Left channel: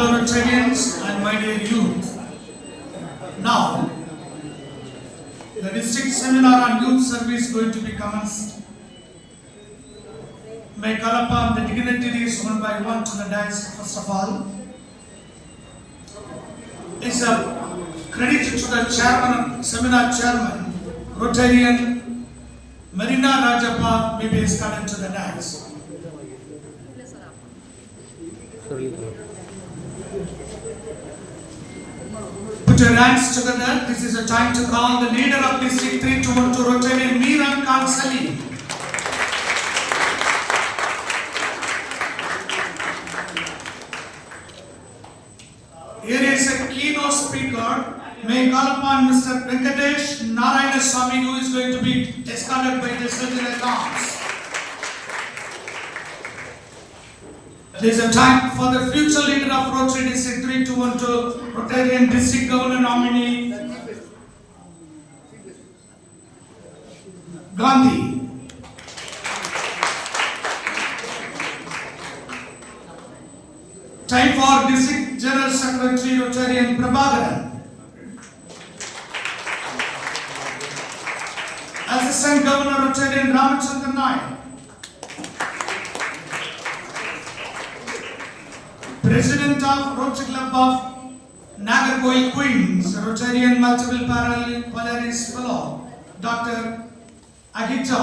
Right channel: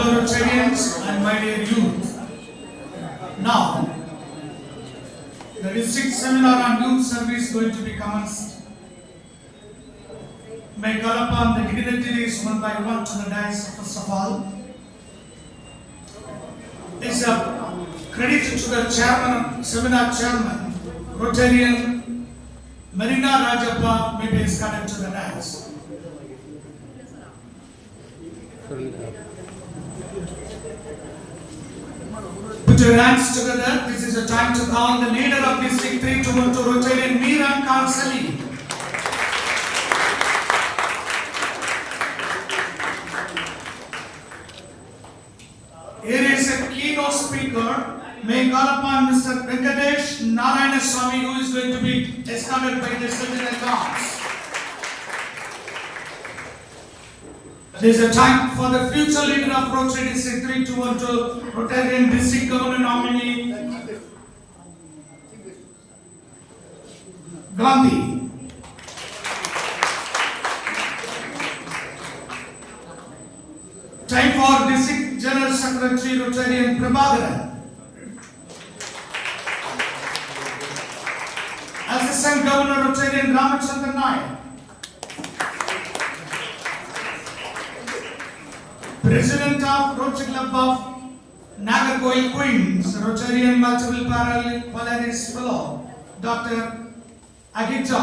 fellow Rotarians and my dear youth, now the district seminar on youth service is going to be commenced. May I call upon the dignitaries one by one to the dais. First of all, it's a credit to the chairman, seminar chairman, Rotarian Marina Rajappa may be escorted to the dais. Put your hands together. This is a time to call the leader of District 312 Rotarian Miran Khan Salim. Here is a keynote speaker. May I call upon Mr. Venkatesh Narayana Swami, who is going to be escorted by the Secretary Accounts. It is a time for the future leader of Rotary District 312, Rotarian District Governor nominee Gandhi. Time for District General Secretary Rotarian Prabhakaran. Assistant Governor Rotarian Ramachandran Nayak. President of Rotary Club of Nagarkoil Queens, Rotarian Multiple Polaris Fellow, Dr. Agita.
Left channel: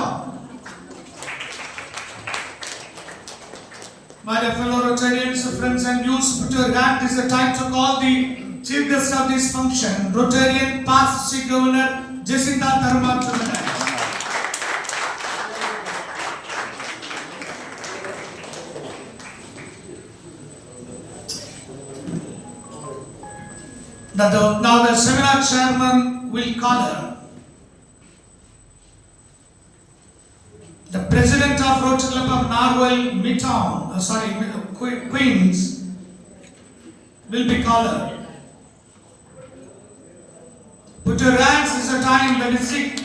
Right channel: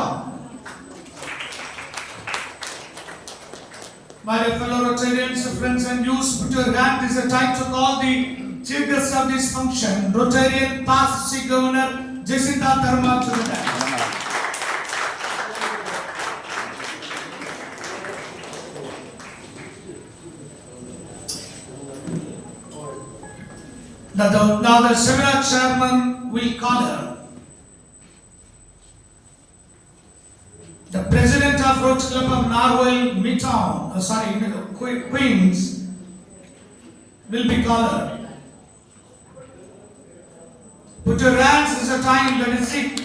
My dear fellow Rotarians, friends and youths, put your hand. This is the time to call the chief guest of this function, Rotarian past District Governor Jacinta Tharmal to the dais. Now the seminar chairman will call her. The president of Rotary Club of Narwhal Queens will be called her. Put your hands. Is the time the district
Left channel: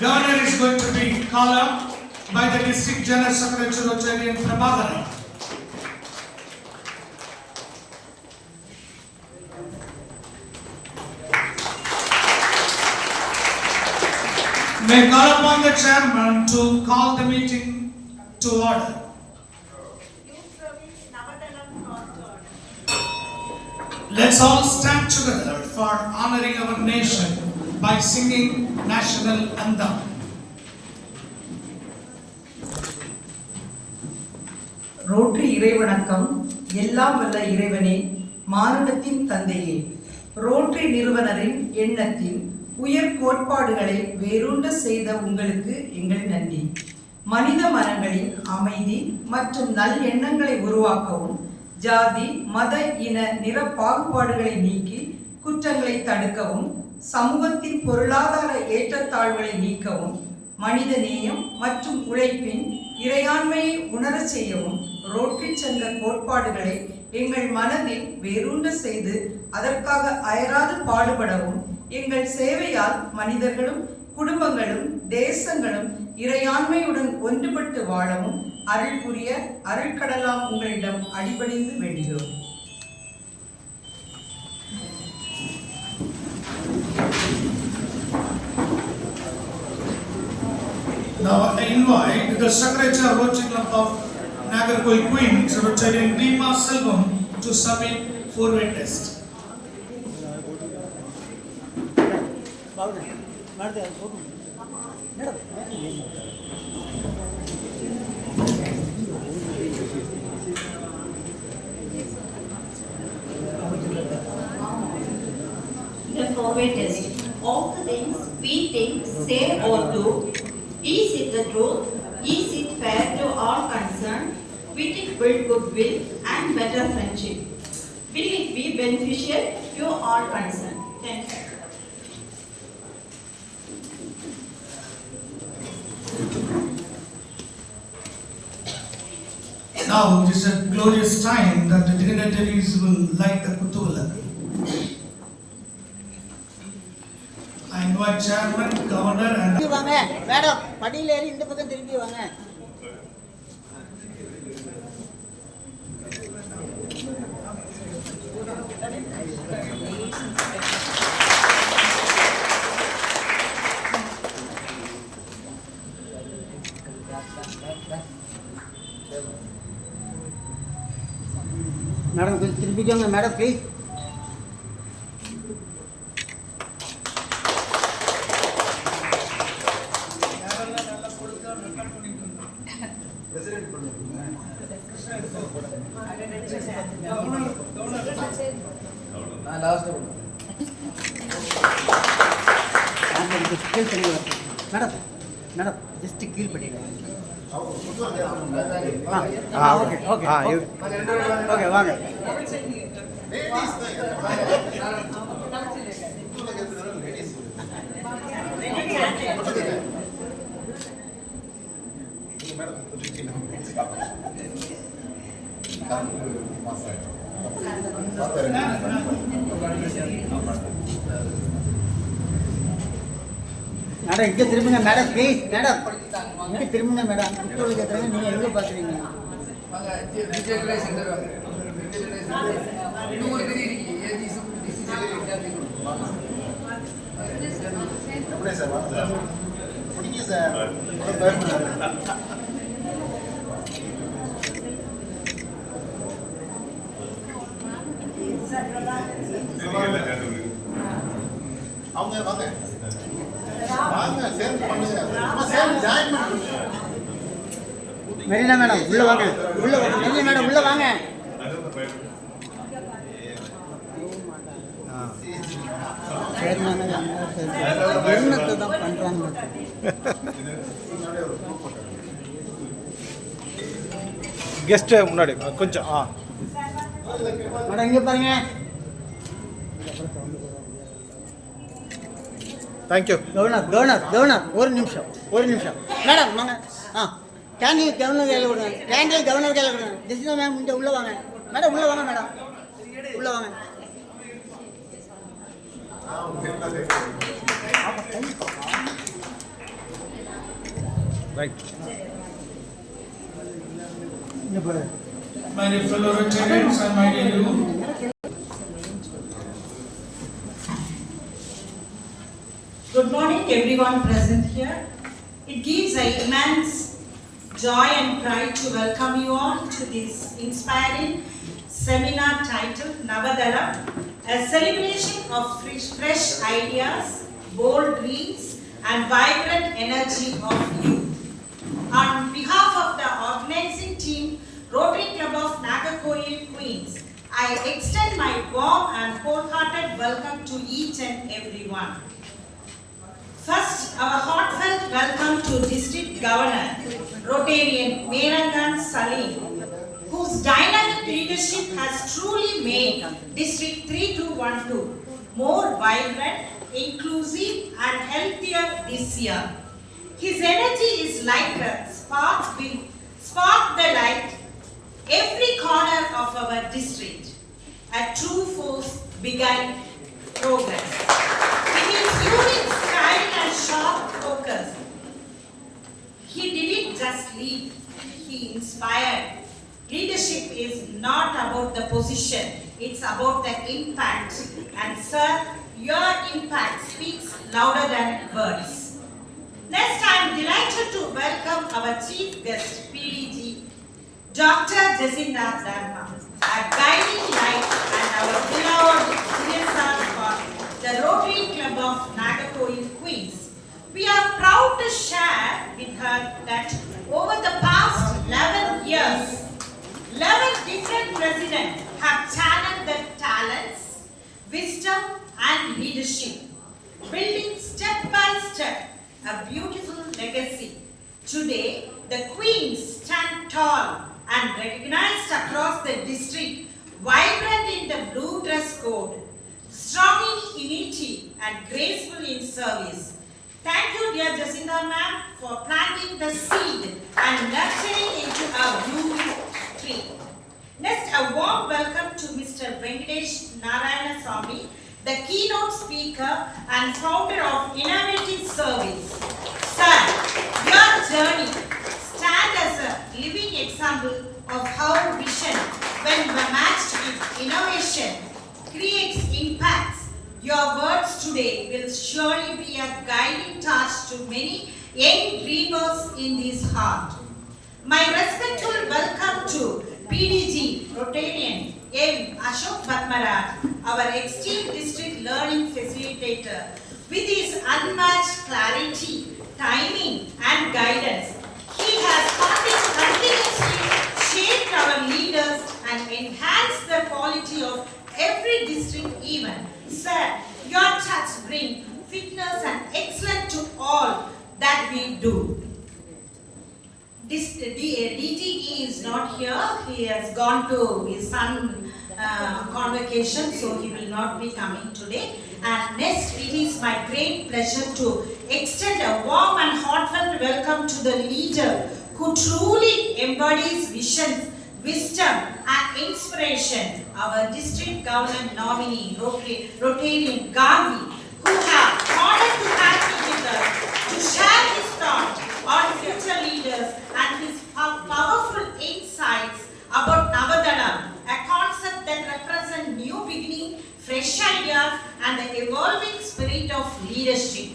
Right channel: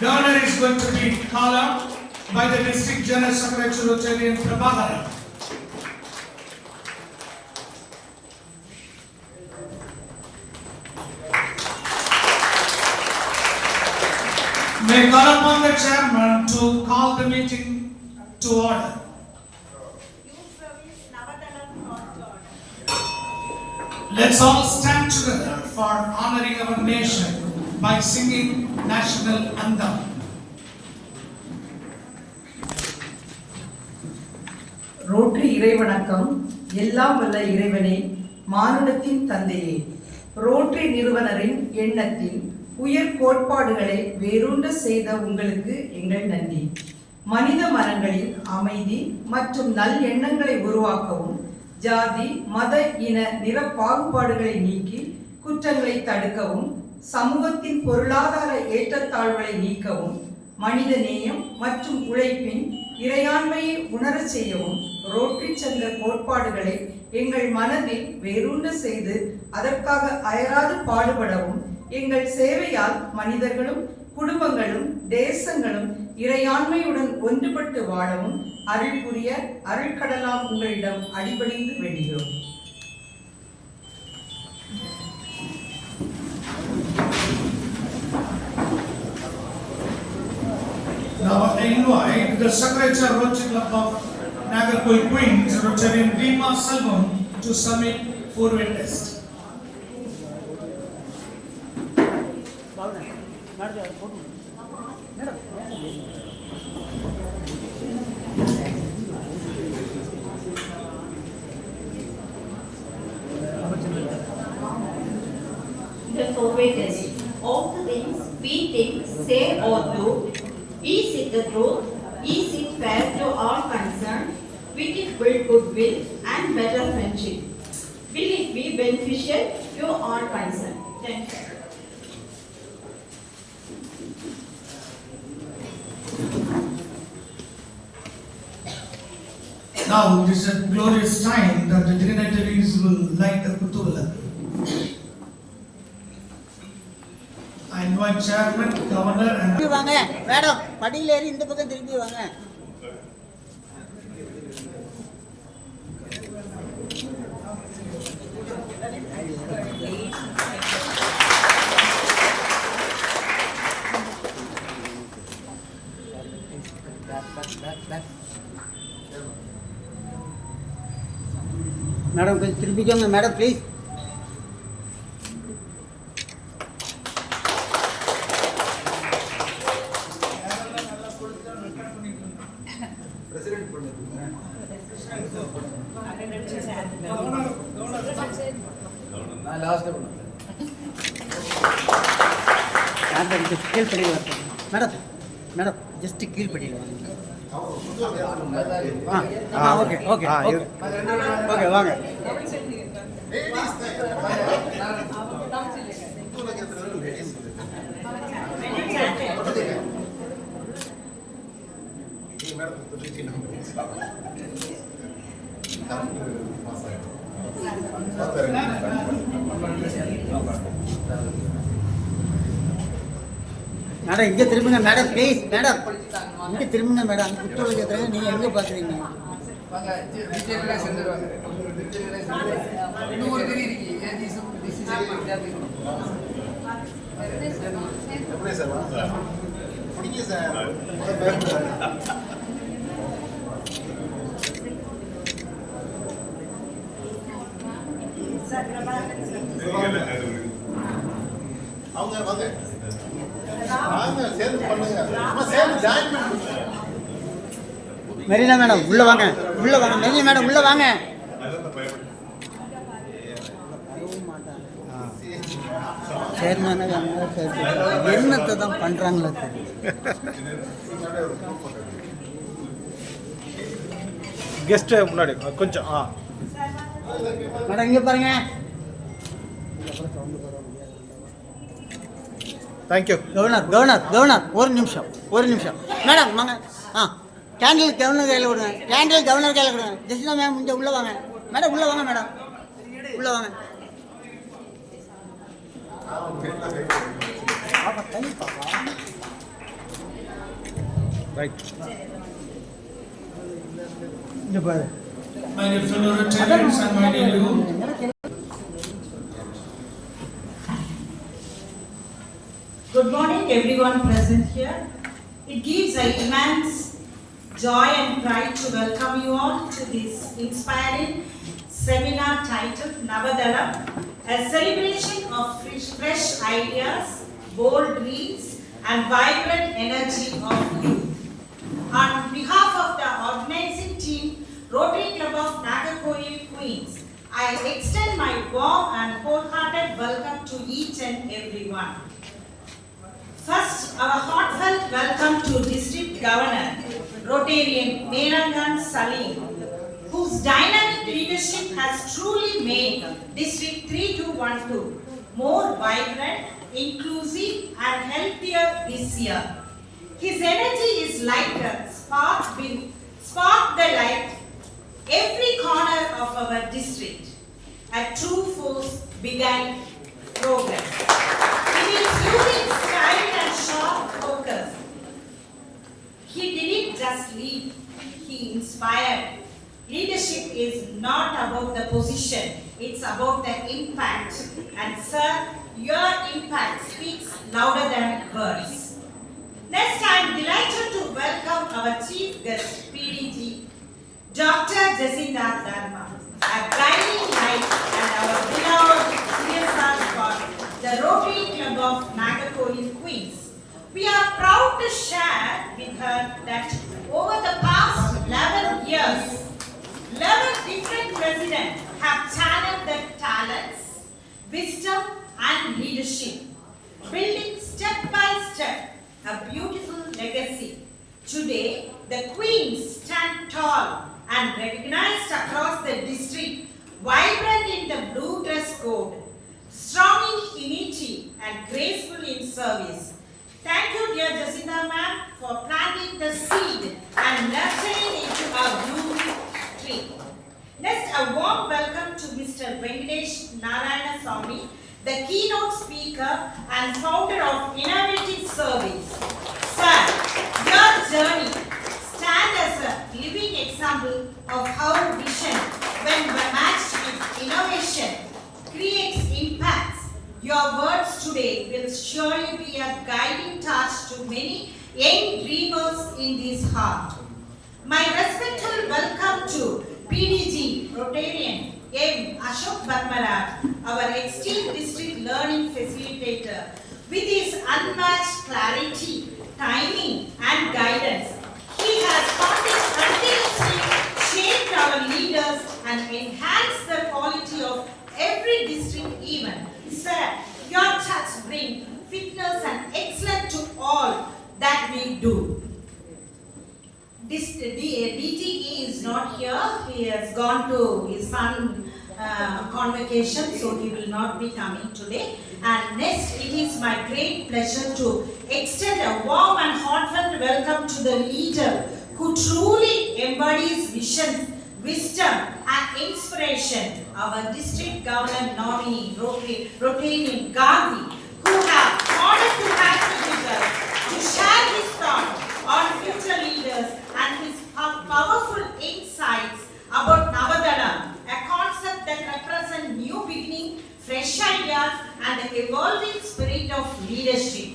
governor is going to be called up by the district general secretary Rotarian Prabhakaran. May I call upon the chairman to call the meeting to order. Youth Service Navadalam called to order. Let's all stand together for honoring our nation by singing national anthem. Rotary இறைவணக்கம். எல்லாம் வல்ல இறைவனே, மானுடத்தின் தந்தையே, rotary நிறுவனரின் எண்ணத்தின் உயர் கோட்பாடுகளை வேரூன்ற செய்த உங்களுக்கு எங்கள் நன்றி. மனித மனங்களின் அமைதி மற்றும் நல் எண்ணங்களை உருவாக்கவும், ஜாதி மத இன நிற பாகுபாடுகளை நீக்கி குற்றங்களை தடுக்கவும், சமூகத்தின் பொருளாதார ஏற்றத்தாழ்வுகளை நீக்கவும், மனித நேயம் மற்றும் உழைப்பின் இறையாண்மையை உணர செய்யவும் ரோட்டரி சங்க கோட்பாடுகளை எங்கள் மனதில் வேரூன்ற செய்து அதற்காக அயராது பாடுபடவும், எங்கள் சேவையால் மனிதர்களும் குடும்பங்களும் தேசங்களும் இறையாண்மையுடன் ஒன்றுபட்டு வாழவும் அருள் புரிய அருள்கடலாம் உங்களிடம் அடிபணிந்து வேண்டுகிறோம். Now I invite the Secretary of Rotary Club of Nagarkoil Queens, Rotarian Deepa Selvam, to submit forward test. The forward test. All the things we think, say or do, is it the truth? Is it fair to all concerned? Will it build goodwill and better friendship? Will it be beneficial to all concerned? Thank you. Now it is a glorious time that the dignitaries will light the Kutuvalak. I invite Chairman, Governor and madam படியில ஏறி இந்த பக்கம் திரும்பி வாங்க. பிடிக்கோங்க madam please. கீழ் பண்ணி madam madam just கீழ் பண்ணிடுங்க. ஓகே ஓகே ஓகே வாங்க. மேடம் இங்கே திரும்புங்க மேடம் ப்ளீஸ். மேடம் இங்கே திரும்புங்க மேடம். குற்றவாளி கேட்குறாங்க, நீங்கள் எங்கே பார்க்குறீங்க? அவங்க வாங்க வாங்க சேர்ந்து பண்ணுங்க. சேர்ந்து ஜாயின் பண்ணுங்க. மெரினா மேடம் உள்ள வாங்க, உள்ள வாங்க. மெரினா மேடம் உள்ள வாங்க. என்னத்தை தான் பண்றாங்களே. கெஸ்ட் முன்னாடி கொஞ்சம் மேடம் இங்க பாருங்க. தேங்க்யூ. கவர்னர் கவர்னர் கவர்னர் ஒரு நிமிஷம் மேடம் வாங்க. கேண்டில் கவர்னர் கையில் விடுங்க. கேண்டில் கவர்னர் கையில் விடுங்க. ஜெசிகா மேம் இங்கே உள்ள வாங்க. மேடம் உள்ள வாங்க. மேடம் உள்ள வாங்க. ரைட். இங்க பாரு. My dear fellow Rotarians and my dear you, good morning everyone present here. It gives an immense joy and pride to welcome you all to this inspiring seminar titled Navadalam, a celebration of fresh ideas, bold dreams and vibrant energy of youth. On behalf of the organizing team, Rotary Club of Nagarkoil, Queens, I extend my warm and wholehearted welcome to each and everyone. First, our heartfelt welcome to District Governor, Rotarian Merangan Salim, whose dynamic leadership has truly made District 3212 more vibrant, inclusive and healthier this year. His energy is like a spark will spark the light every corner of our district. A true force began progress. With his unique style and sharp focus, he didn't just lead, he inspired. Leadership is not about the position, it's about the impact. And sir, your impact speaks louder than words. Next, I am delighted to welcome our chief guest, PDG, Dr. Jacinda Dharma, a guiding light and our beloved CSR for the Rotary Club of Nagarkoil, Queens. We are proud to share with her that over the past 11 years, 11 different presidents have channeled their talents, wisdom and leadership, building step by step a beautiful legacy. Today, the Queens stand tall and recognized across the district, vibrant in the blue dress code, strong in unity and graceful in service. Thank you, dear Jacinda ma'am, for planting the seed and nurturing into a blooming tree. Next, a warm welcome to Mr. Venkatesh Narayana Swamy, the keynote speaker and founder of Innovative Service. Sir, your journey stands as a living example of how vision, when matched with innovation, creates impacts. Your words today will surely be a guiding touch to many young dreamers in this heart. My respectful welcome to PDG Rotarian M. Ashok Batmaraj, our esteemed district learning facilitator, with his unmatched clarity, timing and guidance. He has continuously shaped our leaders and enhanced the quality of every district event. Sir, your touch brings fitness and excellence to all that we do. This DTE is not here. He has gone to his son convocation, so he will not be coming today. And next, it is my great pleasure to extend a warm and heartfelt welcome to the leader who truly embodies visions, wisdom and inspiration, our district government nominee, Rotarian Gandhi, who have honored to have me with us to share his thoughts on future leaders and his powerful insights about Navadala, a concept that represents new beginning, fresh ideas and the evolving spirit of leadership.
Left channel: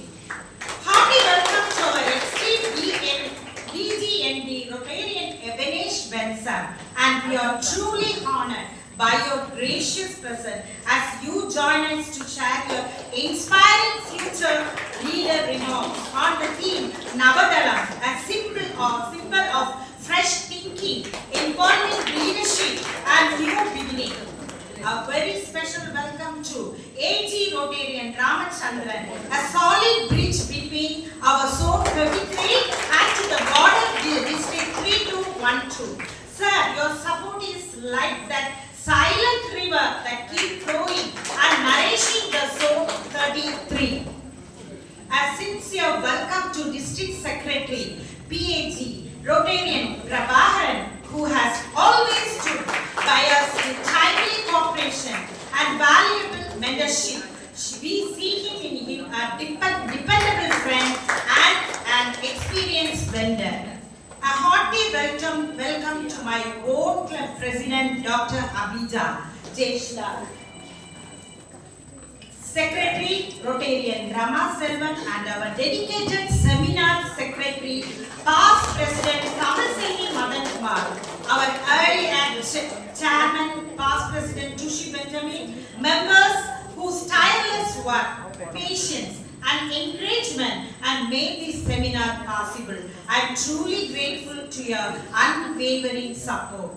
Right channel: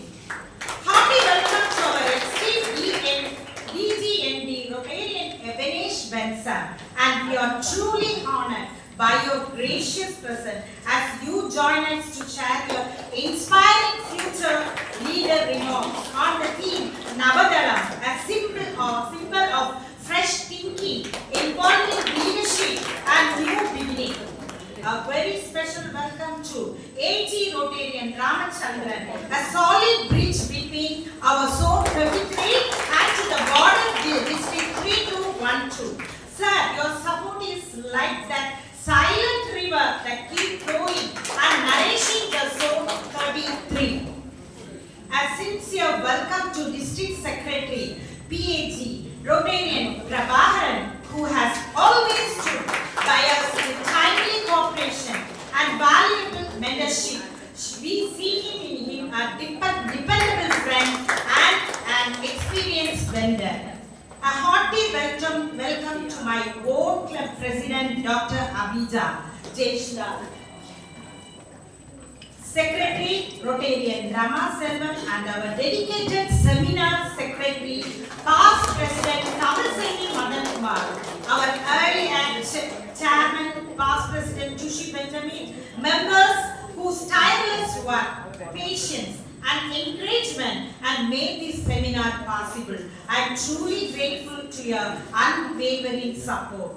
Hearty welcome to our esteemed DGND Rotarian Ebenesh Benson, and we are truly honored by your gracious presence as you join us to share your inspiring future leader remarks on the theme Navadala, a symbol of fresh thinking, empowering leadership and new beginning. A very special welcome to AG Rotarian Ramachandran, a solid bridge between our zone 33 and to the border district 3212. Sir, your support is like that silent river that keeps flowing and nourishing the zone 33. A sincere welcome to District Secretary PAG Rotarian Prabharan, who has always stood by us with timely cooperation and valuable mentorship. We see in him a dependable friend and an experienced vendor. A hearty welcome to my own club president, Dr. Abhija Jeshla, Secretary Rotarian Rama Selvan, and our dedicated seminar secretary, past President Kamalseni Madan Kumar, our early act chairman, past President Tushi Benjamin, members whose tireless work, patience, and encouragement and made this seminar possible. I am truly grateful to your unwavering support.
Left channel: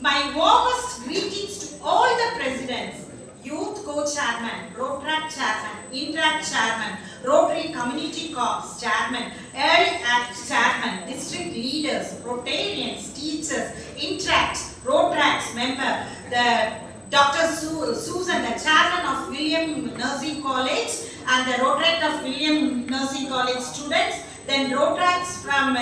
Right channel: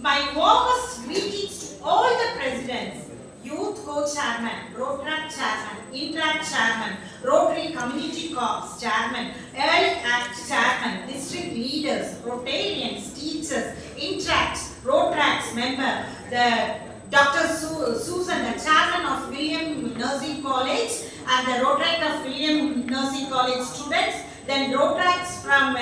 My warmest greetings to all the presidents, Youth Co-Chairman, Rotaract Chairman, Interact Chairman, Rotary Community Corps Chairman, Early Act Chairman, District Leaders, Rotarians, Teachers, Interact, Rotaracts member, the Dr. Susan, the Chairman of William Nursing College and the Rotaract of William Nursing College students, then Rotaracts from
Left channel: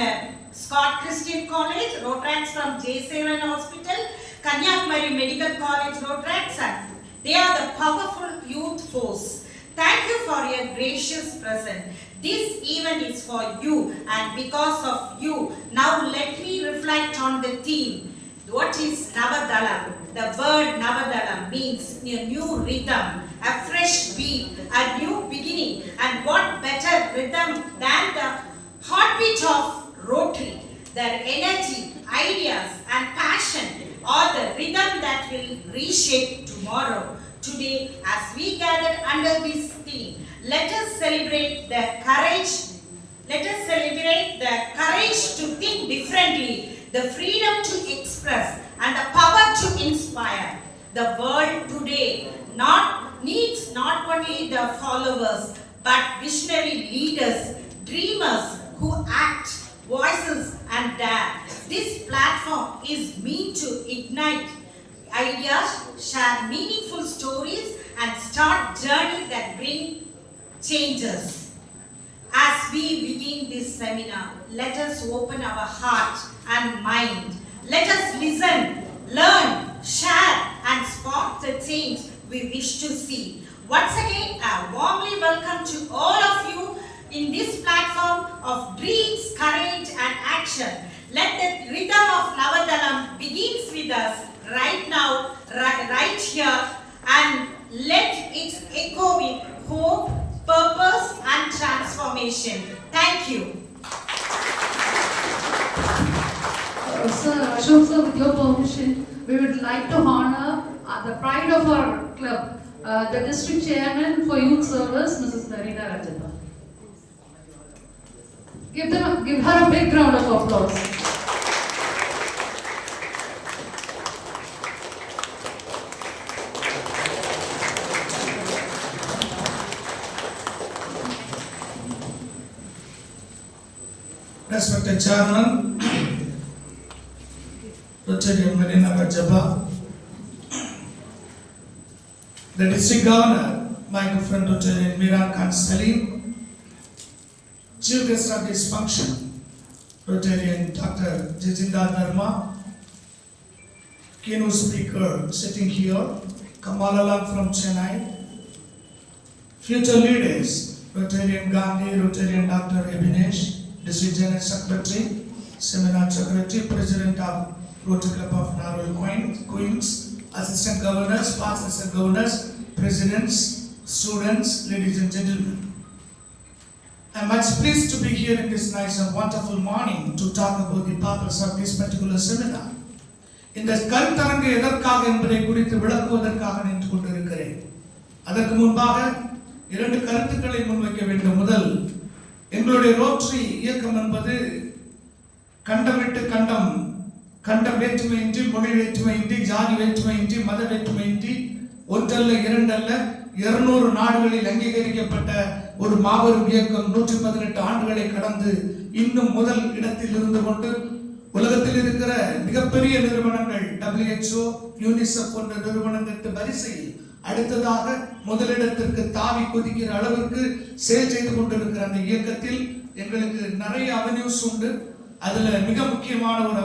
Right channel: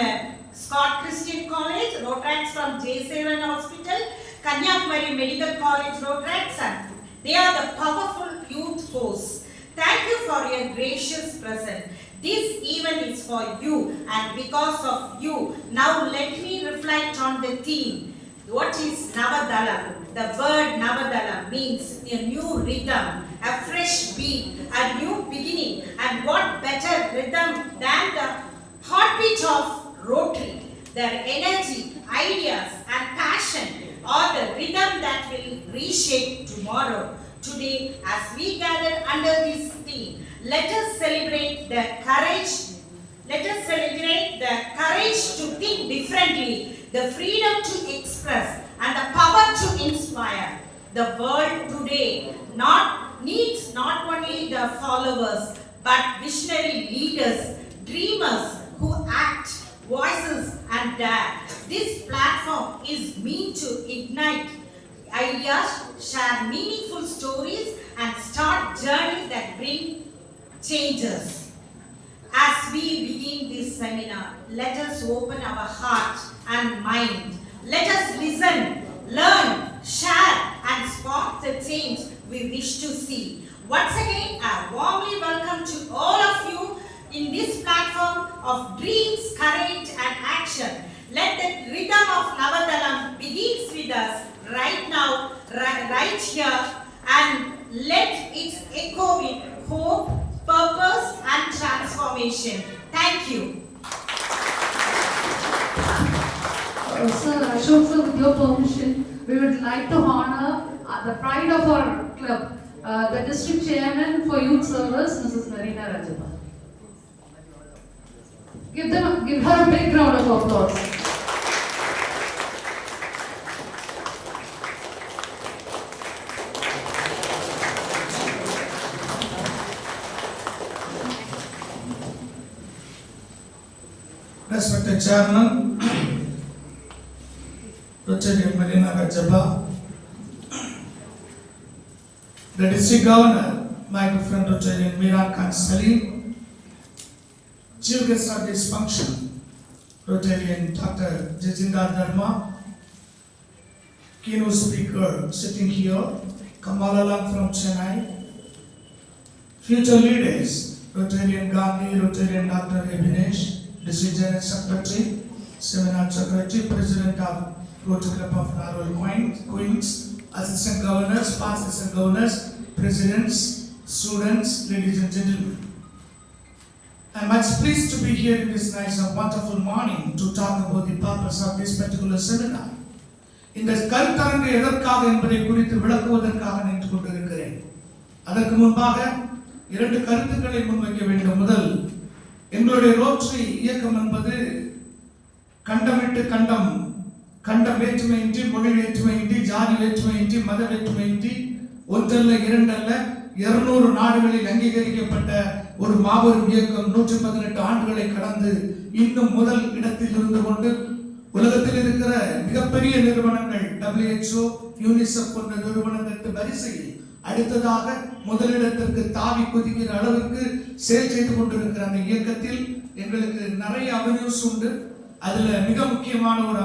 Scott Christian College, Rotaracts from J7 Hospital, Kanyakumari Medical College Rotaracts, and they are the powerful youth force. Thank you for your gracious presence. This event is for you, and because of you, now let me reflect on the theme. What is Navadala? The word Navadala means a new rhythm, a fresh beat, a new beginning, and what better rhythm than the heartbeat of Rotary? Their energy, ideas, and passion are the rhythm that will reshape tomorrow. Today, as we gather under this theme, let us celebrate the courage. Let us celebrate the courage to think differently, the freedom to express, and the power to inspire. The world today needs not only the followers, but visionary leaders, dreamers who act, voices, and dare. This platform is meant to ignite ideas, share meaningful stories, and start journeys that bring changes. As we begin this seminar, let us open our heart and mind. Let us listen, learn, share, and spark the change we wish to see. Once again, a warmly welcome to all of you in this platform of dreams, courage, and action. Let the rhythm of Navadalam begins with us right now, right here, and let it echo with hope, purpose, and transformation. Thank you. Sir, Ashok sir, with your permission, we would like to honor the pride of our club, the district chairman for youth service, Mrs. Marina Rajappa. Give her a big round of applause. Respected Chairman, Rotary Marina Rajappa, the District Governor, my good friend Rotary Miran Khan Salim, Chief Guest of this function, Rotarian Dr. Jacinda Dharma, keynote speaker sitting here, Kamalalan from Chennai, future leaders, Rotarian Gandhi, Rotarian Dr. Abhinesh, District General Secretary, Seminar Secretary, President of Rotary Club of Narwhal Queens, Assistant Governors, Past Assistant Governors, Presidents, students, ladies and gentlemen. I am much pleased to be here in this nice and wonderful morning to talk about the purpose of this particular seminar. இந்த கருத்தரங்கு எதற்காக என்பதை குறித்து விளக்குவதற்காக நின்று கொண்டிருக்கிறேன். அதற்கு முன்பாக 2 கருத்துக்களை முன்வைக்க வேண்டும். முதல், எங்களுடைய ரோட்டரி இயக்கம் என்பது கண்டமிட்டு கண்டம் வேற்றுமையின்றி, மொழி வேற்றுமையின்றி, ஜாதி வேற்றுமையின்றி, மத வேற்றுமையின்றி, ஒன்றல்ல 2 அல்ல 200 நாடுகளில் அங்கீகரிக்கப்பட்ட ஒரு மாபெரும் இயக்கம். 118 ஆண்டுகளை கடந்து இன்னும் முதல் இடத்தில் இருந்து கொண்டு உலகத்தில் இருக்கிற மிகப்பெரிய நிறுவனங்கள் WHO, UNICEF போன்ற நிறுவனங்களுக்கு வரிசையில் அடுத்ததாக முதலிடத்திற்கு தாவி குதிக்கிற அளவுக்கு செயல் செய்து கொண்டிருக்கிற அந்த இயக்கத்தில் எங்களுக்கு நிறைய அவென்யூஸ் உண்டு. அதுல மிக முக்கியமான ஒரு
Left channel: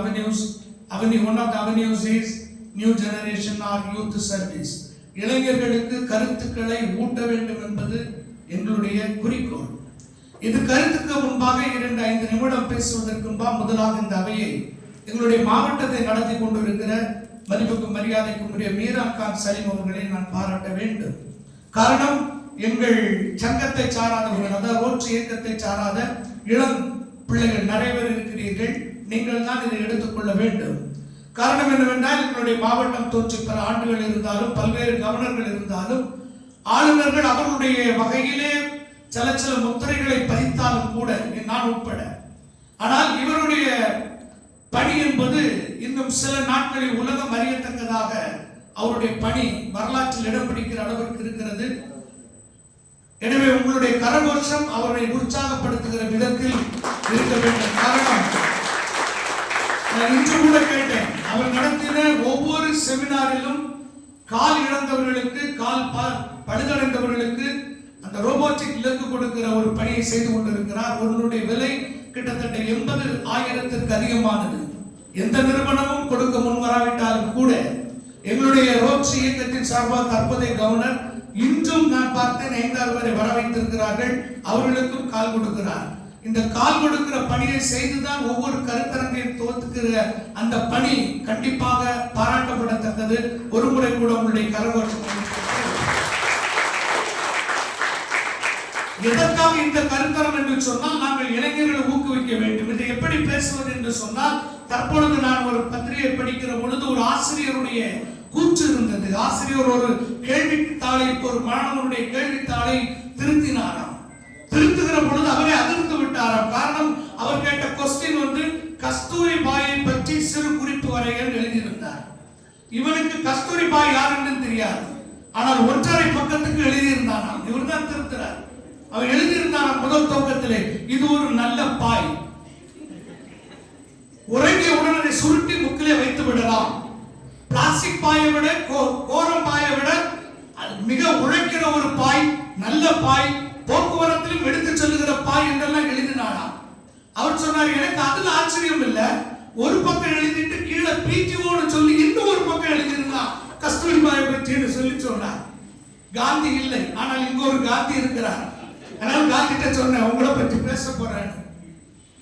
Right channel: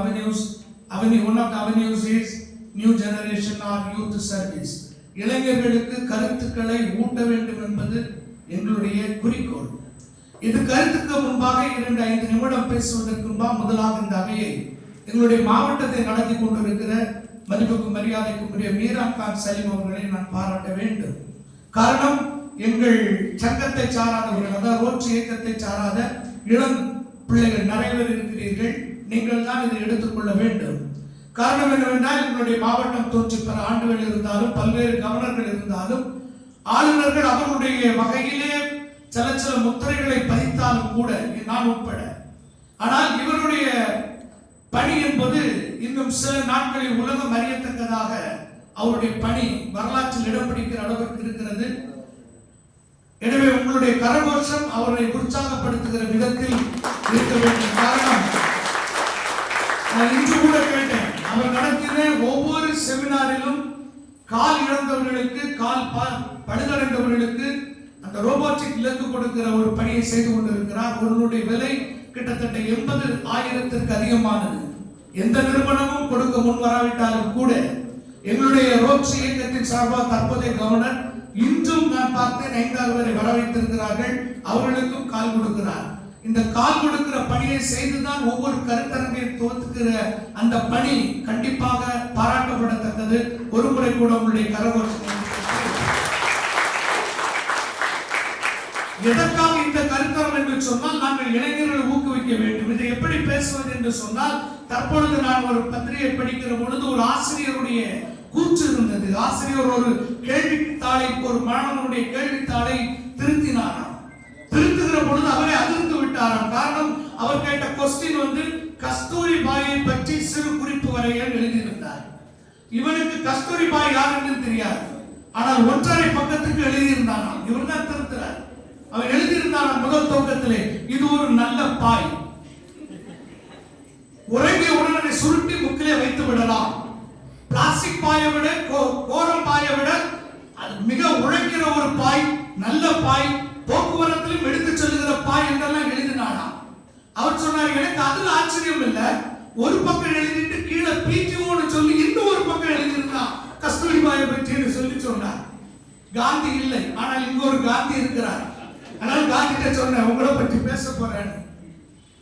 one of the avenues is new generation or youth service. இளைஞர்களுக்கு கருத்துக்களை ஊட்ட வேண்டும் என்பது எங்களுடைய குறிக்கோள். இது கருத்துக்கு முன்பாக 2-5 நிமிடம் பேசுவதற்கு முன்பாக முதலாக இந்த அவையை எங்களுடைய மாவட்டத்தை நடத்தி கொண்டிருக்கிற மதிப்புக்கும் மரியாதைக்கும் உரிய மீரான் கான் சலீம் அவர்களை நான் பாராட்ட வேண்டும். காரணம், எங்கள் சங்கத்தை சாராதவர்கள், அதாவது ரோட்டரி இயக்கத்தை சாராத இளம் பிள்ளைகள் நிறைய பேர் இருக்கிறீர்கள். நீங்கள் தான் இதை எடுத்துக்கொள்ள வேண்டும். காரணம் என்னவென்றால், எங்களுடைய மாவட்டம் தோற்றி பல ஆண்டுகள் இருந்தாலும், பல்வேறு கவர்னர்கள் இருந்தாலும், ஆளுநர்கள் அவர்களுடைய வகையிலே சில முத்திரைகளை பதித்தாலும் கூட, நான் உட்பட, ஆனால் இவருடைய பணி என்பது இன்னும் சில நாட்களில் உலகம் அறியத்தக்கதாக அவருடைய பணி வரலாற்றில் இடம் பிடிக்கிற அளவிற்கு இருக்கிறது. எனவே உங்களுடைய கரகோஷம் அவரை உற்சாகப்படுத்துகிற விதத்தில் இருக்க வேண்டும். காரணம், நான் இன்று கூட கேட்டேன், அவர் நடத்தின ஒவ்வொரு செமினாரிலும் கால் இழந்தவர்களுக்கு, கால் பழுதடைந்தவர்களுக்கு அந்த ரோபோட்டிக் லெக் கொடுக்கிற ஒரு பணியை செய்து கொண்டிருக்கிறார். அவர்களுடைய விலை கிட்டத்தட்ட 80,000க்கு அதிகமானது. எந்த நிறுவனமும் கொடுக்க முன்வராவிட்டாலும் கூட எங்களுடைய ரோட்டரி இயக்கத்தின் சார்பாக தற்போதைய கவர்னர் இன்றும் நான் பார்த்தேன் 5-6 பேரை வர வைத்திருக்கிறார்கள். அவர்களுக்கும் கால் கொடுக்கிறார். இந்த கால் கொடுக்கிற பணியை செய்துதான் ஒவ்வொரு கருத்தரங்கையும் துவக்குகிற அந்த பணி கண்டிப்பாக பாராட்டப்படத்தக்கது. ஒரு முறை கூட உங்களுடைய கரகோஷம். எதற்காக இந்த கருத்தரம் என்று சொன்னால், நாங்கள் இளைஞர்களை ஊக்குவிக்க வேண்டும். இதை எப்படி பேசுவது என்று சொன்னால், தற்பொழுது நான் ஒரு பத்திரிகை படிக்கிற பொழுது ஒரு ஆசிரியருடைய கூற்று இருந்தது. ஆசிரியர் ஒரு கேள்வித்தாளை, ஒரு மாணவனுடைய கேள்வித்தாளை திருத்தினாராம். திருத்துகிற பொழுது அவரை அதிர்ந்து விட்டாராம். காரணம், அவர் கேட்ட கொஸ்டின் கஸ்தூரி பாயை பற்றி சிறு குறிப்பு வரைகள் எழுதியிருந்தார். இவனுக்கு கஸ்தூரி பாய் யார் என்று தெரியாது, ஆனால் 1.5 பக்கத்துக்கு எழுதியிருந்தாராம். இவர் தான் திருத்துறார். அவர் எழுதியிருந்தாராம் முதல் துவக்கத்திலே, இது ஒரு நல்ல பாய், உறங்கிய உடனே சுருட்டி முக்கிலே வைத்து விடலாம். பிளாஸ்டிக் பாயை விட, கோரம் பாயை விட மிக உழைக்கிற ஒரு பாய், நல்ல பாய், போக்குவரத்திலும் எடுத்து செல்லுகிற பாய் என்றெல்லாம் எழுதினாராம். அவர் சொன்னார், எனக்கு அதுல ஆச்சரியம் இல்ல, ஒரு பக்கம் எழுதிட்டு கீழே பிடிஓன்னு சொல்லி இன்னும் ஒரு பக்கம் எழுதியிருந்தான் கஸ்தூரி பாயை பற்றி சொல்லி சொன்னார். காந்தி இல்லை, ஆனால் இங்க ஒரு காந்தி இருக்கிறார். ஆனால் காந்திட்ட சொன்ன, உங்களை பற்றி பேச போறேன்,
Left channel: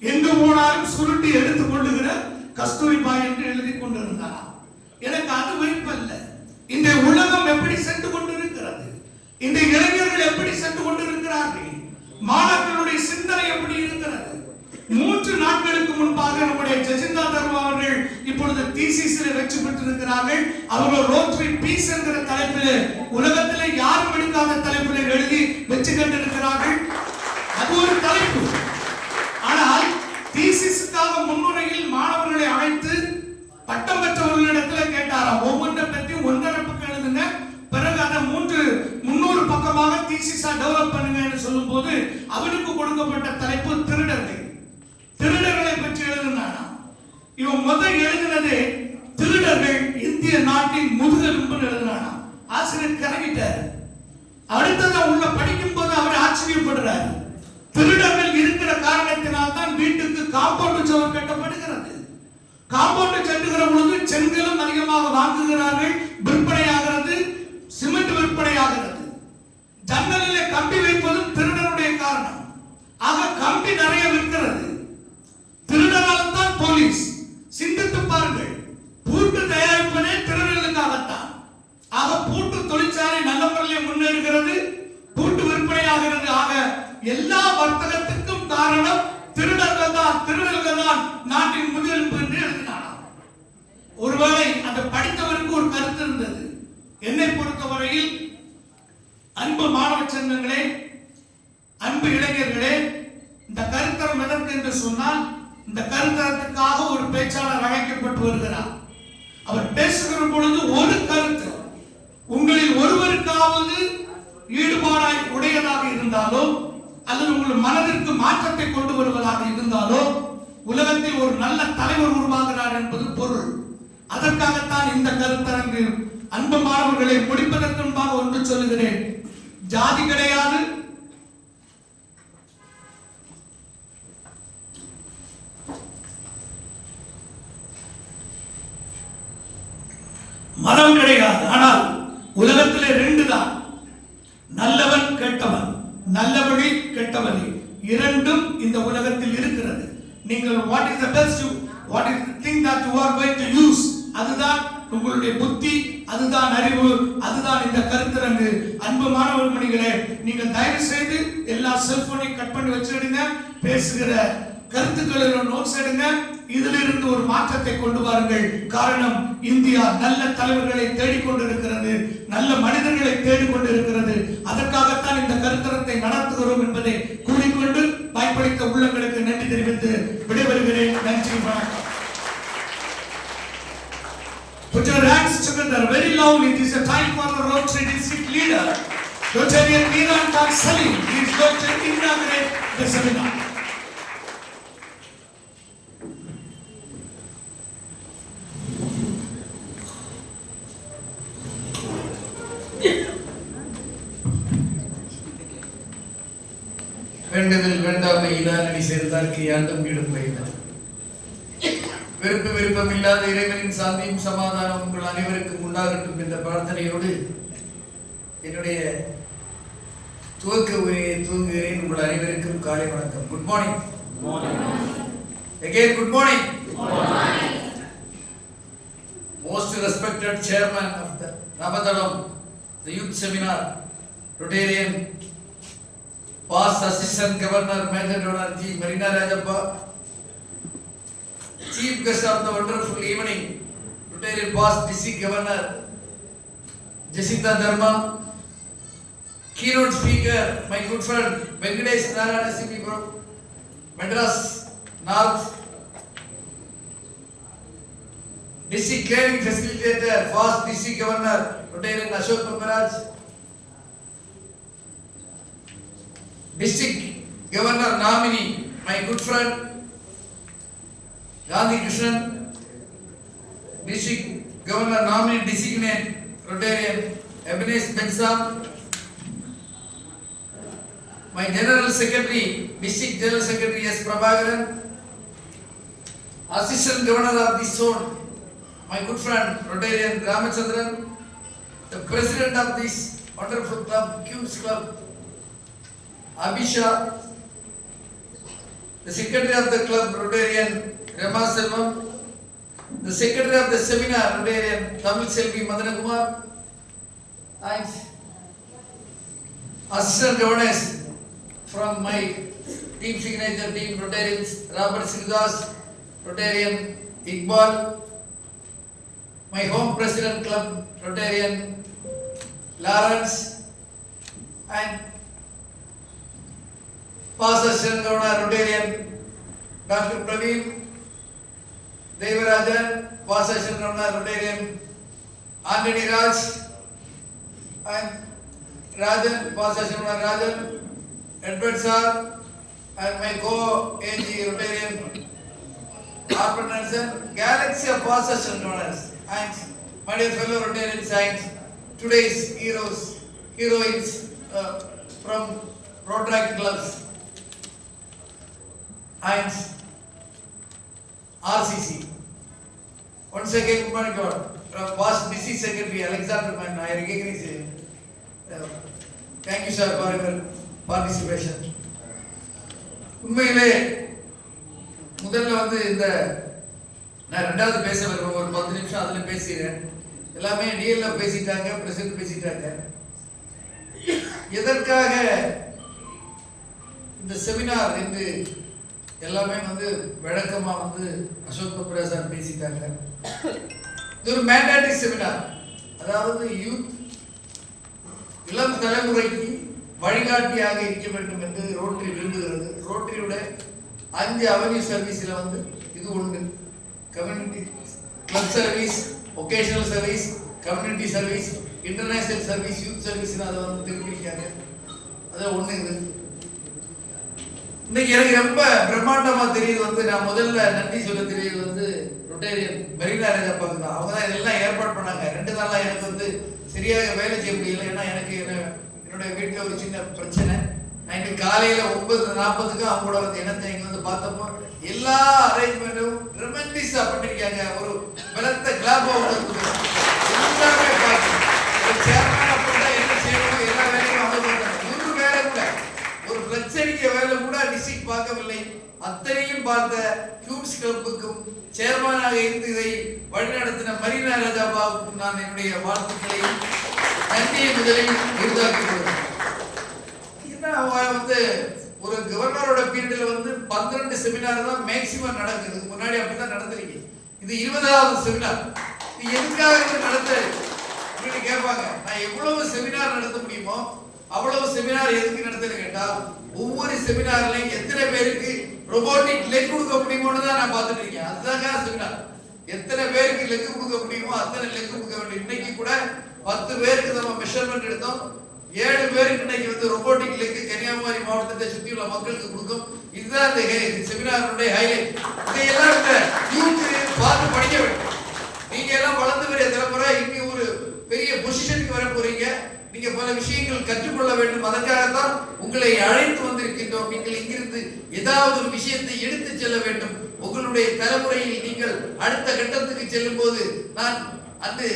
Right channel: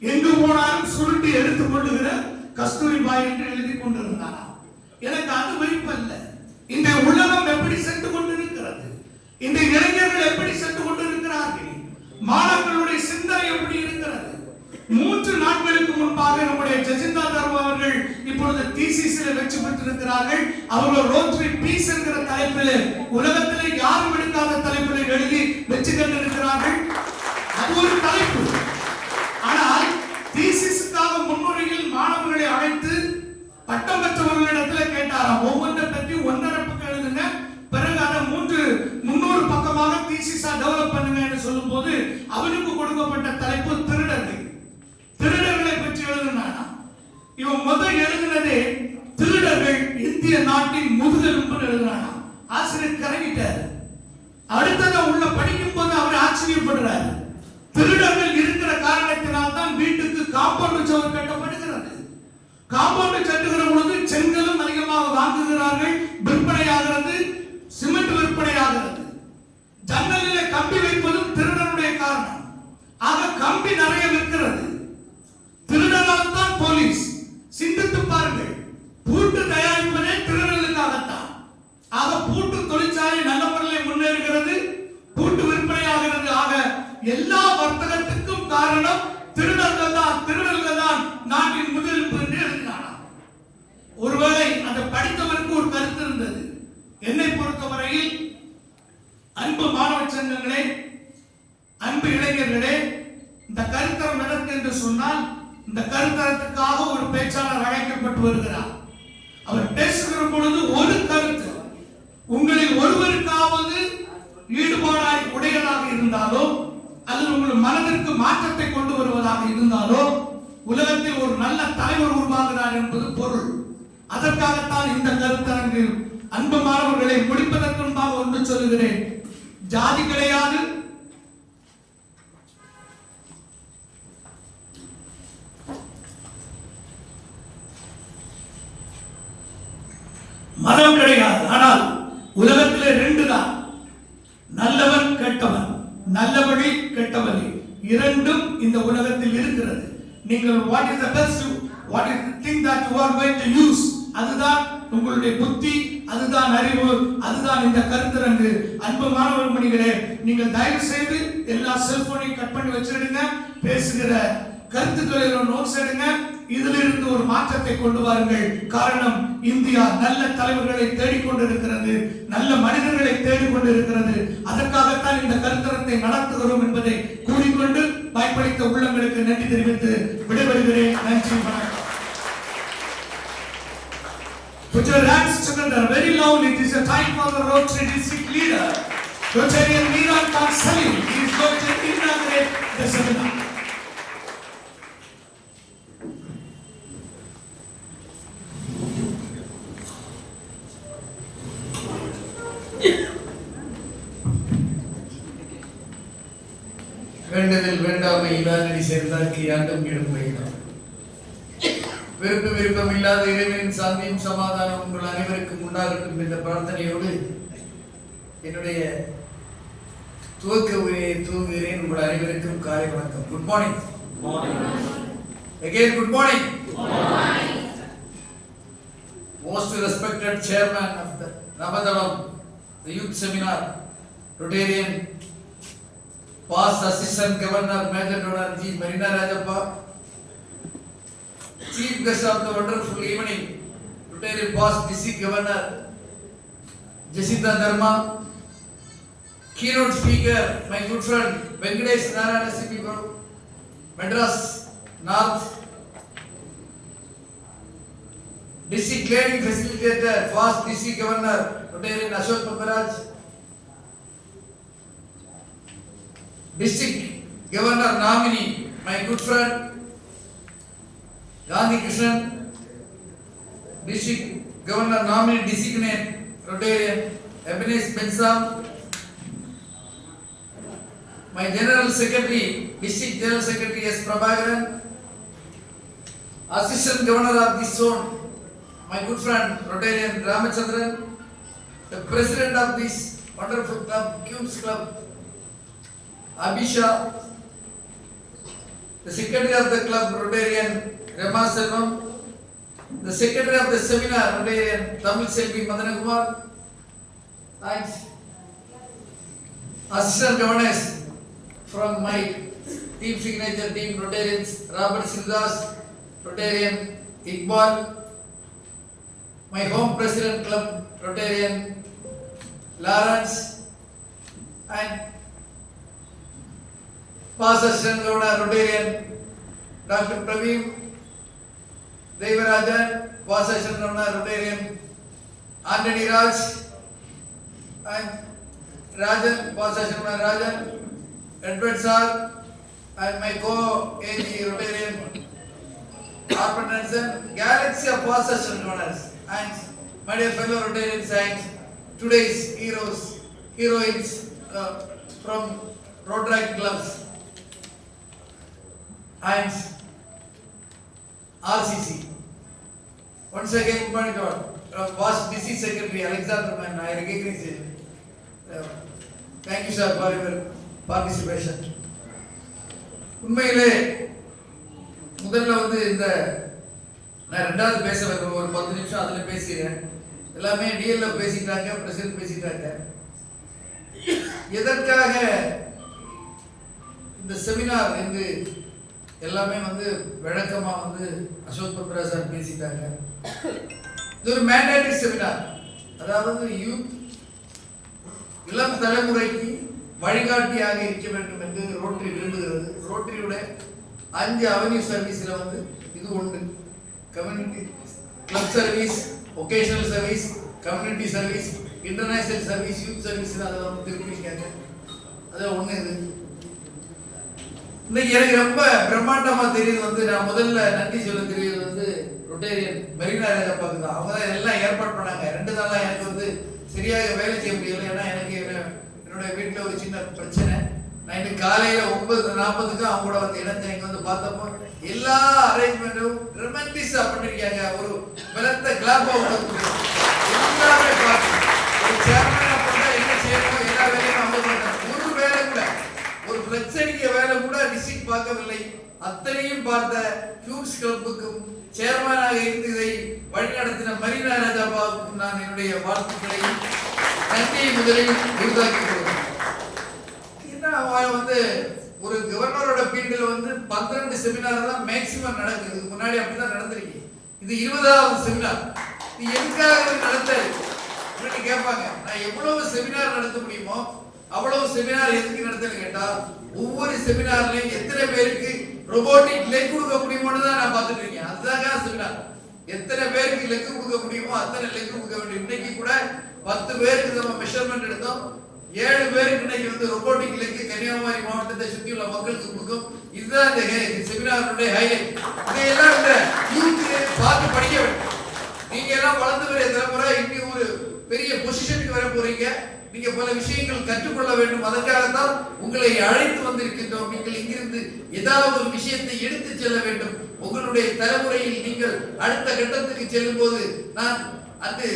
எங்கு போனாலும் சுருட்டி எடுத்துக் கொள்ளுகிற கஸ்தூரி பாய் என்று எழுதி கொண்டிருந்தார். எனக்கு அது விருப்பம். இந்த உலகம் எப்படி சென்று கொண்டிருக்கிறது, இந்த இளைஞர்கள் எப்படி சென்று கொண்டிருக்கிறார்கள், மாணவர்களுடைய சிந்தனை எப்படி இருக்கிறது. 3 நாட்களுக்கு முன்பாக நம்முடைய ஜெசிந்தா தர்மா அவர்கள் இப்பொழுது இப்பொழுது டிசிசில வெற்றி பெற்றிருக்கிறார்கள். அவர்கள் ரோட்டரி பீஸ் என்கிற தலைப்பில் உலகத்திலே யாரும் எடுக்காத தலைப்பில் எழுதி வெற்றி கண்டிருக்கிறார்கள். அது ஒரு தலைப்பு. ஆனால் டிசிஸுக்காக முன்னுரையில் மாணவர்களை அழைத்து பட்டம் பெற்றவர்களிடத்தில் கேட்டாராம், ஒவ்வொன்றை பற்றி 1.5 பக்கம் எழுதுங்க, பிறகு அதை 300 பக்கமாக தீசிஸா டெவலப் பண்ணுங்க சொல்லும் போது அவனுக்கு கொடுக்கப்பட்ட தலைப்பு திருடர்கள். திருடர்களை பற்றி எழுதினானா? இவன் முதல் எழுதினதே திருடர்கள் இந்திய நாட்டின் முதுகெலும்பு எழுதினானா? ஆசிரியர் கரங்கிட்டார். அடுத்ததை உள்ள படிக்கும் போது அவர் ஆச்சரியப்படுறாரு. திருடர்கள் இருக்கிற காரணத்தினால் தான் வீட்டுக்கு காம்பவுண்ட் சுவர் கட்டப்படுகிறது. காம்பவுண்ட் கட்டுகிற பொழுது செங்கலும் அதிகமாக வாங்குகிறார்கள், விற்பனையாகிறது, சிமெண்ட் விற்பனையாகிறது. ஜன்னலிலே கம்பி வைப்பதும் திருடனுடைய காரணம். ஆக கம்பி நிறைய விற்கிறது. திருடனால் தான் போலீஸ். சிந்தித்து பாருங்கள், பூட்டு தயாரிப்பதே திருடர்களுக்காகத்தான். ஆக பூட்டு தொழிற்சாலை நல்ல முறையில் முன்னேறுகிறது, பூட்டு விற்பனையாகிறது. ஆக எல்லா வர்த்தகத்துக்கும் காரணம் திருடர்கள் தான் நாட்டின் முதுகெலும்பு என்று எழுதினாராம். ஒருவேளை அதை படித்தவருக்கு ஒரு கருத்து இருந்தது. என்னை பொறுத்தவரையில் அன்பு மாணவ செல்வங்களே, அன்பு இளைஞர்களே, இந்த கருத்தரம் எதற்கு என்று சொன்னால், இந்த கருத்தரத்துக்காக ஒரு பேச்சாளர் அழைக்கப்பட்டு வருகிறார். அவர் பேசுகிற பொழுது ஒரு கருத்து உங்களில் ஒருவருக்காவது ஈடுபாடாய் உடையதாக இருந்தாலோ அல்லது உங்கள் மனதிற்கு மாற்றத்தை கொண்டு வருவதாக இருந்தாலோ உலகத்தில் ஒரு நல்ல தலைவர் உருவாகிறார் என்பது பொருள். அதற்காகத்தான் இந்த கருத்தரங்கு. அன்பு மாணவர்களை முடிப்பதற்கு முன்பாக ஒன்று சொல்லுகிறேன். ஜாதி கிடையாது, மதம் கிடையாது. ஆனால் உலகத்திலே 2 தான், நல்லவன் கெட்டவன், நல்லவழி கெட்டவழி, இரண்டும் இந்த உலகத்தில் இருக்கிறது. நீங்கள் what is the best, what is the thing that you are going to use, அதுதான் உங்களுடைய புத்தி, அதுதான் அறிவு, அதுதான் இந்த கருத்தரங்கு. அன்பு மாணவ மணிகளே, நீங்கள் தயவு செய்து எல்லா செல்போனையும் கட் பண்ணி வச்சிடுங்க. பேசுகிற கருத்துக்களை நோட்ஸ் எடுங்க. இதிலிருந்து ஒரு மாற்றத்தை கொண்டு வாருங்கள். காரணம், இந்தியா நல்ல தலைவர்களை தேடிக்கொண்டிருக்கிறது, நல்ல மனிதர்களை தேடிக்கொண்டிருக்கிறது. அதற்காகத்தான் இந்த கருத்தரத்தை நடத்துகிறோம் என்பதை கூறிக்கொண்டு வாய்ப்பளித்த உள்ளங்களுக்கு நன்றி தெரிவித்து விடைபெறுகிறேன். நன்றி, வணக்கம். Put your hands together very loudly. It is a time for the Rotary district leader, Rotarian Miran Khan Salim. He is going to inaugurate the seminar. வேண்டுதல் வேண்டாமை இல்லாதடி சேர்ந்தார்க்கு யாண்டும் வீடும் வைத்தார். விருப்பம் இல்லாத இறைவனின் சாந்தியும் சமாதானம் உங்கள் அனைவருக்கும் உண்டாகட்டும் என்ற பிரார்த்தனையோடு என்னுடைய துவக்க உரையை துவங்குகிறேன். உங்கள் அனைவருக்கும் காலை வணக்கம். Good morning. Again, good morning. Most respected chairman of the Navadalam, the youth seminar, Rotarian, past Assistant Governor Major General G. Marina Rajappa, Chief Guest of the wonderful evening, Rotarian past District Governor Jacinta Dharma, keynote speaker, my good friend Venkatesh Narayana C.P. Madras North, District Clearing Facilitator, past District Governor Rotarian Ashok Paparaj, District Governor nominee, my good friend Gandhi Krishnan, District Governor nominee designate Rotarian Ebenezer Bensam, my General Secretary, District General Secretary S. Prabhakaran, Assistant Governor of this zone, my good friend Rotarian Ramachandran, the President of this wonderful club, Cubes Club, Abhisha, the Secretary of the club, Rotarian Rama Selvam, the Secretary of the seminar, Rotarian Tamil Selvi Madanakumar, and Assistant Governors from my team signature team, Rotarians Robert Singdas, Rotarian Iqbal, my home president club Rotarian Lawrence and past assistant governor Rotarian Dr. Praveen Devarajan, past assistant governor Rotarian Anthony Raj and Rajan, past assistant governor Rajan, Edward Sir and my co-AG Rotarian Arpan Nelson, galaxy of past assistant governors and my dear fellow Rotarian saints, today's heroines from Rotary clubs and RCC. Once again, good morning to all. From past district secretary Alexander Man, I recognize you. Thank you sir for your participation. உண்மையிலே முதல்ல வந்து இந்த நான் ரெண்டாவது பேச ஒரு 10 நிமிஷம் அதுல பேசிக்கிறேன். எல்லாமே டிஎல்ல பேசிட்டாங்க, பிரசிடென்ட் பேசிட்டாங்க. எதற்காக இந்த செமினார் என்று எல்லாமே வந்து விளக்கமா வந்து அசோக் பத்ரா சார் பேசிட்டாங்க. இது ஒரு மேண்டேட்டரி செமினார், அதாவது யூத் இளம் தலைமுறைக்கு வழிகாட்டியாக இருக்க வேண்டும் என்று ரோட்டரி விரும்புகிறது. ரோட்டரியோட 5 அவென்யூ சர்வீஸ்ல வந்து இது ஒன்று. Community club service, vocational service, community service, international service, youth service அதை வந்து திருப்பிருக்காங்க. அது ஒன்று. இது இன்னைக்கு எனக்கு ரொம்ப பிரம்மாண்டமா தெரியுது வந்து, நான் முதல்ல நன்றி சொல்ல தெரியுது வந்து ரொட்டேரியன் மெரினா ராஜாப்பாக்கு தான். அவங்க தான் இதெல்லாம் ஏற்பாடு பண்ணாங்க. 2 நாளா எனக்கு வந்து சரியாக வேலை செய்ய முடியல. ஏன்னா எனக்கு என்னோட வீட்டில் ஒரு சின்ன பிரச்சனை. நான் இன்னைக்கு காலையில 9:40க்கு அவங்க கூட வந்து இணைஞ்ச இங்க வந்து பார்த்தப்போ எல்லா அரேஞ்ச்மெண்ட்டும் ட்ரெமெண்டிஸா பண்ணிருக்காங்க. ஒரு பலத்த கிளாப் எல்லாமே பார்த்து ஒரு சேர்மனா பண்ணா என்ன செய்யணும், எல்லா வேலையும் அவங்க பண்ணாங்க. ஒரு வேலை கூட, ஒரு பிரச்சனைக்கு வேலை கூட விசிட் பார்க்கவில்லை. அத்தனையும் பார்த்த ஹியூஸ் கிளப்புக்கும் சேர்மனாக இருந்து இதை வழிநடத்தின மரீனா ராஜாபாவுக்கும் நான் என்னுடைய வாழ்த்துக்களையும் நன்றியை முதலில் விருதாக்கி கொடுக்கிறேன். வந்து ஒரு கவர்னரோட பீரியட்ல வந்து 12 செமினார் தான் மேக்ஸிமம் நடக்குது. முன்னாடி அப்படிதான் நடந்திருக்கு. இது 20வது செமினார். இது எதுக்காக நடத்தாரு அப்படின்னு கேட்பாங்க. நான் எவ்வளவு செமினார் நடத்த முடியுமோ அவ்வளவு செமினார் எதுக்கு நடத்துன்னு கேட்டா, ஒவ்வொரு செமினார்லயும் எத்தனை பேருக்கு ரோபோட்டிக் லெக் கொடுக்க முடியுமோன்னு தான் நான் பார்த்துட்டு இருக்கேன். அதுதான் செமினார். எத்தனை பேருக்கு லெக் கொடுக்க முடியுமோ அத்தனை லெக் கொடுக்க வேண்டும். இன்னைக்கு கூட 10 பேருக்கு நம்ம மெஷர்மெண்ட் எடுத்தோம். 7 பேருக்கு இன்னைக்கு வந்து ரோபோட்டிக் லெக் கன்னியாகுமரி மாவட்டத்தை சுற்றியுள்ள மக்களுக்கு கொடுக்கும். இதுதான் இந்த செமினாருடைய ஹைலைட். இதையெல்லாம் இந்த யூத் பார்த்து படிக்க வேண்டும். நீங்க எல்லாம் வளர்ந்து வர தலைமுறை இன்னி ஒரு பெரிய பொசிஷனுக்கு வர போறீங்க. நீங்க பல விஷயங்கள் கற்றுக்கொள்ள வேண்டும். அதற்காகத்தான் உங்களை அழைத்து வந்திருக்கின்றோம். நீங்கள் இங்கிருந்து ஏதாவது ஒரு விஷயத்தை எடுத்து செல்ல வேண்டும். உங்களுடைய தலைமுறையில் நீங்கள் அடுத்த கட்டத்துக்கு செல்லும் போது, நான் அன்று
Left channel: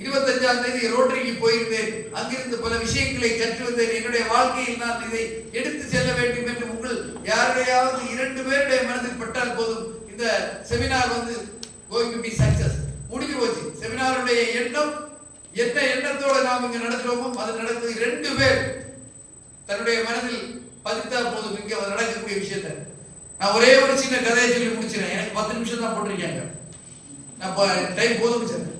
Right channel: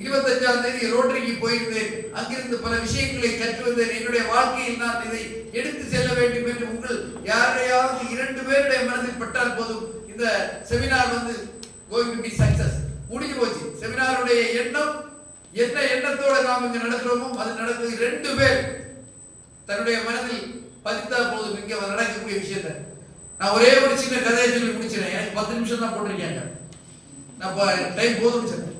25ஆம் தேதி ரோட்டரிக்கு போயிருந்தேன். அங்கிருந்து பல விஷயங்களை கற்று வந்தேன். என்னுடைய வாழ்க்கையில் நான் இதை எடுத்து செல்ல வேண்டும் என்று உங்கள் யாரையாவது 2 பேருடைய மனதில் பட்டால் போதும், இந்த செமினார் வந்து going to be success. முடிஞ்சு போச்சு. செமினாருடைய எண்ணம் என்ன எண்ணத்தோட நாம் இங்க நடக்கிறோமோ அது நடக்குது. 2 பேர் தன்னுடைய மனதில் பதித்தா போதும் இங்க நடக்கக்கூடிய விஷயத்தை. நான் ஒரே ஒரு சின்ன கதையை சொல்லி முடிச்சிடறேன். எனக்கு 10 நிமிஷம் தான் போட்டிருக்காங்க. நான் டைம் போதும்னு சொன்னேன்.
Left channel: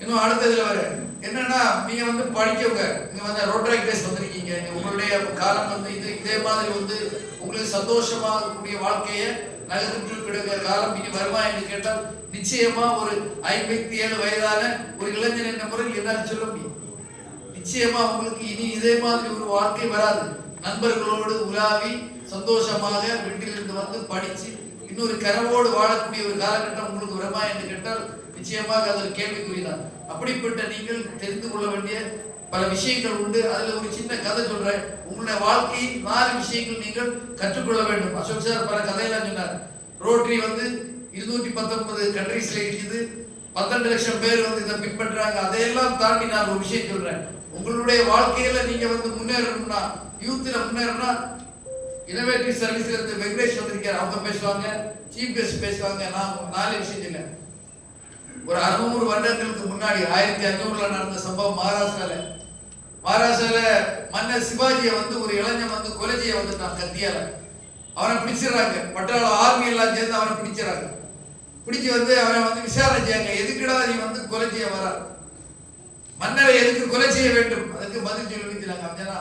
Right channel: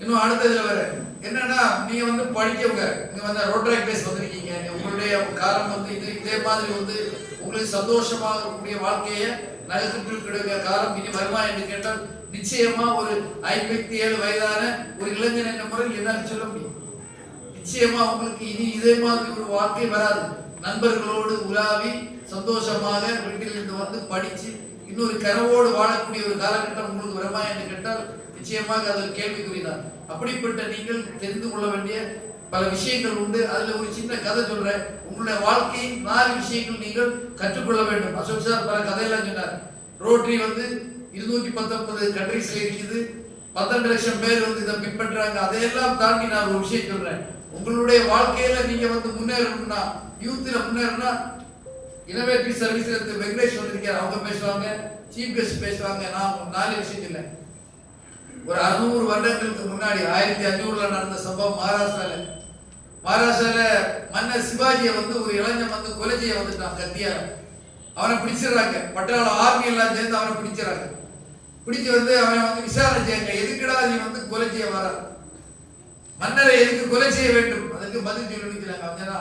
இன்னும் அடுத்ததுல வர என்னன்னா, நீங்க வந்து படிக்கவங்க இங்க வந்து ரோட்டரி கிளேஸ் வந்திருக்கீங்க. உங்களுடைய காலம் வந்து இதே மாதிரி வந்து உங்களுக்கு சந்தோஷமாக இருக்கக்கூடிய வாழ்க்கையை நகர்த்து கிடக்கிற காலம் இனி வருமா என்று கேட்டால், நிச்சயமா ஒரு 57 வயதான ஒரு இளைஞன் என்ற முறையில் என்னால் சொல்ல முடியும். நிச்சயமா உங்களுக்கு இனி இதே மாதிரி ஒரு வாழ்க்கை வராது. நண்பர்களோடு உலாவி சந்தோஷமாக வீட்டிலிருந்து வந்து படிச்சு இன்னொரு கனவோடு வாழக்கூடிய ஒரு காலகட்டம் உங்களுக்கு வருமா என்று கேட்டால், நிச்சயமாக அது கேள்விக்குறிதான். அப்படிப்பட்ட நீங்கள் தெரிந்து கொள்ள வேண்டிய பல விஷயங்கள் உண்டு. அதுல ஒரு சின்ன கதை சொல்றேன். உங்களுடைய வாழ்க்கையில் 4 விஷயங்கள் நீங்கள் கற்றுக்கொள்ள வேண்டும். அசோக் சார் பல கதையெல்லாம் சொன்னார். ரோட்டரி வந்து 219 கண்ட்ரீஸ்ல இருக்குது. 12 லட்சம் பேர் வந்து இதை பின்பற்றாங்க. அதையெல்லாம் தாண்டி நான் ஒரு விஷயம் சொல்றேன். உங்களுடைய வாழ்க்கையில நீங்க வந்து முன்னேறணும்னா, யூத்ல முன்னேறணும்னா, இனோவேட்டிவ் சர்வீஸ்ல இருந்து வெங்கடேஷ் வந்திருக்காரு. அவங்க பேசுவாங்க, சீஃப் கெஸ்ட் பேசுவாங்க. நான் 4 விஷயம் இல்லை. ஒரு 600 வருடங்களுக்கு முன்னாடி 1500ல நடந்த சம்பவம் மகாராஷ்டிரால மன்னர் சிவாஜியை வந்து ஒரு இளைஞன் வந்து கொலை செய்ய வந்துட்டான் கத்தியால. அவனை பிடிச்சிடறாங்க. பட்டாள ஆர்மி எல்லாம் சேர்ந்து அவனை பிடிச்சிடறாங்க. பிடிச்சு வந்து அவனை வந்து விசாரணை செய்யாங்க. எதுக்குடா நீ வந்து கொலை செய்ய வர, மன்னரை எதுக்கு கொலை செய்ய வேண்டும்? அதுக்கு பதில் சொல்லிக்கிறாங்க. அவனா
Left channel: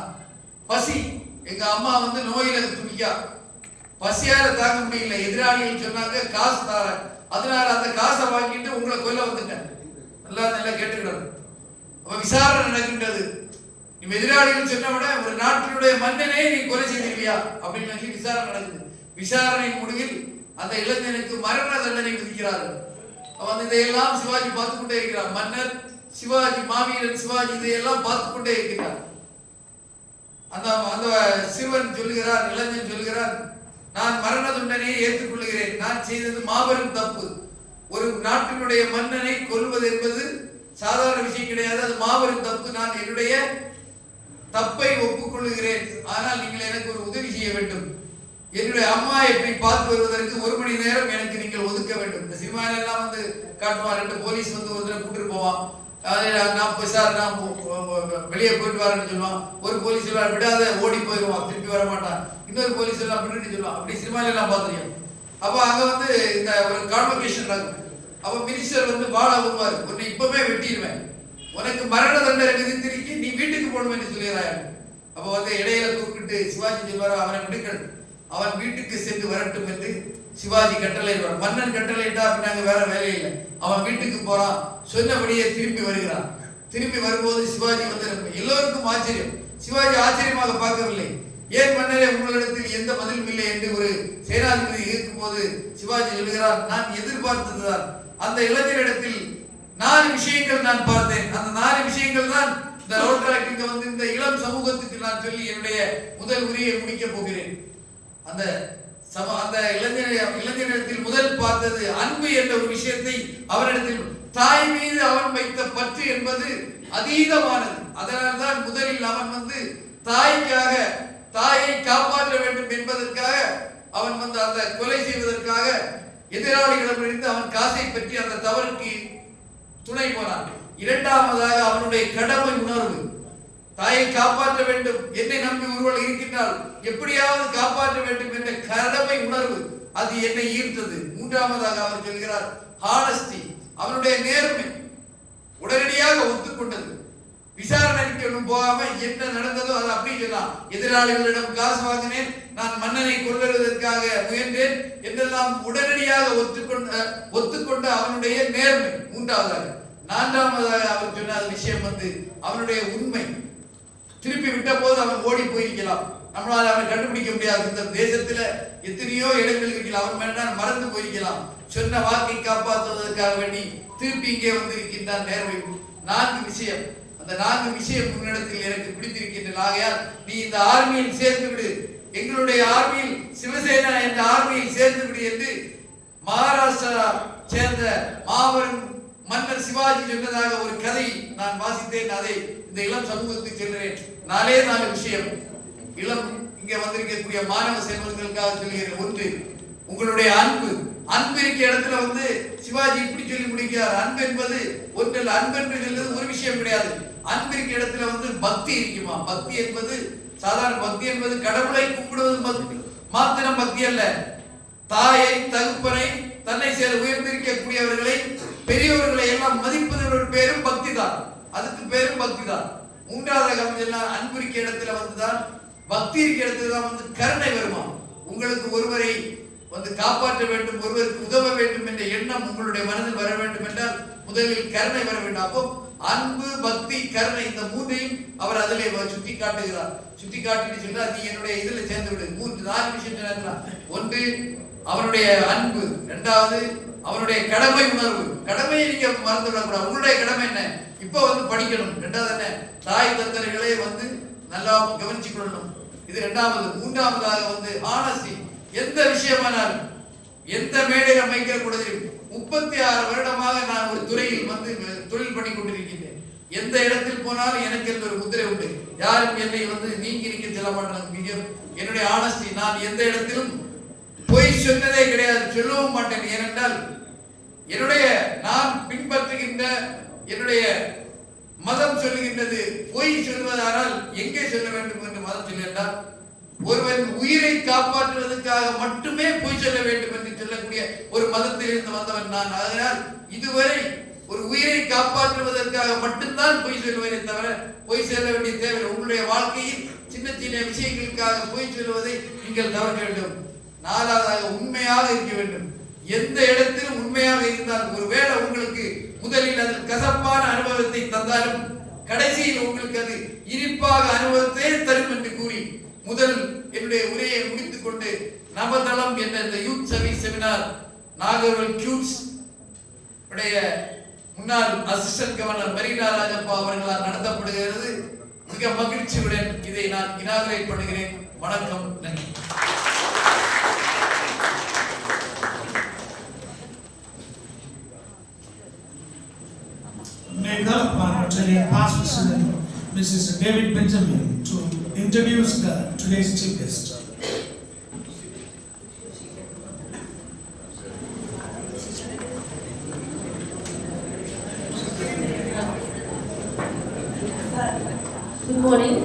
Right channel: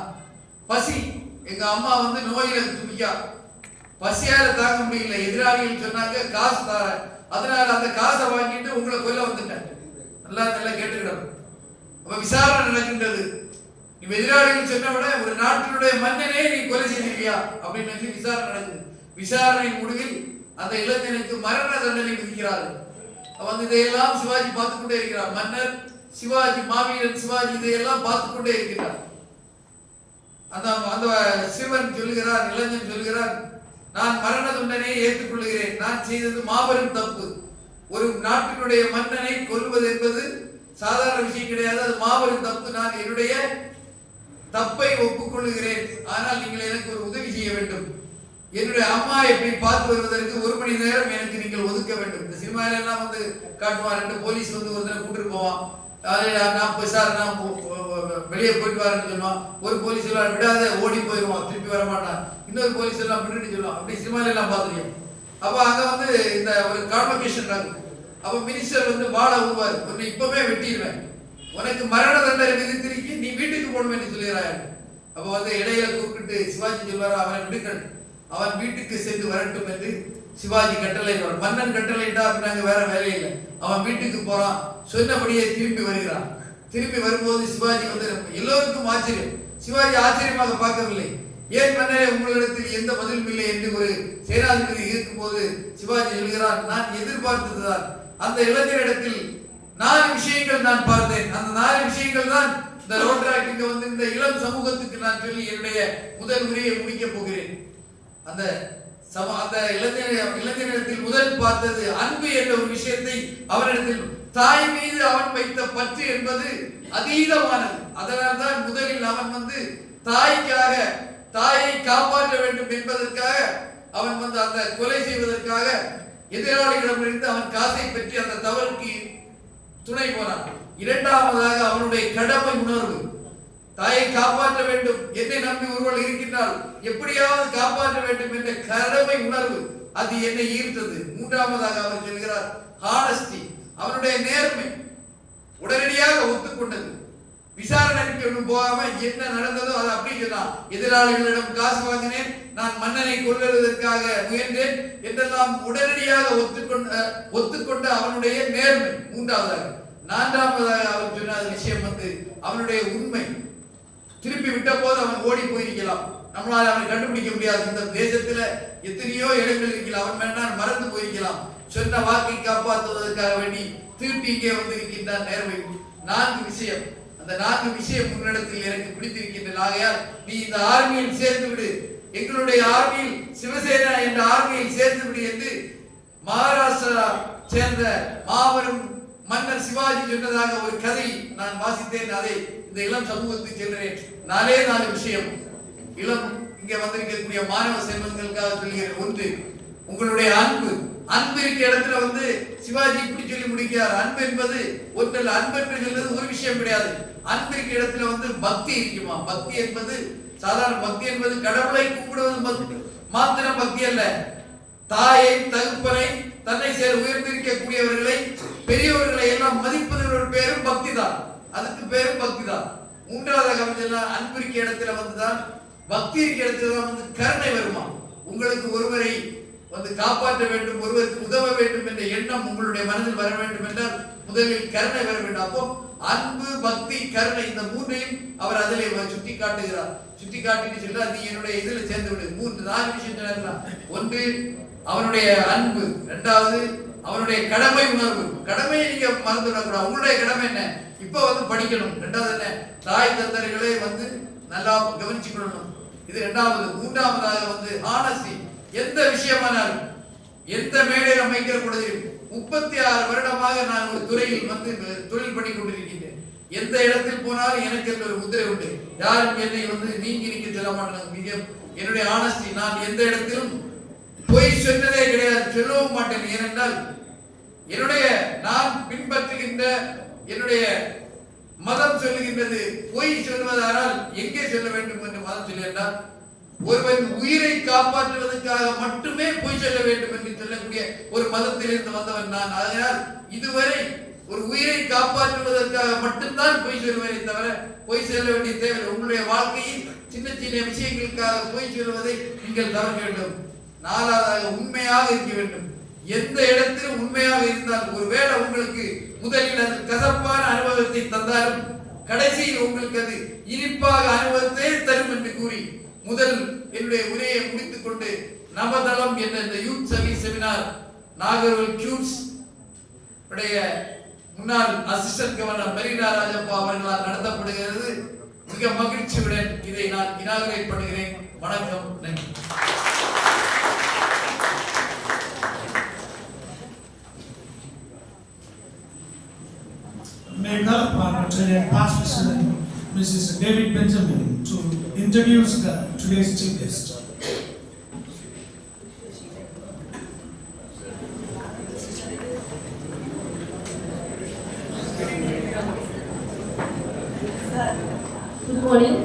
பசி, எங்க அம்மா வந்து நோயில துடிக்கா, பசியால தாங்க முடியல, எதிராளிகள் சொன்னாங்க காசு தார, அதனால அந்த காசை வாங்கிட்டு உங்களை கொல்ல வந்துட்டேன். நல்லா கேட்டுக்கிடணும். அப்ப விசாரணை நடக்கின்றது. நீ எதிராளிகள் சொன்ன விட ஒரு நாட்டினுடைய மன்னனே நீ கொலை செய்திருக்கியா அப்படின்னு சொல்லி விசாரணை நடக்குது. விசாரணை முடிவில் அந்த இளைஞனுக்கு மரண தண்டனை விதிக்கிறார்கள். வந்து இதையெல்லாம் சிவாஜி பார்த்து கொண்டே இருக்கிறார். மன்னர் சிவாஜி, மாவீரன் சிவாஜி இதையெல்லாம் பார்த்து கொண்டே இருக்கிறார். அந்த அந்த சிறுவன் சொல்லுகிறார், இளைஞன் சொல்லுகிறார், நான் மரண தண்டனையை ஏற்றுக்கொள்கிறேன். நான் செய்தது மாபெரும் தப்பு. ஒரு நாட்டினுடைய மன்னனை கொல்வது என்பது சாதாரண விஷயம் கிடையாது, அது மாபெரும் தப்பு. நான் என்னுடைய தப்பை ஒப்புக்கொள்கிறேன். ஆனால் நீங்கள் எனக்கு ஒரு உதவி செய்ய வேண்டும். என்னுடைய அம்மா எப்படி பார்த்து வருவதற்கு 1 மணி நேரம் எனக்கு நீங்கள் ஒதுக்க வேண்டும். இந்த சினிமால எல்லாம் வந்து காட்டுவார், 2 போலீஸ் வந்து ஒரு தடவை கூட்டிட்டு போவான். நான் வெளியே போயிட்டு வரேன்னு சொல்லுவான். ஒரு போலீஸ் எல்லாம் விடாத ஓடி போயிடுவான், திருப்பி வர மாட்டான். இன்னொரு போலீஸ் எல்லாம் விட்டுட்டு சொல்லுவான். அப்படி சினிமால எல்லாம் பார்த்துருக்கேன். அப்ப அங்க வந்து இந்த ஒரு கான்வகேஷன் நடக்கும். அப்ப மினிஸ்டர் வந்து வாழ வருவார், உன்னை இப்பவே வெட்டிடுவேன், உனக்கு மரண தண்டனை விதித்திருக்கி நீ வீட்டுக்கு போகணும் என்று சொல்லுகிறாய். அப்ப வந்து இடையில கூப்பிட்டு சிவாஜி சொல்வார், அவனை விடுங்கள், அவன் வீட்டுக்கு சென்று வரட்டும் என்று சிவாஜி கட்டளையிடுவார். மன்னன் கட்டளையிட்டா அப்படின்னாங்க, வேற வேலை இல்லை. அவன் வீட்டுக்கு போறான், சொன்னபடியே திரும்பி வருகிறான். திரும்பி வரும்போது சிவாஜி வந்து எல்லோருக்கும் ஆச்சரியம். சிவாஜி ஆச்சரியமாக பார்க்கவில்லை. ஏன் மன்னரே உங்களிடத்தில் எந்த பதிலும் இல்லை என்று ஒரு சேனாதிபதி இருக்கும்போது சிவாஜி சொல்கிறார், நான் எதிர்பார்த்ததுதான். அந்த இளைஞரிடத்தில் 4 விஷயங்கள் நான் பார்த்தேன். அந்த 4 விஷயங்கள் தான் இந்த ரோட்ராக்டுக்கு வந்து இந்த இளம் சமூகத்துக்கு நான் சொல்லி என்னுடைய முதல் உரையை முடிக்கப் போகிறேன். அந்த இளைஞரிடத்தில் முதல் பார்த்தது அன்பு என்ற ஒரு விஷயத்தை. அவரிடத்தில் தாய் மீது அவன் வைத்த பற்று என்பது அதீதமானது. அதனால்தான் முதலில் அவன் வந்து தாய்க்காக, தாயை காப்பாற்ற வேண்டும் என்பதற்காக அவன் வந்து அந்த கொலை செய்வதற்காக எதிராளிகளிடமிருந்து அவன் காசை பெற்று அந்த தவறுக்கு துணை போனான். இரண்டாவதாக அவனுடைய கடமை உணர்வு, தாயை காப்பாற்ற வேண்டும், என்னை நம்பி ஒருவர் இருக்கின்றால் எப்படியாவது காப்பாற்ற வேண்டும் என்ற கடமை உணர்வு, அது என்னை ஈர்த்தது. மூன்றாவதாக அவர் சொல்கிறார் ஹானஸ்டி, அவனுடைய நேர்மை, உடனடியாக ஒத்துக்கொண்டது. விசாரணைக்கு போகாம என்ன நடந்ததோ அதை அப்படி சொன்னான். எதிராளிகளிடம் காசு வாங்கினேன், நான் மன்னனை கொல்வதற்காக முயன்றேன் என்றெல்லாம் உடனடியாக ஒத்துக்கொண்ட அவனுடைய நேர்மை மூன்றாவதாக. நான்காவதாக அவர் சொன்ன விஷயம் வந்து அவனுடைய உண்மை. திருப்பி விட்ட போது அவன் ஓடி போயிருக்கலாம், நம்மளால அவனை கண்டுபிடிக்க முடியாது. இந்த தேசத்துல எத்தனையோ இடங்கள் இருக்கலாம், அவன் வேண்டாம் மறந்து போயிருக்கலாம். சொன்ன வாக்கை காப்பாற்றுவதற்காக வேண்டி திருப்பி இங்கே வந்து இருக்கின்றான் நேர்மை. 4 விஷயம், அந்த 4 விஷயம் முன்னிடத்தில் எனக்கு பிடித்திருக்கின்றன. ஆகையால் நீ இந்த ஆர்மியில் சேர்ந்து விடு, எங்களுடைய ஆர்மியில், சிவசேனா என்ற ஆர்மியில் சேர்ந்து விடு என்று மகாராஷ்டிரா சேர்ந்த மாபெரும் மன்னர் சிவாஜி சொன்னதாக ஒரு கதை நான் வாசித்தேன். அதை இந்த இளம் சமூகத்துக்கு சொல்கிறேன். 4 விஷயம் இளம் இங்கே வந்திருக்கக்கூடிய மாணவ செல்வங்களுக்காக சொல்கிறேன். 1, உங்களுடைய அன்பு. அன்பு இருக்க இடத்துல வந்து சிவாஜி இப்படி சொல்லி முடிக்கிறார். அன்பு என்பது ஒன்றில், அன்பு என்று சொல்றது ஒரு விஷயம் கிடையாது. அன்பு இருக்க இடத்துல வந்து பக்தி இருக்குமா. பக்தி என்பது சாதாரண பக்தி என்பது கடவுளை கும்பிடுவது மாத்திரம் பக்தி அல்ல. தாயை, தகப்பனை, தன்னை சேர உயர்ந்திருக்கக்கூடியவர்களை, பெரியவர்களை எல்லாம் மதிப்பது ஒரு பேரும் பக்தி தான். அதுக்கு பேரும் பக்தி தான். மூன்றாவதாக அன்பு இருக்க இடத்துல வந்துதான், பக்தி இருக்க இடத்துல தான் வந்து கருணை வருமா. உங்களுக்கு ஒருவரை வந்து காப்பாற்ற வேண்டும், ஒருவருக்கு உதவ வேண்டும் என்ற எண்ணம் உங்களுடைய மனதில் வர வேண்டும் என்றால் முதலில் கருணை வர வேண்டும். அப்போ அன்பு, பக்தி, கருணை, இந்த 3ஐயும் அவர் அதிலே சுட்டி காட்டுகிறார். சுட்டி காட்டிட்டு சொல்றார், நீ என்னுடைய இதுல சேர்ந்து விடு. 4 விஷயம் சொன்னார். 1 அவனுடைய அன்பு, 2வது அவனுடைய கடமை உணர்வு. கடமையை நீங்க மறந்து விடக்கூடாது. உங்களுடைய கடமை என்ன? இப்ப வந்து படிக்கணும். 2வது என்ன? தாய் தந்தர்களை வந்து நல்லா கவனிச்சு கொள்ளணும். இது 2வது. 3வதாக வந்து ஆனஸ்டி. எந்த விஷயமானாலும், எந்த மேடையில் அமைக்கிற பொழுது 36 வருடமாக நான் ஒரு துறையில் வந்து தொழில் பண்ணி கொண்டிருக்கின்றேன். எந்த இடத்தில் போனாலும் எனக்கு என்ற ஒரு முத்திரை உண்டு. யாரும் என்னை வந்து நீங்கி நிற்க சொல்ல மாட்டாங்க. என்னுடைய ஆனஸ்டி, நான் எந்த இடத்திலும் பொய் சொன்னதே கிடையாது, சொல்லவும் மாட்டேன். ஏனென்றால் என்னுடைய நான் பின்பற்றுகின்ற என்னுடைய மதம் சொல்லுகின்றது, பொய் சொல்வதானால் எங்கே சொல்ல வேண்டும் என்று மதம் சொல்லுகின்றால் ஒருவன் உயிரை காப்பாற்றுவதற்காக மட்டுமே பொய் சொல்ல வேண்டும் என்று சொல்லக்கூடிய ஒரு மதத்திலிருந்து வந்தவன் நான். அதனால் இதுவரை ஒரு உயிரை காப்பாற்றுவதற்காக மட்டும்தான் பொய் சொல்வேனே தவிர பொய் சொல்ல வேண்டிய தேவை. உங்களுடைய வாழ்க்கையில் சின்ன சின்ன விஷயங்களுக்காக பொய் சொல்வதை நீங்கள் தவிர வேண்டும். நாலாவதாக உண்மையாக இருக்க வேண்டும். எந்த இடத்திலும் உண்மையாக இருந்தால் ஒருவேளை உங்களுக்கு முதலில் அது கசப்பான அனுபவத்தை தந்தாலும் கடைசியில் உங்களுக்கு அது இனிப்பாக அனுபவத்தை தரும் என்று கூறி முதல் என்னுடைய உரையை முடித்துக் கொண்டு நவதளம் என்ற இந்த யூத் சர்வீஸ் செமினார் நாகர்கோவில் கியூட்ஸ் உடைய முன்னாள் அசிஸ்டன்ட் கவர்னர் மரீனா ராஜப்பா அவர்களால் நடத்தப்படுகிறது. மிக மகிழ்ச்சியுடன் இதை நான் இனாகரேட் பண்ணுகிறேன். வணக்கம், நன்றி. May I call upon Rotarian Past President Mrs. David Benjamin to introduce today's chief guest. Good morning.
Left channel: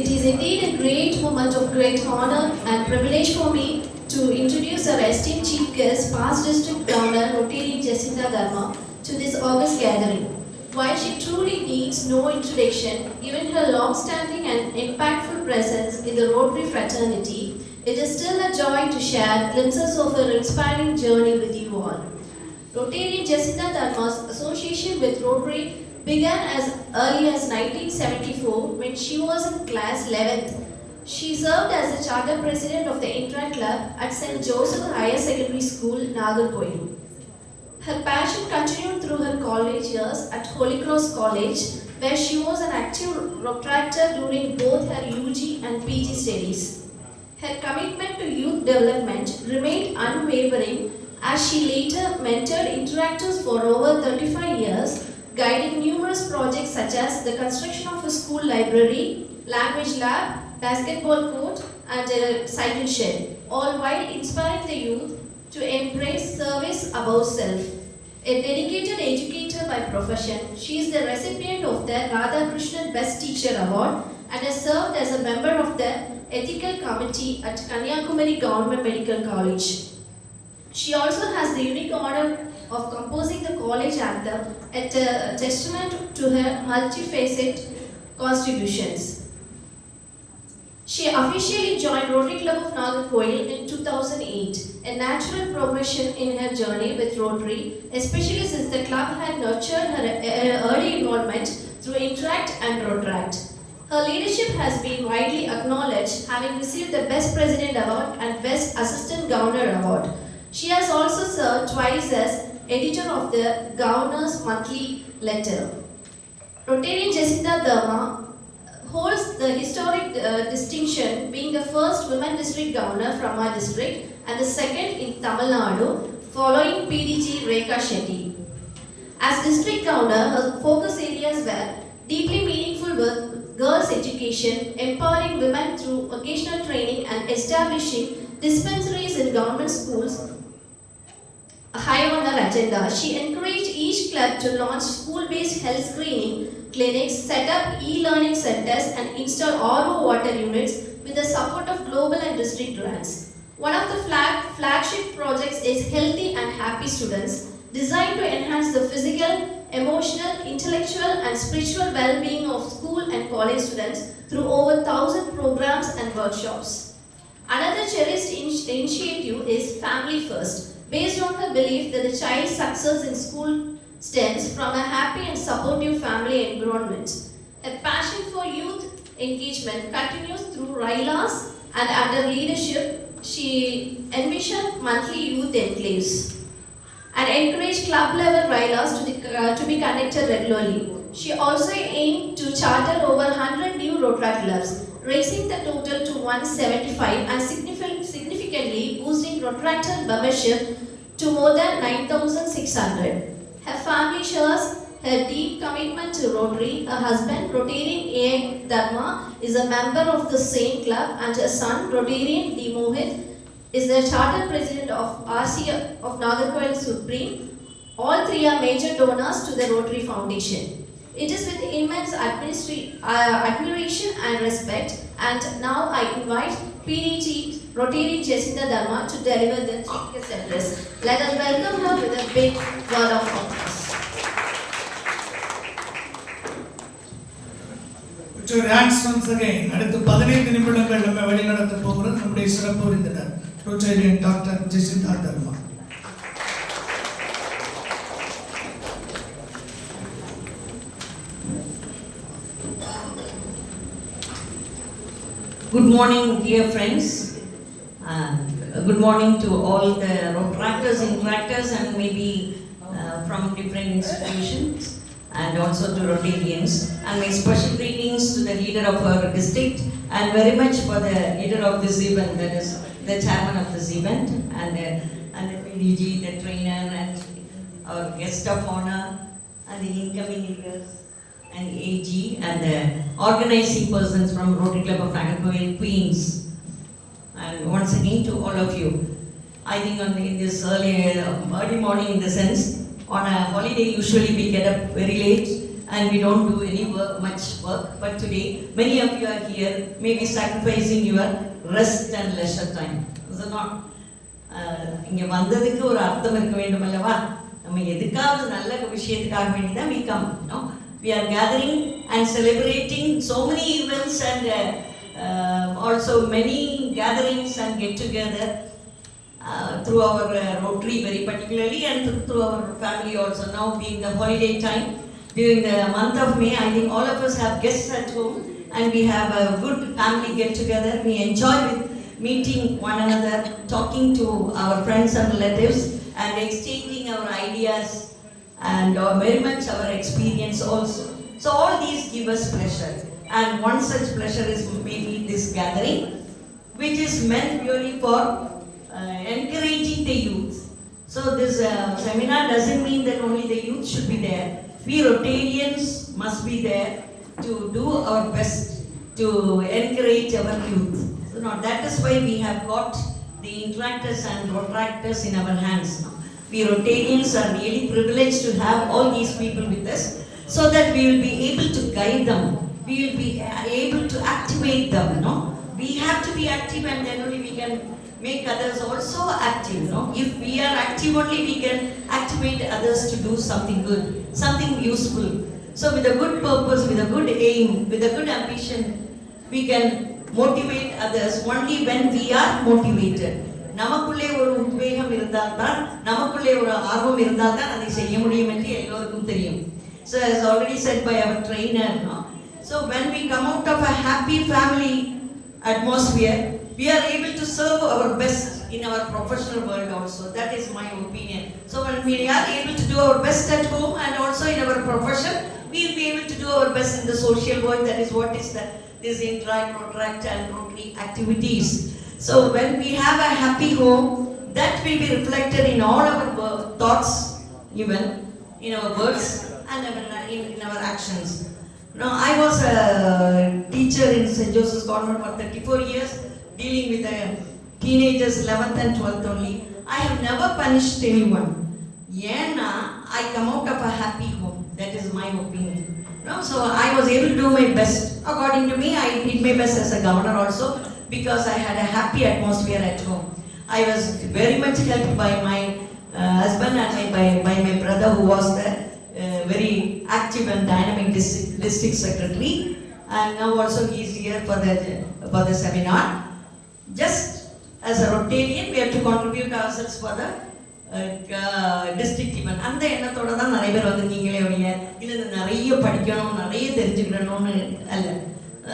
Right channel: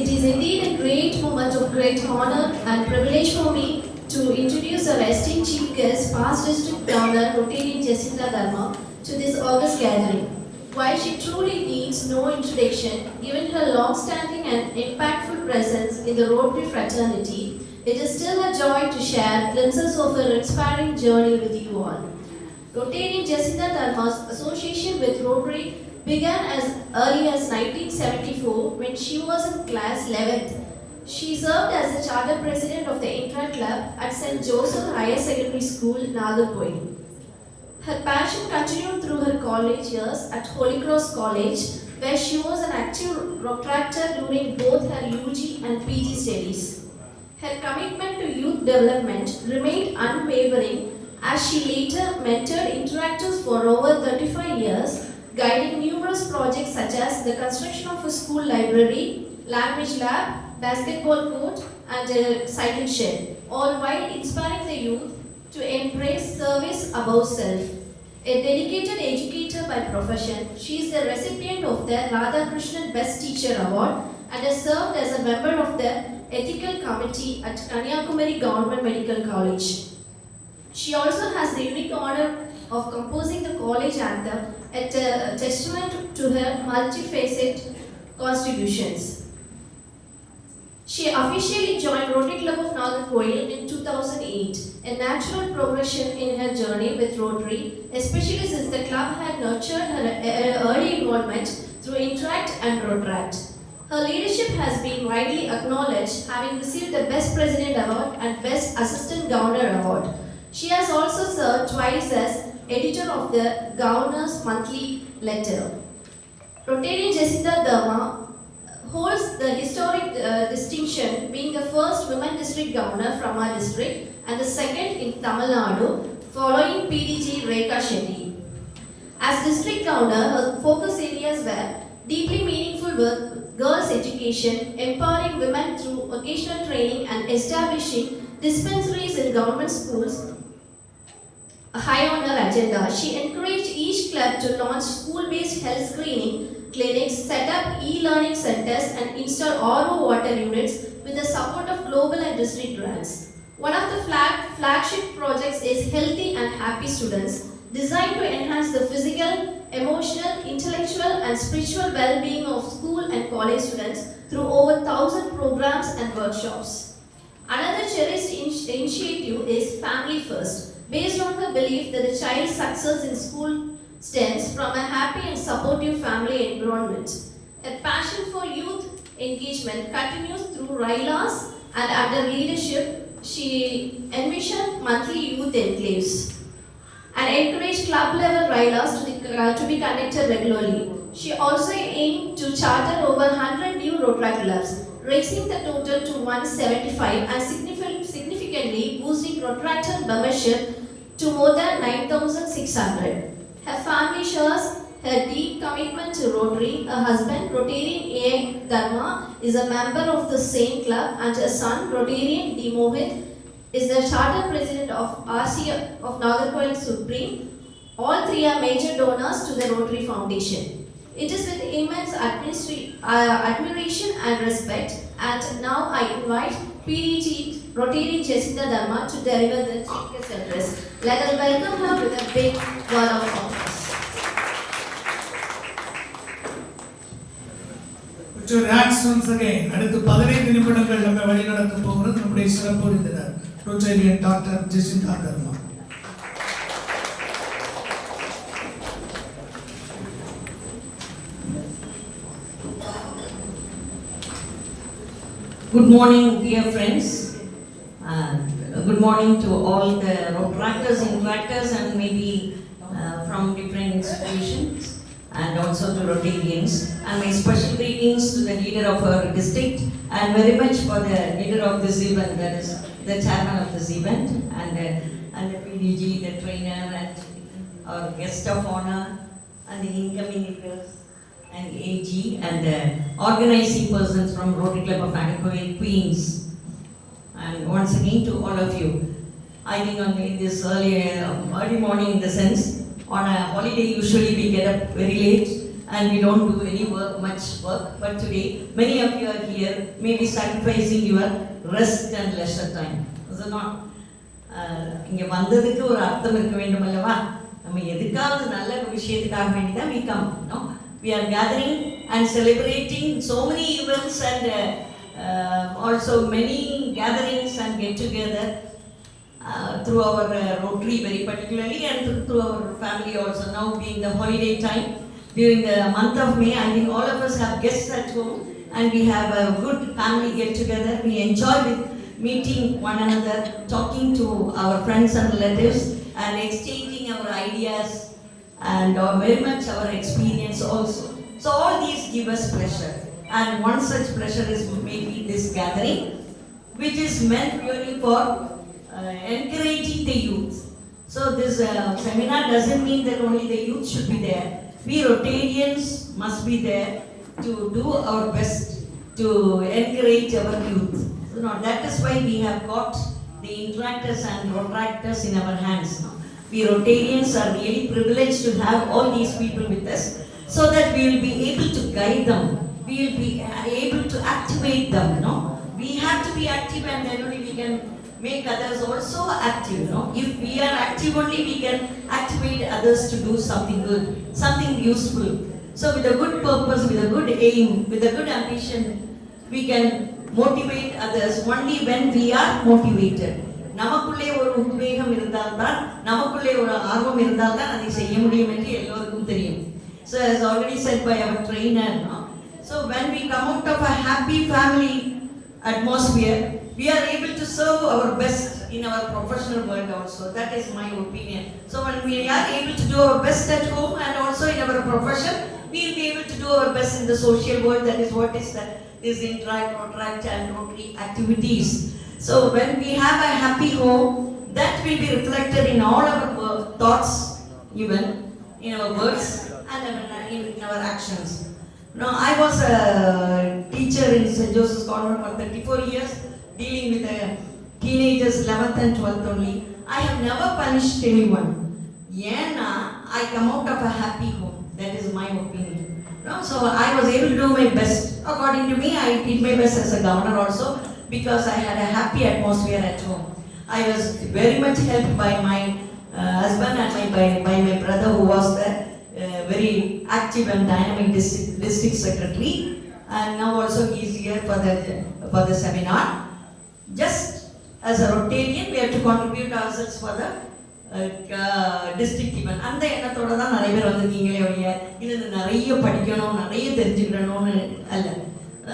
It is indeed a great moment of great honor and privilege for me to introduce our esteemed chief guest, past district governor Rotarian Jacinta Dharma, to this august gathering. While she truly needs no introduction, given her long-standing and impactful presence in the Rotary fraternity, it is still a joy to share glimpses of her inspiring journey with you all. Rotarian Jacinta Dharma's association with Rotary began as early as 1974 when she was in class 11th. She served as the charter president of the Intra Club at St. Joseph Higher Secondary School, Nagarkoil. Her passion continued through her college years at Holy Cross College, where she was an active Rotaractor during both her UG and PG studies. Her commitment to youth development remained unwavering as she later mentored interactors for over 35 years, guiding numerous projects such as the construction of a school library, language lab, basketball court, and a cycle shed, all while inspiring the youth to embrace service above self. A dedicated educator by profession, she is the recipient of the Radhakrishnan Best Teacher Award and has served as a member of the Ethical Committee at Kanyakumari Government Medical College. She also has the unique honor of composing the college anthem, a testament to her multifaceted contributions. She officially joined Rotary Club of Nagarkoil in 2008, a natural progression in her journey with Rotary, especially since the club had nurtured her early involvement through Interact and Rotaract. Her leadership has been widely acknowledged, having received the Best President Award and Best Assistant Governor Award. She has also served twice as editor of the Governor's Monthly Letter. Rotarian Jacinta Dharma holds the historic distinction being the first women district governor from our district and the second in Tamil Nadu, following PDG Rekha Shetty. As district governor, her focus areas were deeply meaningful with girls' education, empowering women through vocational training, and establishing dispensaries in government schools, high on her agenda. She encouraged each club to launch school-based health screening clinics, set up e-learning centers, and install RO water units with the support of global and district grants. One of the flagship projects is Healthy and Happy Students, designed to enhance the physical, emotional, intellectual, and spiritual well-being of school and college students through over 1,000 programs and workshops. Another cherished initiative is Family First, based on her belief that the child's success in school stems from a happy and supportive family environment. Her passion for youth engagement continues through RILAs, and under leadership, she envisioned monthly youth enclaves and encouraged club-level RILAs to be conducted regularly. She also aimed to charter over 100 new Rotary clubs, raising the total to 175 and significantly boosting Rotary membership to more than 9,600. Her family shares her deep commitment to Rotary. Her husband, Rotarian A. Dharma, is a member of the same club, and her son, Rotarian D. Mohit, is the charter president of RC of Nagarkoil Supreme. All three are major donors to the Rotary Foundation. It is with immense admiration and respect And now I invite PD Chief Rotary Jacinta Dharma to deliver the Chief Guest address. Let us welcome her with a big word of applause. Put your hands once again. அடுத்து 15 நிமிடங்கள் நம்ம வழிநடத்த போகிறது நம்முடைய சிறப்பு விருந்தினர் Rotarian doctor Jesintha Dharma. Good morning, dear friends. Good morning to all the Rotaractors, Interactors, and maybe from different institutions, and also to Rotarians. And my special greetings to the leader of our district, and very much for the leader of this event, that is the chairman of this event, and the PDG, the trainer, and our guest of honor, and the incoming leaders, and AG, and the organizing persons from Rotary Club of Nagarkoil, Queens. And once again to all of you. I think on this early morning, in the sense, on a holiday usually we get up very late and we don't do any work, much work. But today, many of you are here, maybe sacrificing your rest and leisure time. Is it not? இங்கே வந்ததுக்கு ஒரு அர்த்தம் இருக்க வேண்டும் அல்லவா? நம்ம எதுக்காவது நல்ல விஷயத்துக்காக வேண்டி தான் we come, no? We are gathering and celebrating so many events and also many gatherings and get together through our Rotary very particularly, and through our family also. Now being the holiday time, during the month of May, I think all of us have guests at home and we have a good family get together. We enjoy with meeting one another, talking to our friends and relatives, and exchanging our ideas and very much our experience also. So all these give us pleasure, and one such pleasure is maybe this gathering, which is meant purely for encouraging the youth. So this seminar doesn't mean that only the youth should be there. We Rotarians must be there to do our best to encourage our youth. So now that is why we have got the Interactors and Rotaractors in our hands now. We Rotarians are really privileged to have all these people with us, so that we will be able to guide them, we will be able to activate them, no? We have to be active, and then only we can make others also active, no? If we are active only, we can activate others to do something good, something useful. So with a good purpose, with a good aim, with a good ambition, we can motivate others only when we are motivated. நமக்குள்ளே ஒரு உத்வேகம் இருந்தால்தான், நமக்குள்ளே ஒரு ஆர்வம் இருந்தால்தான் அதை செய்ய முடியும் என்று எல்லோருக்கும் தெரியும். So as already said by our trainer, no? So when we come out of a happy family atmosphere, we are able to serve our best in our professional world also. That is my opinion. So when we are able to do our best at home and also in our profession, we will be able to do our best in the social world. That is what is this Interact, Rotaract and Rotary activities. So when we have a happy home, that will be reflected in all our thoughts, even in our words and in our actions. Now, I was a teacher in St. Joseph's Convent for 34 years, dealing with the teenagers 11th and 12th only. I have never punished anyone. Yena, I come out of a happy home. That is my opinion. No? So I was able to do my best. According to me, I did my best as a governor also, because I had a happy atmosphere at home. I was very much helped by my husband and by my brother, who was the very active and dynamic district secretary, and now also he is here for the seminar. Just as a Rotarian, we have to contribute ourselves for the district event. அந்த எண்ணத்தோட தான் நிறைய பேர் வந்திருக்கீங்களே ஒழிய இல்லை நிறைய படிக்கணும், நிறைய தெரிஞ்சுக்கணும்னு அல்ல.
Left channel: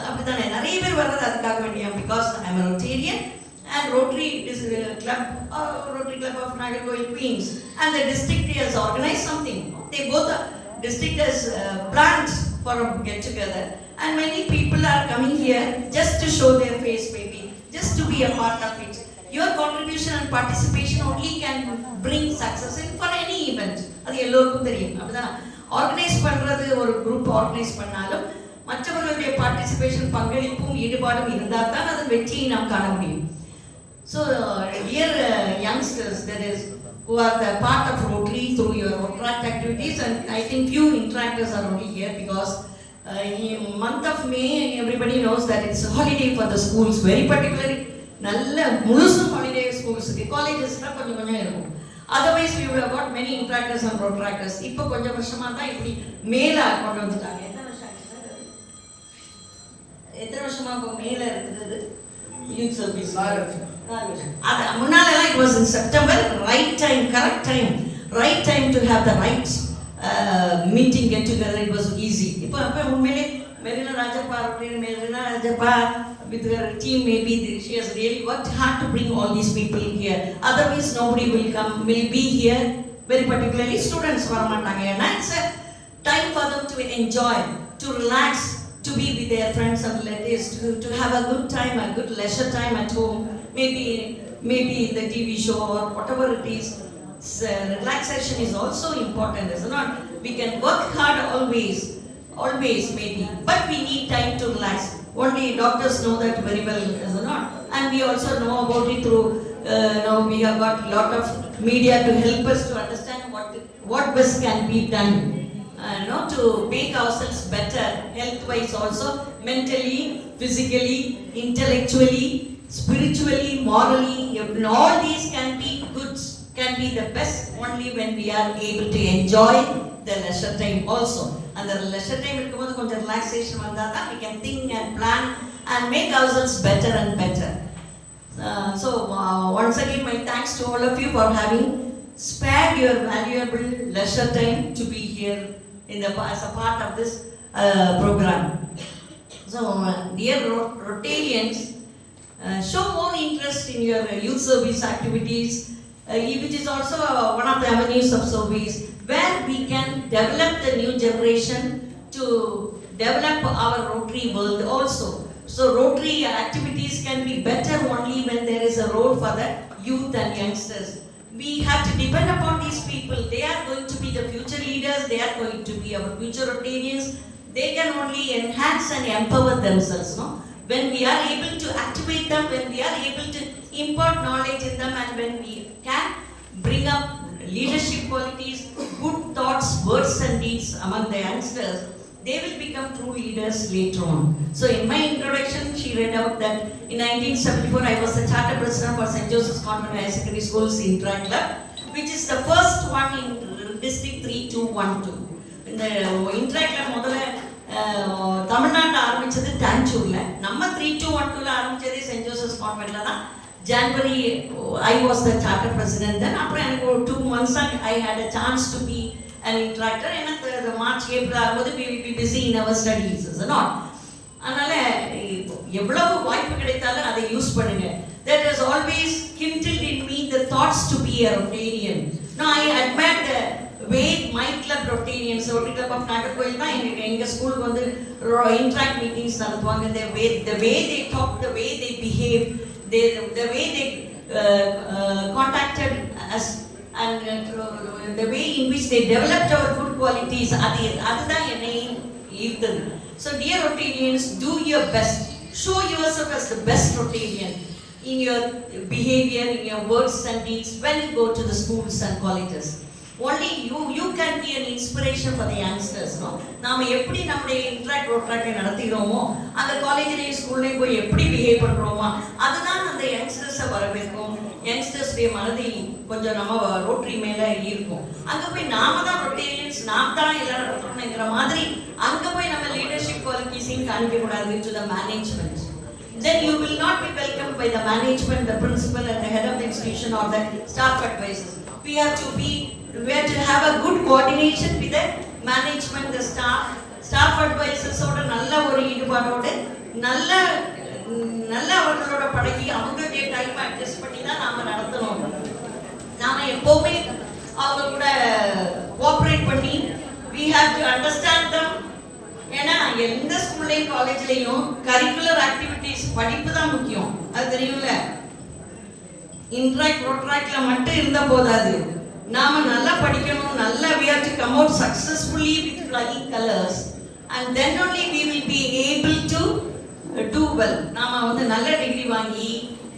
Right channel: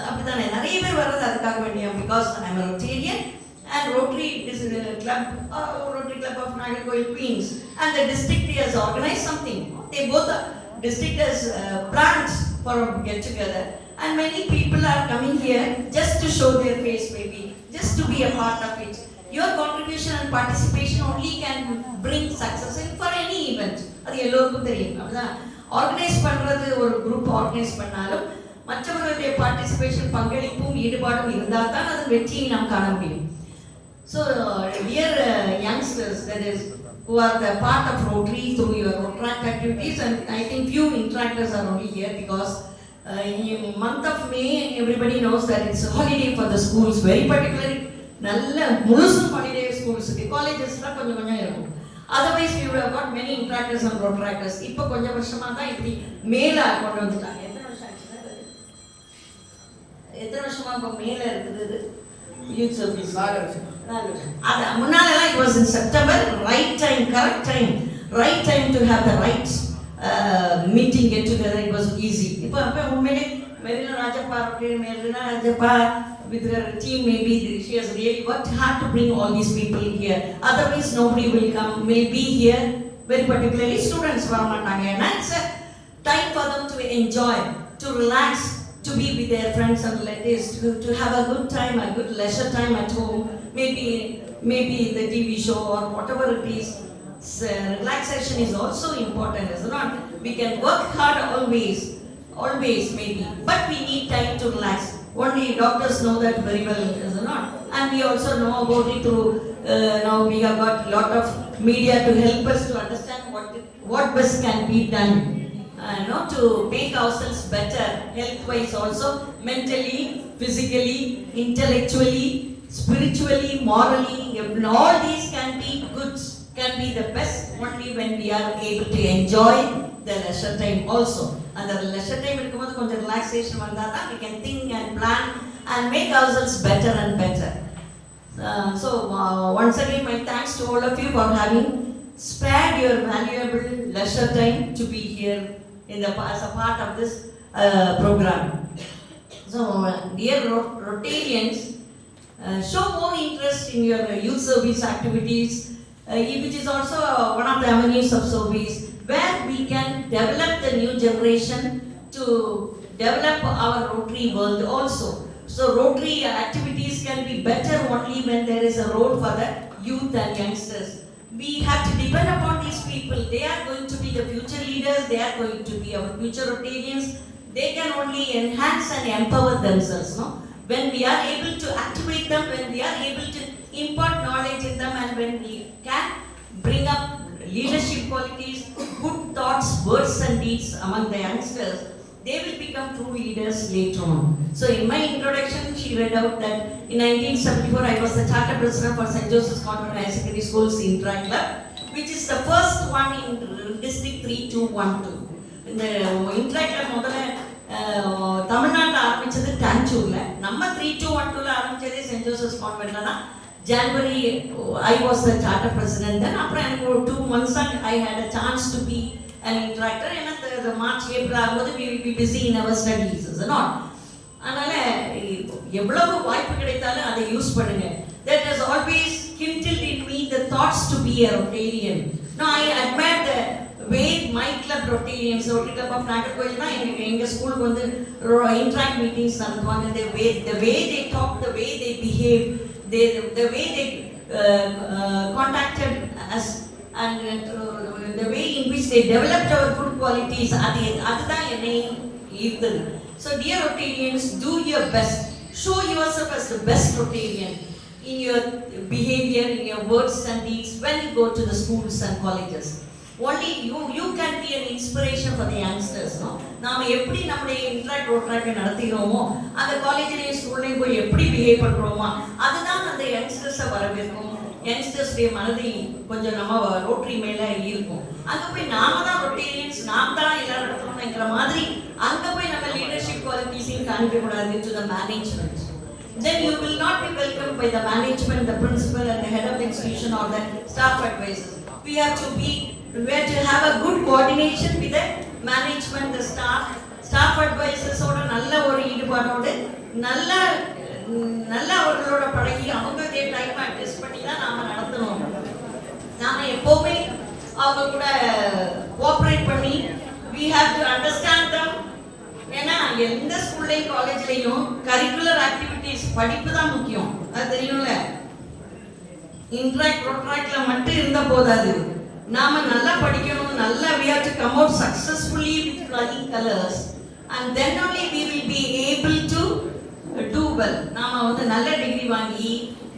அப்படித்தானே நிறைய பேர் வர்றது அதுக்காக வேண்டியா? Because I am Rotarian and Rotary Club of Nagarkoil, Queens, and the district has organized something. They both district has planned for a get together, and many people are coming here just to show their face, maybe just to be a part of it. Your contribution and participation only can bring success in for any event. அது எல்லோருக்கும் தெரியும். அப்படிதான் organise பண்றது, ஒரு group organise பண்ணாலும் மற்றவர்களுடைய participation, பங்களிப்பும் ஈடுபாடும் இருந்தால் தான் அது வெற்றியை நாம் காண முடியும். So dear youngsters, that is, who are the part of Rotary through your Rotaract activities, and I think few Interactors are only here because In month of May, everybody knows that it's a holiday for the schools, very particularly நல்ல முழுசு holiday schools, collegesலாம் கொஞ்சம் கொஞ்சம் இருக்கும். Otherwise we would have got many interactors and protractors. இப்போ கொஞ்சம் வருஷமா தான் இப்படி மேல கொண்டு வந்துட்டாங்க. எத்தனை வருஷமா இப்போ மேல இருக்குது youth service? 4 வருஷம். அது முன்னாலலாம் it was in September, right time, correct time, right time to have the right meeting, get together, it was easy. இப்போ உண்மையிலே Marina Rajappa with her team, maybe she has really worked hard to bring all these people here. Otherwise nobody will come, will be here, very particularly students varamatanga. And it's a time for them to enjoy, to relax, to be with their friends and relatives, to have a good time, a good leisure time at home, maybe the TV show or whatever it is. Relaxation is also important, is it not? We can work hard always maybe, but we need time to relax. Only doctors know that very well, is it not? And we also know about it through now we have got a lot of media to help us to understand what best can be done, to make ourselves better health wise also, mentally, physically, intellectually, spiritually, morally. All these can be good, can be the best only when we are able to enjoy the leisure time also. And the leisure time இருக்கும்போது கொஞ்சம் relaxation வந்தால் தான் we can think and plan and make ourselves better and better. So once again my thanks to all of you for having spared your valuable leisure time to be here as a part of this program. So dear Rotarians, show more interest in your youth service activities, which is also one of the avenues of service where we can develop the new generation to develop our Rotary world also. So Rotary activities can be better only when there is a role for the youth and youngsters. We have to depend upon these people. They are going to be the future leaders. They are going to be our future Rotarians. They can only enhance and empower themselves. When we are able to activate them, when we are able to impart knowledge in them, and when we can bring up leadership qualities, good thoughts, words and deeds among the youngsters, they will become true leaders later on. So in my introduction, she read out that in 1974, I was the charter president for St. Joseph's Convent Higher Secondary School's Interact Club, which is the first one in District 3212. In the Interact Club, முதல்ல தமிழ்நாட்டில் ஆரம்பிச்சது தாஞ்சூர்ல, நம்ம 3212ல ஆரம்பிச்சதே send Joseph's கான்வென்ட்ல தான். January, I was the charter president. Then after 2 months, I had a chance to be an interactor. And the March, April, we will be busy in our studies, is it not? அதனால எவ்வளவு வாய்ப்பு கிடைத்தாலும் அதை use பண்ணுங்க. That has always kindled in me the thoughts to be a Rotarian. Now I admire the way my club Rotarians, Rotary Club of Nagarkoil, எங்க ஸ்கூலுக்கு வந்து interact meetings நடத்துவாங்க. The way they talk, the way they behave, the way they contacted us, and the way in which they developed our good qualities, அதுதான் என்னை ஈர்த்தது. So dear Rotarians, do your best. Show yourself as the best Rotarian in your behavior, in your words and deeds when you go to the schools and colleges. Only you can be an inspiration for the youngsters. நாம எப்படி நம்முடைய interact ரோட்ராக்டை நடத்துகிறோமோ, அந்த காலேஜ்லேயும் ஸ்கூல்லையும் போய் எப்படி behave பண்ணுறோமோ, அதுதான் அந்த யங்ஸ்டர்ஸை வரவேற்கும். யங்ஸ்டர்ஸுடைய மனதை கொஞ்சம் நம்ம ரோட்டரி மேலே இருக்கும். அங்கே போய் நாம தான் ரொட்டேரியன்ஸ், நாம் தான் எல்லாம் நடத்தணுங்கிற மாதிரி அங்கே போய் நம்ம leadership குவாலிட்டிஸையும் காமிக்கக்கூடாது to the management. Then you will not be welcomed by the management, the principal and the head of the institution or the staff advisors. We have to have a good coordination with the management, the staff advisors ஓட நல்ல ஒரு ஈடுபாடோடு நல்ல அவர்களோட பழகி அவங்களுடைய time adjust பண்ணி தான் நாம நடத்தணும். நாம எப்பவுமே அவங்க கூட கோஆபரேட் பண்ணி we have to understand them. ஏன்னா எந்த ஸ்கூல்லையும் காலேஜ்லையும் கரிக்குலர் ஆக்டிவிட்டிஸ் படிப்பு தான் முக்கியம், அது தெரியும்ல. இன்ட்ராக்ட் ரோட்ராக்ட்ல மட்டும் இருந்தா போதாது, நாம நல்லா படிக்கணும். நல்லா we have to come out successfully with flying colors, and then only we will be able to do well. நாம வந்து நல்ல டிகிரி வாங்கி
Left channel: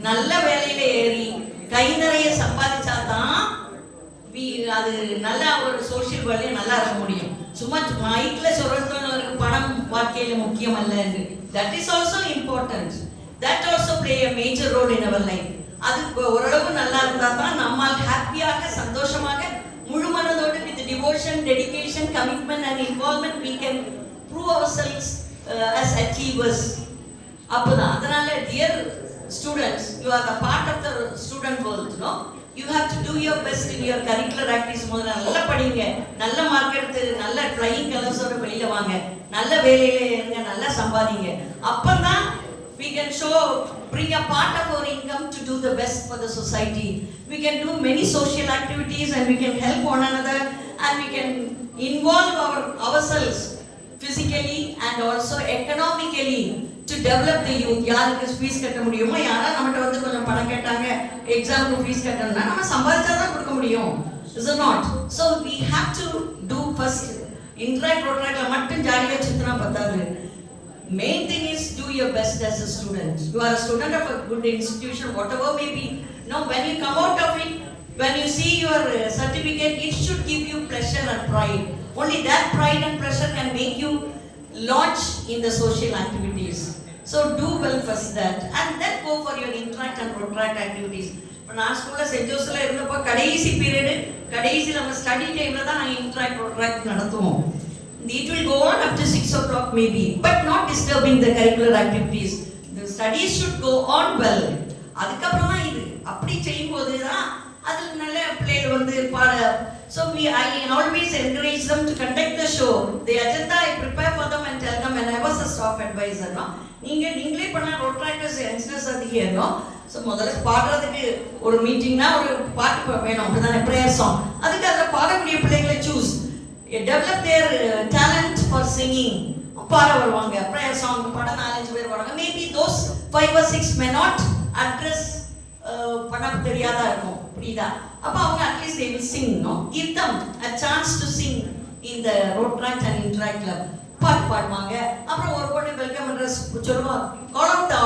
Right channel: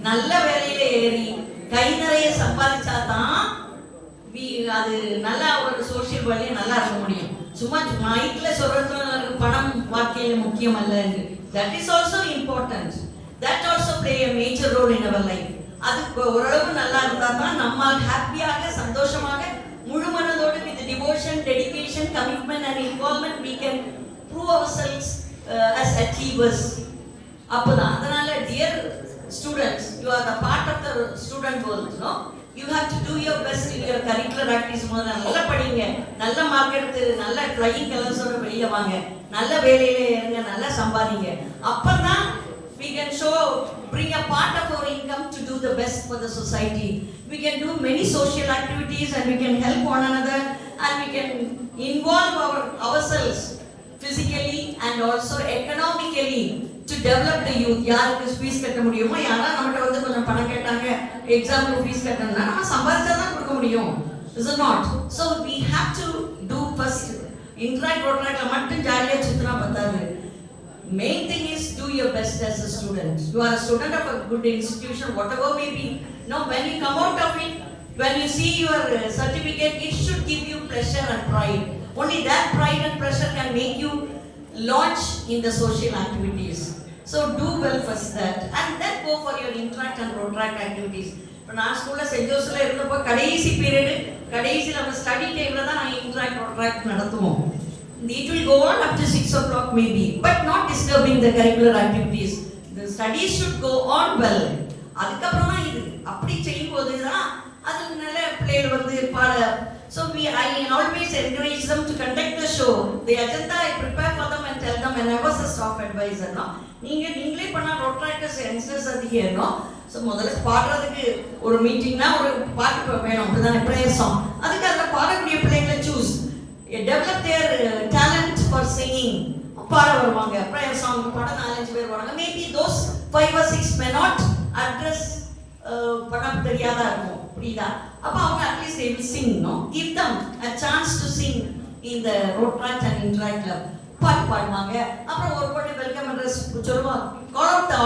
நல்ல வேலையில ஏறி கை நிறைய சம்பாதிச்சா தான் அது நல்ல ஒரு சோஷியல் வேலையை நல்லா இருக்க முடியும். சும்மா மைக்ல சொல்றது பணம் வாழ்க்கையில முக்கியம் அல்ல. That is also important. That also play a major role in our life. அது ஓரளவு நல்லா இருந்தா தான் நம்மால் ஹாப்பியாக சந்தோஷமாக முழு மனதோடு with devotion, dedication, commitment and involvement we can prove ourselves as achievers. அப்பதான் அதனால dear students, you are the part of the student world, no? You have to do your best in your curricular activities. முதல்ல நல்லா படிங்க, நல்ல mark எடுத்து நல்ல flying கலர்ஸோட வெளியில வாங்க, நல்ல வேலையில இருங்க, நல்லா சம்பாதிங்க. அப்பதான் we can bring a part of our income to do the best for the society. We can do many social activities and we can help one another and we can involve ourselves physically and also economically to develop the youth. யாருக்கு fees கட்ட முடியுமோ, யாரா நம்மகிட்ட வந்து கொஞ்சம் பணம் கேட்டாங்க எக்ஸாமுக்கு ஃபீஸ் கட்டணும்னா நம்ம சம்பாதிச்சாதான் கொடுக்க முடியும். Is it not? So we have to do first interact ரோட்ராக்ல மட்டும் ஜாலியா சுத்தினா பத்தாது. Main thing is do your best as a student. You are a student of a good institution, whatever may be. Now when you come out of it, when you see your certificate, it should give you pleasure and pride. Only that pride and pleasure can make you launch in the social activities. So do well first that and then go for your interact and protract activities. நான் ஸ்கூல்ல send ஜோஸ்ல இருந்தப்போ கடைசி period கடைசி நம்ம study டைம்ல தான் நான் interact protract நடத்துவோம். It will go on up to 6 o'clock maybe, but not disturbing the curricular activities. The studies should go on well. அதுக்கப்புறம் தான் இது அப்படி செய்யும்போது தான் அது நல்ல பிளேயர் வந்து பாட. So I always encourage them to conduct the show. The agenda I prepare for them and tell them when I was a staff advisor. நீங்களே பண்ண ரோட்ராக்டர்ஸ் யங்ஸ்டர்ஸ் அதிக ஏறணும். ஸோ முதல்ல பாடுறதுக்கு ஒரு மீட்டிங்னா ஒரு பாட்டு வேணும், அப்படிதானே ப்ரேயர் சாங். அதுக்கு அதில் பாடக்கூடிய பிள்ளைங்களை choose develop their talent for singing. பாட வருவாங்க, ப்ரேயர் சாங் பாட 4-5 பேர் வராங்க. Maybe those 5 or 6 may not address பண்ண தெரியாதா இருக்கும், புரியுதா? அப்ப அவங்க at least they will sing, no? Give them a chance to sing in the Rotaract and Interact Club. பாட்டு பாடுவாங்க. அப்புறம் ஒரு பொண்ணு வெல்கம் அட்ரஸ் சொல்லுவோம். Call out the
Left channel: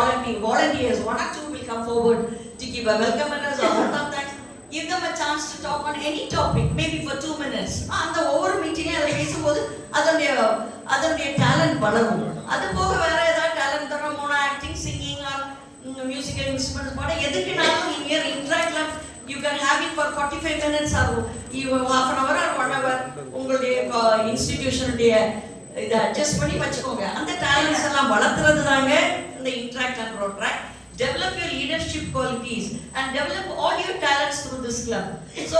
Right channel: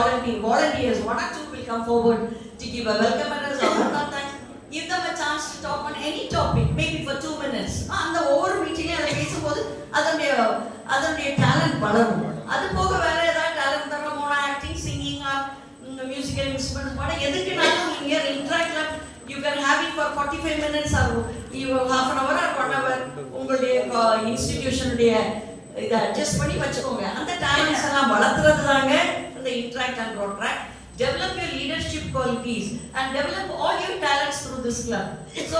volunteers, 1 or 2 will come forward to give a welcome address or welcome thanks. Give them a chance to talk on any topic, maybe for 2 minutes. அந்த ஒவ்வொரு மீட்டிங்கே அதில் பேசும்போது அதனுடைய டேலண்ட் வளரும். அது போக வேற ஏதாவது டேலண்ட் தரோம், acting, singing or musical instruments பாட எதுக்குனாலும் நீங்கள் interact club you can have it for 45 minutes ஆகும், half an hour or 1 hour. உங்களுடைய இன்ஸ்டிடியூஷனுடைய இதை அட்ஜஸ்ட் பண்ணி வச்சுக்கோங்க. அந்த டேலண்ட்ஸ் எல்லாம் வளர்த்துறது தாங்க இந்த interact and Rotaract. Develop your leadership qualities and develop all your talents through this club. So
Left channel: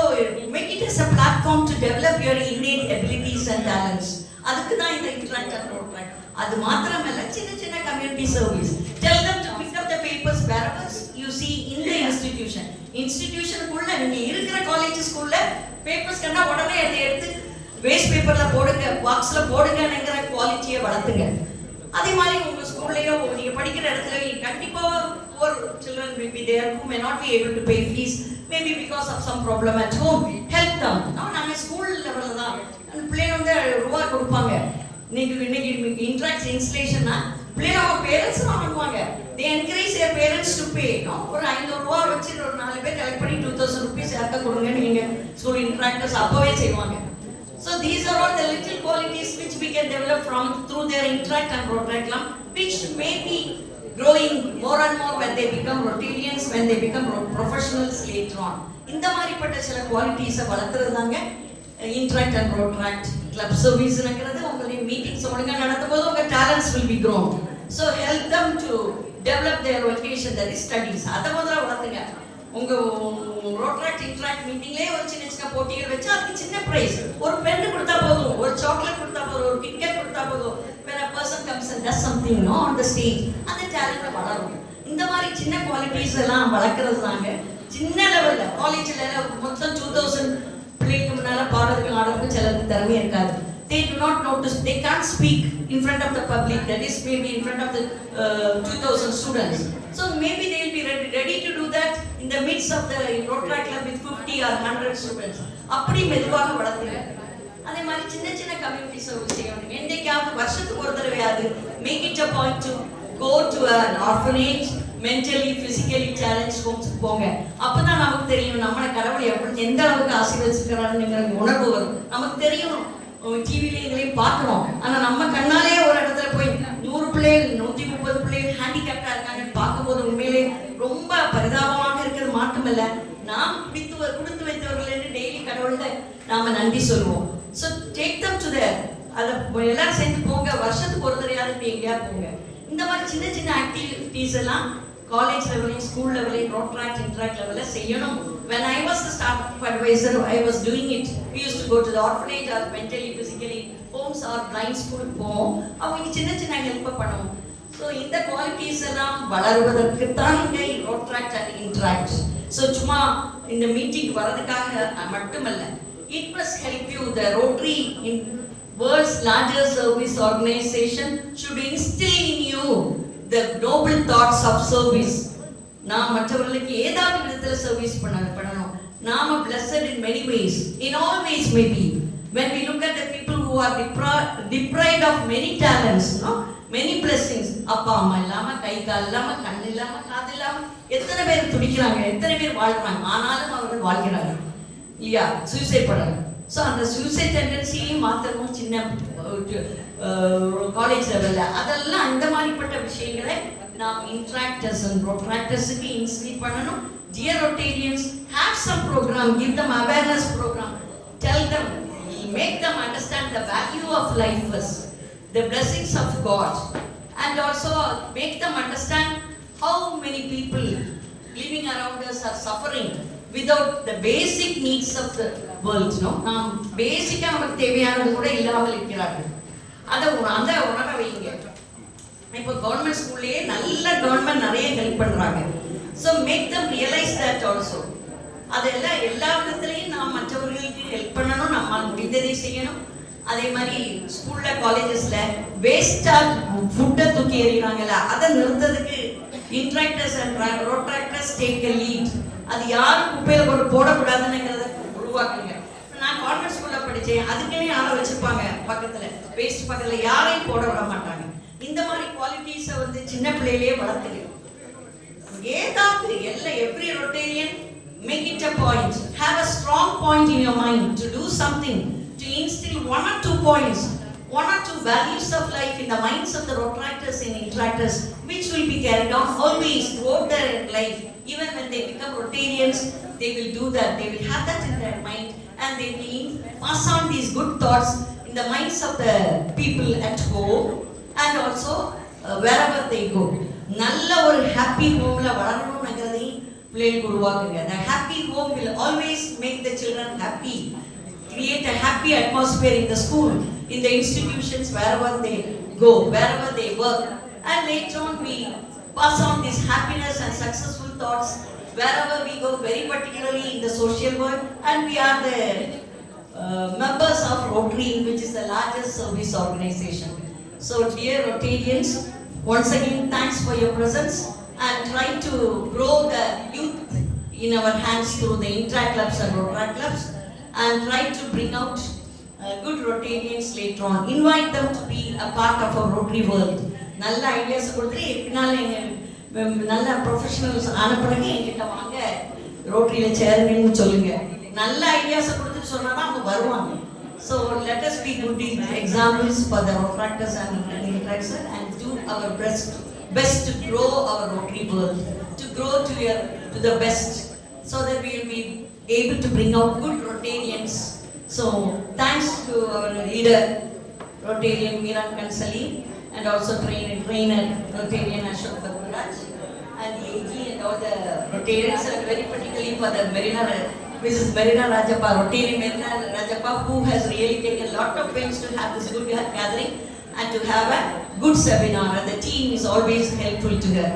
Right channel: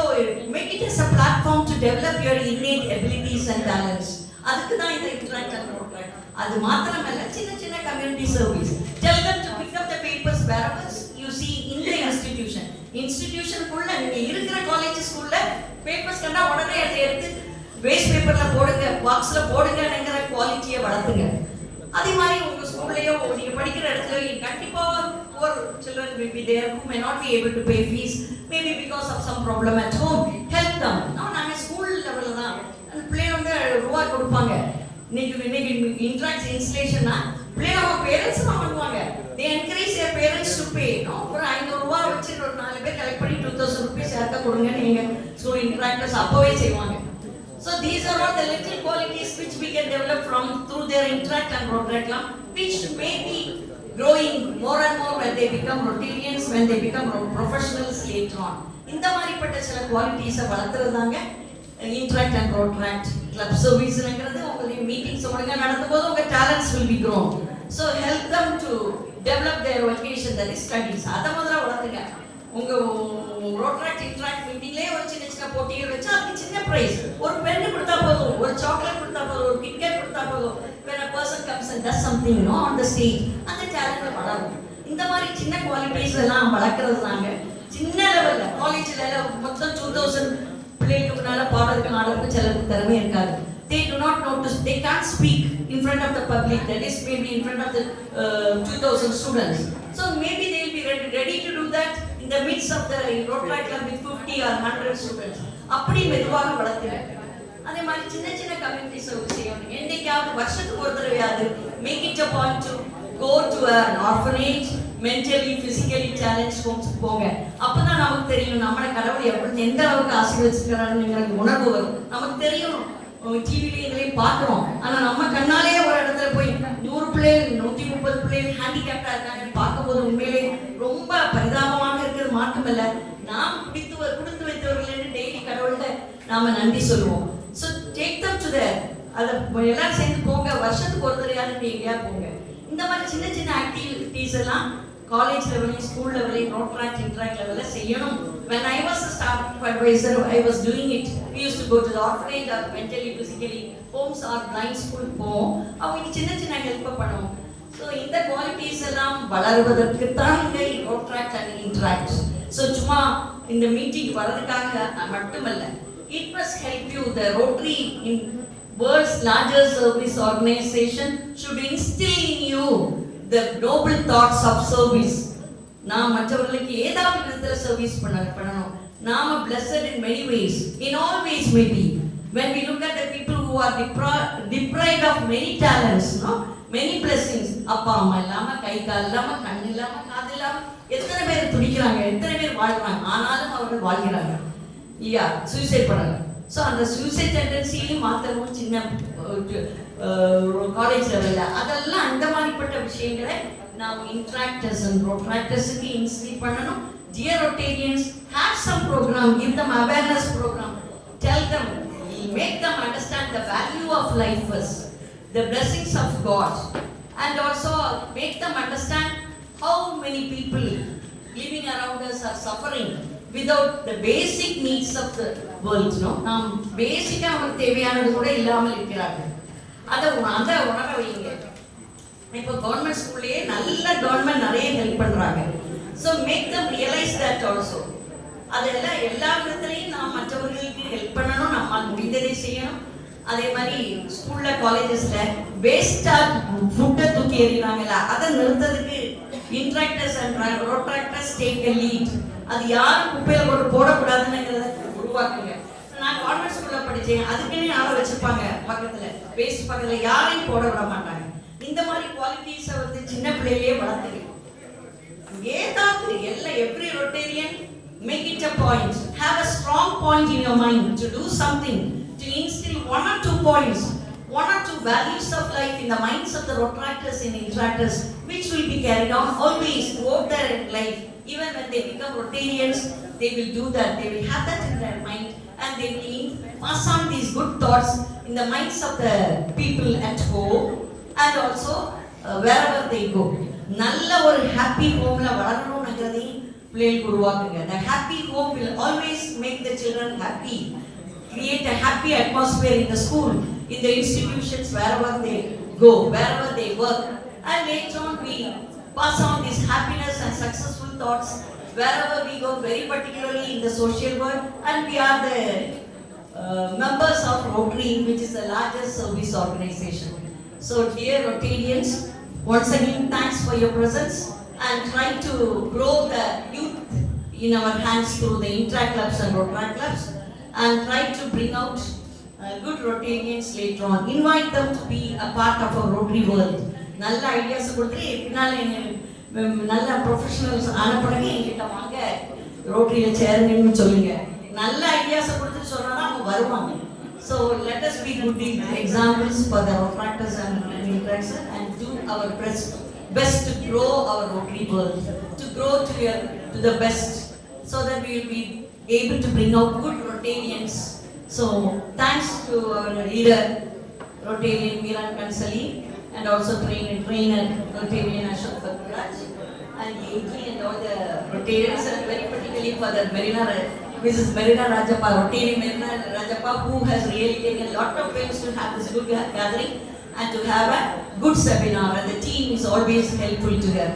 make it as a platform to develop your innate abilities and talents. அதுக்கு தான் இந்த interact and protract. அது மாத்திரமல்ல, சின்ன community service. Tell them to pick up the papers wherever you see in the institution. Institutionக்குள்ள நீங்க இருக்கிற college ஸ்கூல்ல papers கண்டா உடனே அதை எடுத்து வேஸ்ட் பேப்பர்ல போடுங்க, பாக்ஸ்ல போடுங்கங்கிற குவாலிட்டியை வளர்த்துங்க. அதே மாதிரி உங்க ஸ்கூல்லையோ நீங்க படிக்கிற இடத்துல கண்டிப்பா poor children will be there who may not be able to pay fees, maybe because of some problem at home. Help them. நாம ஸ்கூல் லெவல்ல தான் அந்த பிள்ளைங்க வந்து ரூபாய் கொடுப்பாங்க. இன்னைக்கு இன்ட்ராக்ட் இன்ஸ்டலேஷன்னா பிள்ளைங்க அவங்க பேரண்ட்ஸ் வாங்குவாங்க. they encourage their parents to pay. ஒரு 500 ரூபாய் வச்சு ஒரு 4 பேர் கலெக்ட் பண்ணி 2000 rupees யாருக்கு கொடுங்க நீங்க ஸ்கூல் இன்ட்ராக்டர்ஸ் அப்பவே செய்வாங்க. So these are all the little qualities which we can develop from through their interact and protract club, which may be growing more and more when they become Rotarians, when they become professionals later on. இந்த மாதிரிப்பட்ட சில குவாலிட்டிஸை வளர்த்துறதாங்க interact and protract club serviceங்கிறது. உங்களுடைய meetings ஒழுங்கா நடத்தும்போது உங்க talents will be grown. So help them to develop their vocation, that is studies. அதை முதல்ல வளர்த்துங்க. உங்க ரோட்ராக்ட் இன்ட்ராக்ட் மீட்டிங்லயே ஒரு சின்ன போட்டிகள் வச்சு அதுக்கு சின்ன பிரைஸ், ஒரு பென் கொடுத்தா போதும், ஒரு சாக்லேட் கொடுத்தா போதும், ஒரு கிட்கேட் கொடுத்தா போதும். when a person comes and does something on the stage, அந்த டேலண்ட் வளரும். இந்த மாதிரி சின்ன குவாலிட்டிஸ் எல்லாம் வளர்க்கறது தாங்க சின்ன லெவல்ல. காலேஜ்ல மொத்தம் 2000 பிள்ளைக்கு முன்னால பாடுறதுக்கு ஆடுறதுக்கு சிலருக்கு திறமை இருக்காது. they do not know to, they can't speak in front of the public, that is maybe in front of the 2000 students. So maybe they will be ready to do that in the midst of the Rotaract club with 50 or 100 students. அப்படி மெதுவாக வளர்த்துங்க. அதே மாதிரி சின்ன community service செய்யணும். என்னைக்காவது வருஷத்துக்கு ஒரு தடவையாவது make it a point to go to an orphanage, mentally physically challenged homes போங்க. அப்பதான் நமக்கு தெரியும் நம்மள கடவுள் எந்த அளவுக்கு ஆசீர்வதிச்சிருக்காருங்கிற உணர்வு வரும். நமக்கு தெரியும் டிவில இதுலயும் பார்க்கிறோம். ஆனா நம்ம கண்ணாலே ஒரு இடத்துல போய் 100 பிள்ளைகள் 130 பிள்ளைகள் ஹேண்டிகேப்டா இருக்காங்க பார்க்கும்போது உண்மையிலே ரொம்ப பரிதாபமாக இருக்கிறது மாற்றமில்ல. நாம் கொடுத்து வைத்தவர்கள் டெய்லி கடவுள்கிட்ட நாம நன்றி சொல்லுவோம். So take them to their. அதை எல்லாரும் சேர்ந்து போங்க, வருஷத்துக்கு ஒரு தடையாவது எங்கேயாவது போங்க. இந்த மாதிரி சின்ன சின்ன ஆக்டிவிட்டீஸ் எல்லாம் காலேஜ் லெவலையும் ஸ்கூல் லெவலையும் ரோட்ராக்ட் இன்ட்ராக்ட் லெவலில் செய்யணும். When I was a startup advisor, I was doing it. We used to go to the orphanage or mentally, physically homes or blind school போவோம். அவங்க சின்ன சின்ன ஹெல்ப் பண்ணுவோம். ஸோ இந்த qualities எல்லாம் வளருவதற்கு தான் இங்கே ரோட்ராக்ட் அண்ட் இன்ட்ராக்ட். ஸோ சும்மா இந்த மீட்டிங் வரதுக்காக மட்டுமல்ல, it must help you. The Rotary in world's largest service organization should instill in you the noble thoughts of service. நாம் மற்றவர்களுக்கு ஏதாவது விதத்துல சர்வீஸ் பண்ணணும். நாம blessed in many ways, in all ways maybe. When we look at the people who are deprived of many talents, no, many blessings, அப்பா அம்மா இல்லாம, கை கால் இல்லாம, கண் இல்லாம, காது இல்லாம எத்தனை பேர் துடிக்கிறாங்க, எத்தனை பேர் வாழ்றாங்க. ஆனாலும் அவர்கள் வாழ்கிறாங்க இல்லையா, சூசைட் பண்ணாங்க. ஸோ அந்த சூசைட் டெண்டன்சியும் மாற்றணும் சின்ன காலேஜ் லெவலில். அதெல்லாம் அந்த மாதிரிப்பட்ட விஷயங்களை நாம் இன்ட்ராக்டர்ஸ் அண்ட் ரோட்ராக்டர்ஸுக்கு இன்ஸ்டில் பண்ணணும். Dear Rotarians, have some program, give them awareness program, tell them, make them understand the value of life first, the blessings of God, and also make them understand how many people living around us are suffering without the basic needs of the world. No, நாம் பேசிக்கா நமக்கு தேவையானது கூட இல்லாமல் இருக்கிறார்கள். அதை உணர வைங்க. இப்போ கவர்மெண்ட் ஸ்கூல்லேயே நல்ல கவர்மெண்ட் நிறைய ஹெல்ப் பண்றாங்க. So make them realise that also. அதெல்லாம் எல்லா விதத்துலையும் நாம் மற்றவர்களுக்கு ஹெல்ப் பண்ணணும், நம்மால் முடிந்ததை செய்யணும். அதே மாதிரி ஸ்கூல்ல காலேஜஸ்ல வேஸ்டா ஃபுட்டை தூக்கி எறிகிறாங்கல்ல, அதை நிறுத்ததுக்கு Interactors and Rotaractors take a lead. அது யாரும் குப்பையில போடக்கூடாதுங்கிறத உருவாக்குங்க. நான் கான்வென்ட் ஸ்கூல்ல படித்தேன், அதுக்குன்னு யாரை வச்சிருப்பாங்க பக்கத்துல, வேஸ்ட் பக்கத்துல யாரையும் போட விட மாட்டாங்க. இந்த மாதிரி குவாலிட்டிஸை வந்து சின்ன பிள்ளையிலேயே வளர்த்துங்க. ஏதாவது every Rotarian make it a point, have a strong point in your mind to do something, to instill 1 or 2 points, 1 or 2 values of life in the minds of the Rotractors and Intractors, which will be carried on always throughout their life. Even when they become Rotarians, they will do that. They will have that in their mind, and they will pass on these good thoughts in the minds of the people at home and also wherever they go. நல்ல ஒரு happy ஹோம்ல வளரணும்ங்கிறதை பிள்ளைகளுக்கு உருவாக்குங்க. The happy home will always make the children happy. Create a happy atmosphere in the school, in the institutions, wherever they go, wherever they work. And later on we pass on this happiness and successful thoughts wherever we go, very particularly in the social world. And we are the members of Rotary, which is the largest service organization. So dear Rotarians, once again thanks for your presence, and try to grow the youth in our hands through the intract clubs and Rotaract clubs, and try to bring out good Rotarians later on. Invite them to be a part of our Rotary world. நல்ல ideas கொடுத்து பின்னால நல்ல professionals ஆன பிறகு என்கிட்ட வாங்க ரோட்டரியில் சேருங்கன்னு சொல்லுங்க. நல்ல ஐடியாஸை கொடுத்து சொன்னா அவங்க வருவாங்க. So let us be good examples for the Rotractors and Intractors, and do our best to grow our Rotary world, to grow to the best, so that we will be able to bring out good Rotarians. So thanks to our leader Rotarian Meeran Kansali, and also trainer Rotarian Ashok Kapooraj, and AG and all the Rotarians, and very particularly for the Mrs. Marina Rajappa, Rotary Marina Rajappa, who has really taken a lot of pains to have this good gathering and to have a good seminar, and the team is always helpful to her.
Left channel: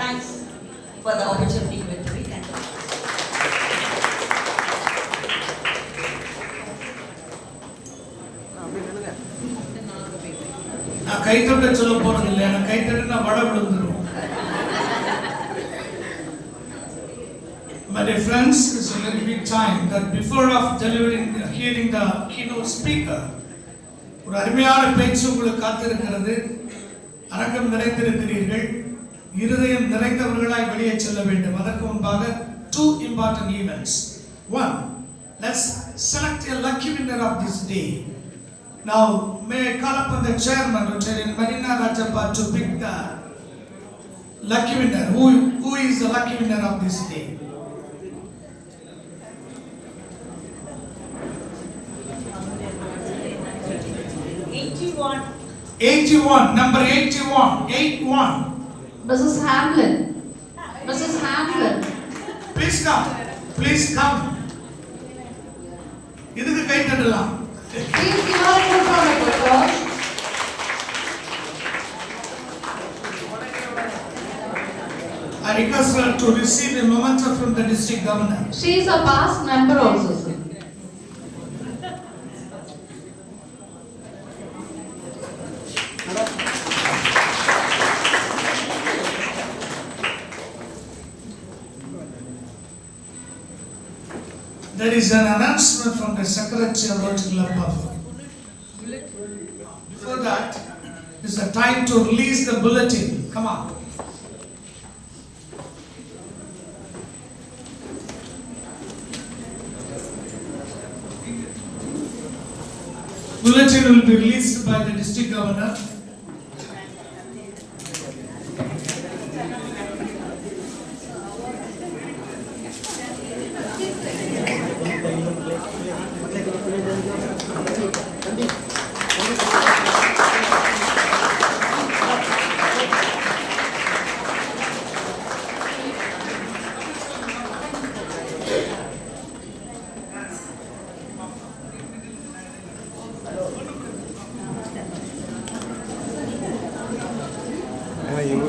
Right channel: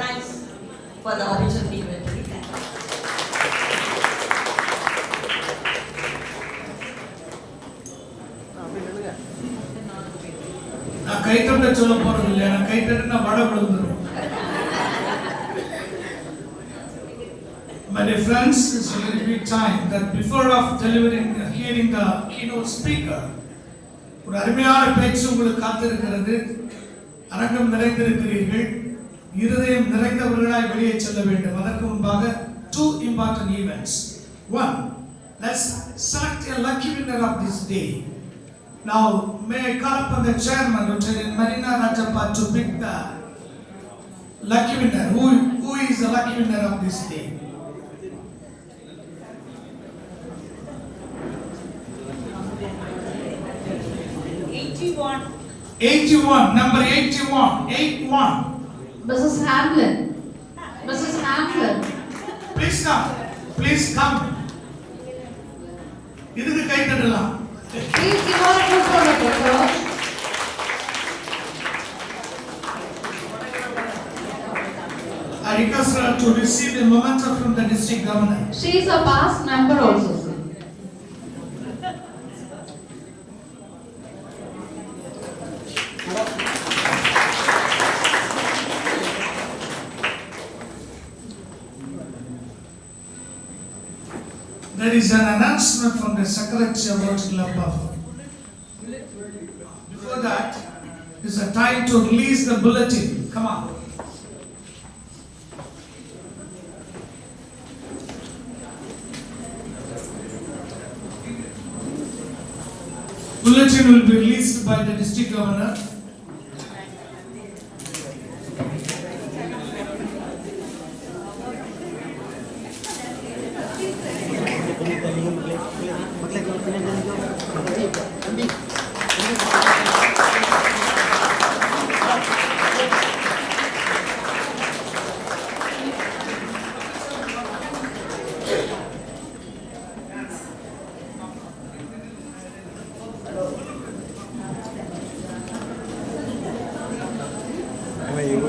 Thanks for the opportunity given to me. Thank you. நான் கைத்தட்ட சொல்ல போறது இல்லை, நான் கைத்தட்டினா வட விழுந்துடும். My dear friends, it's a very big time that before of hearing the keynote speaker, ஒரு அருமையான பேச்சு உங்களுக்கு காத்திருக்கிறது. அரங்கம் நிறைந்திருக்கிறீர்கள், இருதயம் நிறைந்தவர்களாய் வெளியே செல்ல வேண்டும். அதற்கு முன்பாக 2 important events. One, let's select a lucky winner of this day. Now, may I call upon the chairman, Rotarian Marina Rajappa, to pick the lucky winner. Who is the lucky winner of this day? Number 81. 81. Mrs. Hamlin. Mrs. Hamlin. Please come. Please come. இதுக்கு கை தட்டலாம். Please give us a good round of applause. I request her to receive a memento from the district governor. She is a past member also, sir. There is an announcement from the Secretary of Rotary Club Buffer. Before that, is the time to release the bulletin. Come on. Bulletin will be released by the district governor.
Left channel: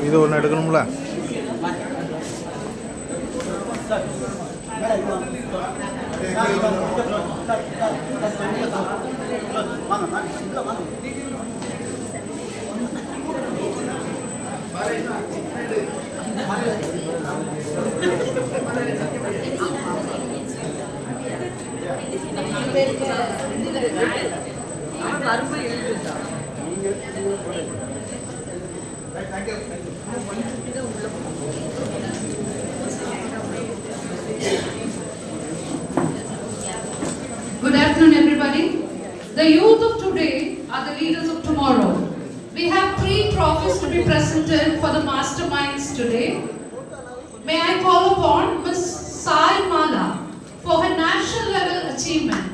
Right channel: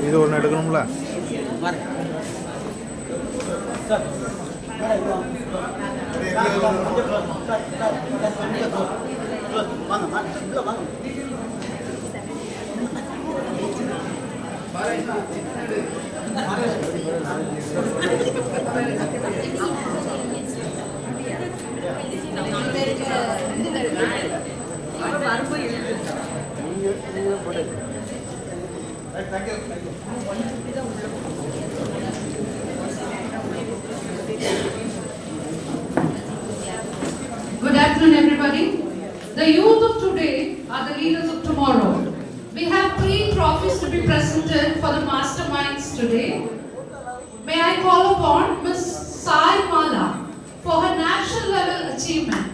இது ஒன்று எடுக்கணும்ல. Good afternoon, everybody. The youth of today are the leaders of tomorrow. We have 3 trophies to be presented for the masterminds today. May I call upon Ms. Sai Mala for her national level achievement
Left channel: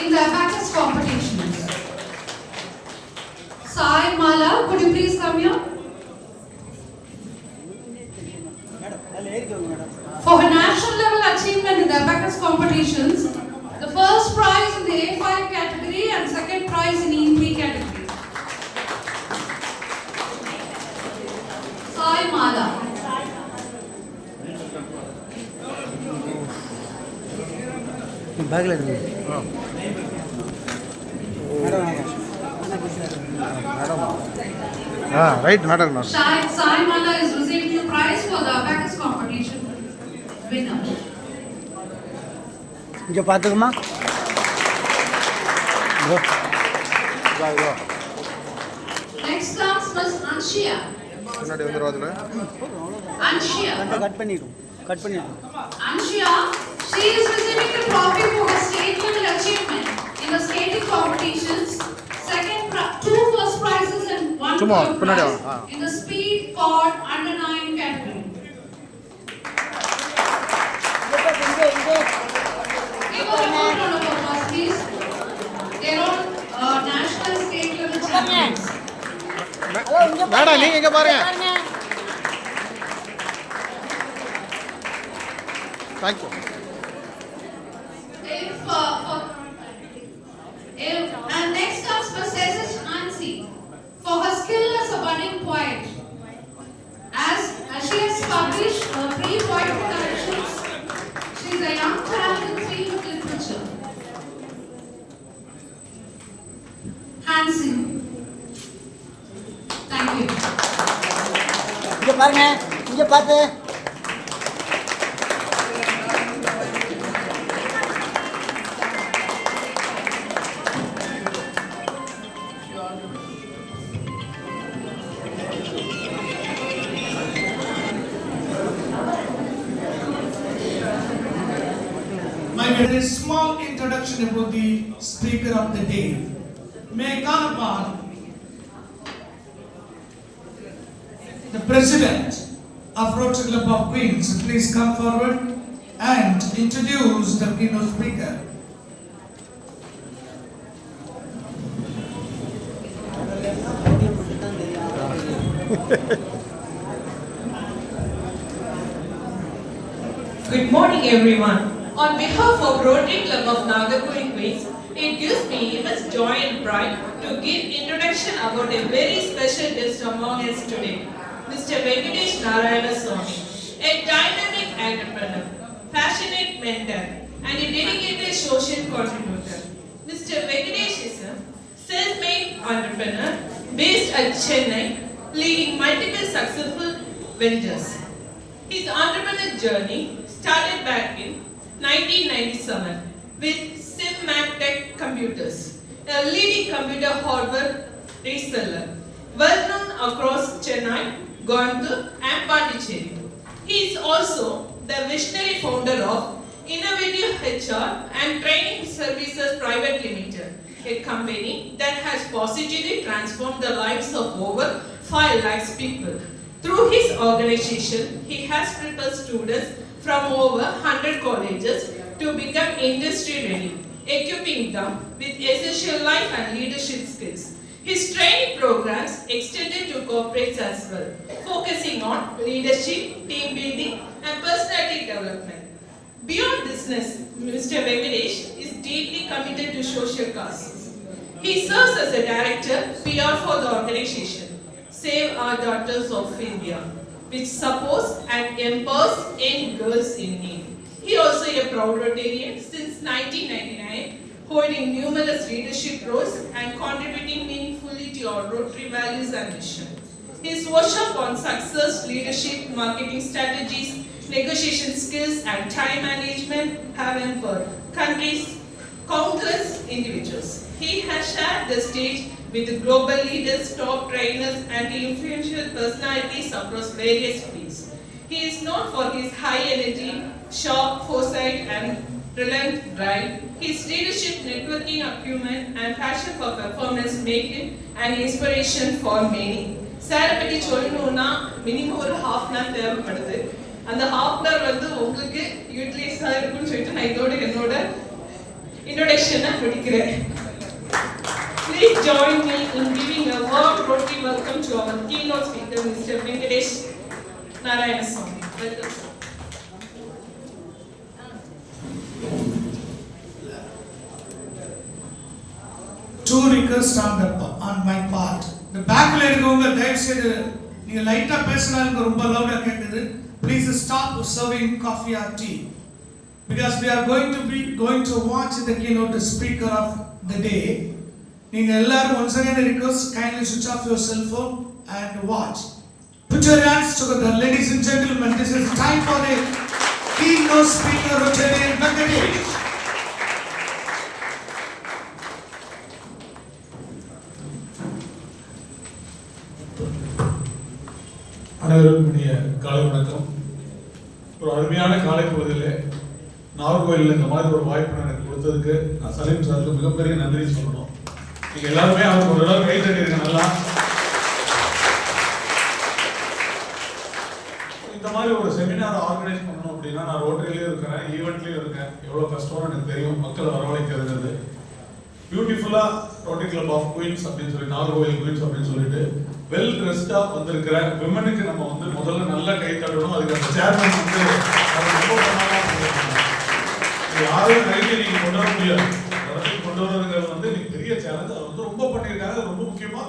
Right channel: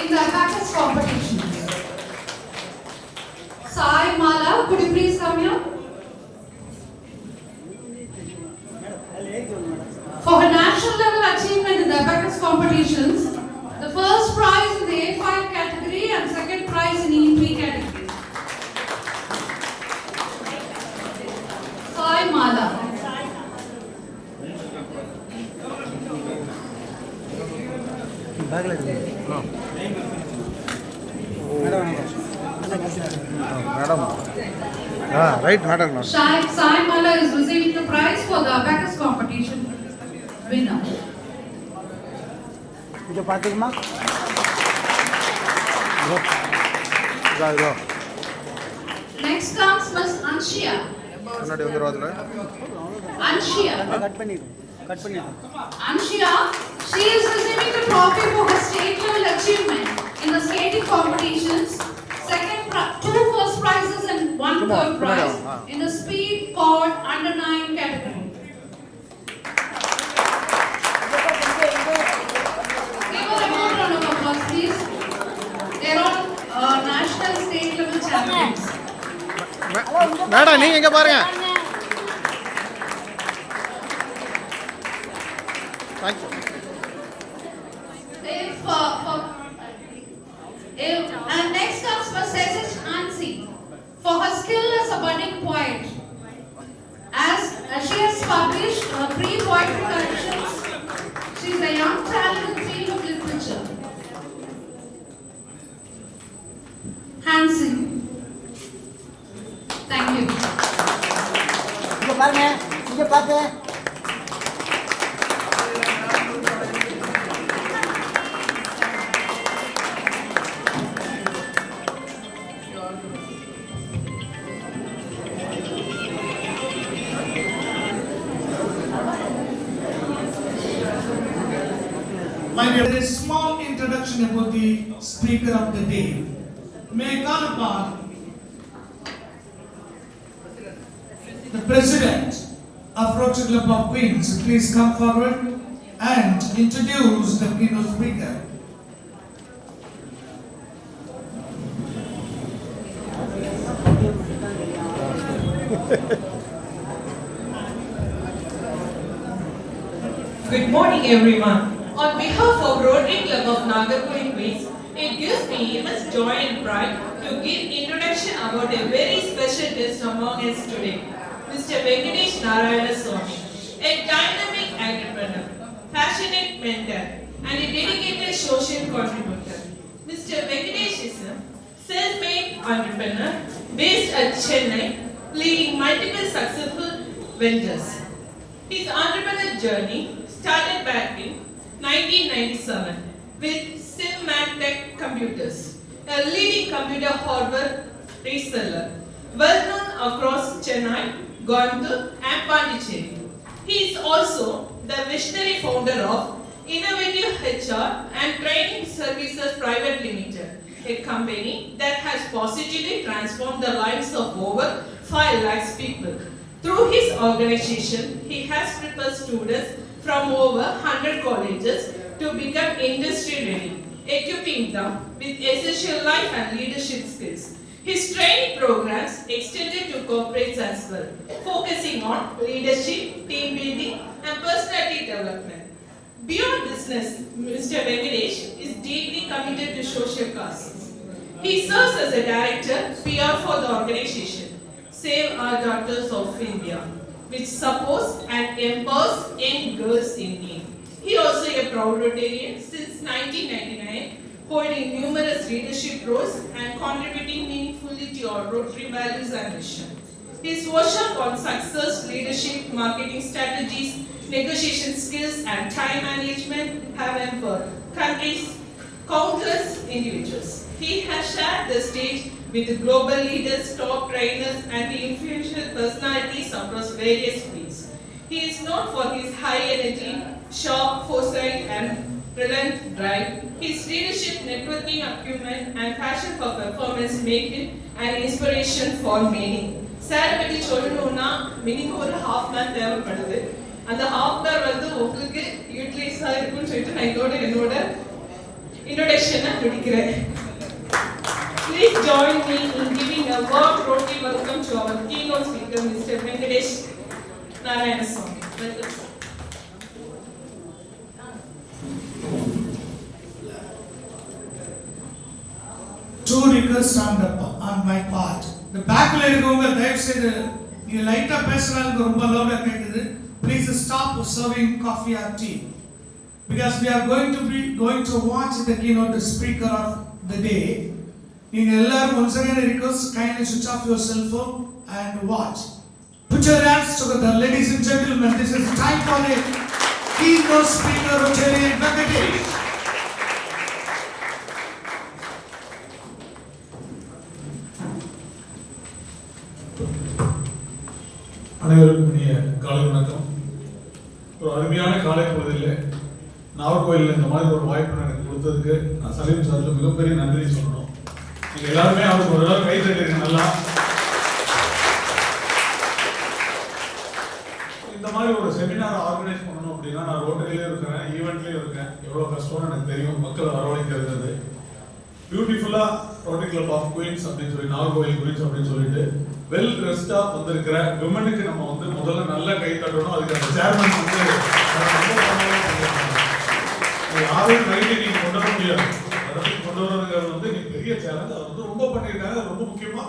in the abacus competitions. Sai Mala, could you please come here? For her national level achievement in the abacus competitions, the first prize in the A5 category and second prize in E3 category. Sai Mala. Madam right madam. Sai Mala is receiving the prize for the abacus competition winner. இங்கே பார்த்துக்குமா. Next comes Ms. Anshia. முன்னாடி வந்துடும் அதில். Anshia. Cut பண்ணிடும். Anshia, she is receiving the trophy for her state level achievement in the skating competitions. Two first prizes and one third prize in the speed cord under 9 category. Give us a more round of applause, please. They are all national state level champions. Madam நீங்க இங்க பாருங்க. Thank you. And next comes Ms. S.H. Nancy for her skill as a budding poet. As she has published pre-poetry collections, she is a young talent in the field of literature. Hansi. Thank you. இங்கே பாருங்க. இங்கே பார்த்து. My There is a small introduction about the speaker of the day. May I call upon the President of Rotary Club of Queens, please come forward and introduce the keynote speaker. Good morning, everyone. On behalf of Rotary Club of Nagarcoil Queens, it gives me immense joy and pride to give introduction about a very special guest among us today, Mr. Venkatesh Narayana Swamy, a dynamic entrepreneur, passionate mentor, and a dedicated social contributor. Mr. Venkatesh is a self-made entrepreneur based at Chennai, leading multiple successful ventures. His entrepreneur journey started back in 1997 with Simmatech Computers, a leading computer hardware reseller, well known across Chennai, Coimbatore and Pondicherry. He is also the visionary founder of Innovative HR and Training Services Private Limited, a company that has positively transformed the lives of over 5 lakhs people. Through his organization, he has prepared students from over 100 colleges to become industry ready, equipping them with essential life and leadership skills. His training programs extended to corporates as well, focusing on leadership, team building, and personality development. Beyond business, Mr. Venkatesh is deeply committed to social causes. He serves as a director, PR for the organization Save Our Daughters of India, which supports and empowers young girls in need. He also a proud Rotarian since 1999, holding numerous leadership roles and contributing meaningfully to our Rotary values and mission. His workshop on success, leadership, marketing strategies, negotiation skills, and time management have empowered countless individuals. He has shared the stage with global leaders, top trainers, and influential personalities across various fields. He is known for his high energy, sharp foresight, and relentless drive. His leadership, networking acumen, and passion for performance make him an inspiration for many. சாரை பற்றி சொல்லணும்னா minimum ஒரு ½ hour தேவைப்படுது. அந்த ½ hour வந்து உங்களுக்கு யூட்டிலைஸாக இருக்குன்னு சொல்லிட்டு நான் இதோட என்னோட இன்ட்ரோடக்ஷனை முடிக்கிறேன். Please join me in giving a warm Rotary welcome to our keynote speaker, Mr. Venkatesh Narayana Swamy. Welcome, sir. Two requests on my part. The back la irukavanga தயவு செய்து நீங்க லைட்டா பேசறாங்க ரொம்ப லவுடா கேக்குது. Please stop serving coffee or tea because we are going to watch the keynote speaker of the day. நீங்க எல்லாரும் once again request kindly switch off your cell phone and watch. Put your hands together, ladies and gentlemen. This is time for the keynote speaker Rotarian Venkatesh. அனைவருக்கும் இனிய காலை வணக்கம். ஒரு அருமையான காலை பொழுதிலே நாகர்கோயிலில் இந்த மாதிரி ஒரு வாய்ப்பு எனக்கு கொடுத்ததுக்கு நான் சலீம் சாருக்கு மிகப்பெரிய நன்றி சொல்லணும். நீங்கள் எல்லாருமே அவருக்கு ஒரு அளவு கை தட்டிருங்க. நல்லா இந்த மாதிரி ஒரு செமினார் ஆர்கனைஸ் பண்ணணும் அப்படின்னா நான் ரோட்டரிலேயும் இருக்கிறேன், ஈவெண்ட்லேயும் இருக்கேன். எவ்வளோ கஷ்டம்னு எனக்கு தெரியும். மக்கள் வரவழைக்கிறது பியூட்டிஃபுல்லாக ரோட்டரி கிளப் ஆஃப் குயின்ஸ் அப்படின்னு சொல்லி நாகர்கோயில் குயின்ஸ் அப்படின்னு சொல்லிட்டு வெல் ட்ரெஸ்டா வந்திருக்கிற விமனுக்கு நம்ம வந்து முதல்ல நல்ல கை தட்டணும். அதுக்கு அந்த சேர்மன் வந்து யாரும் கைட்டு நீங்க கொண்டு வர முடியாது. இடத்துக்கு கொண்டு வரதுங்கிறது வந்து நீங்க பெரிய சேலஞ்ச். அது வந்து ரொம்ப பண்ணியிருக்காங்க. ரொம்ப முக்கியமா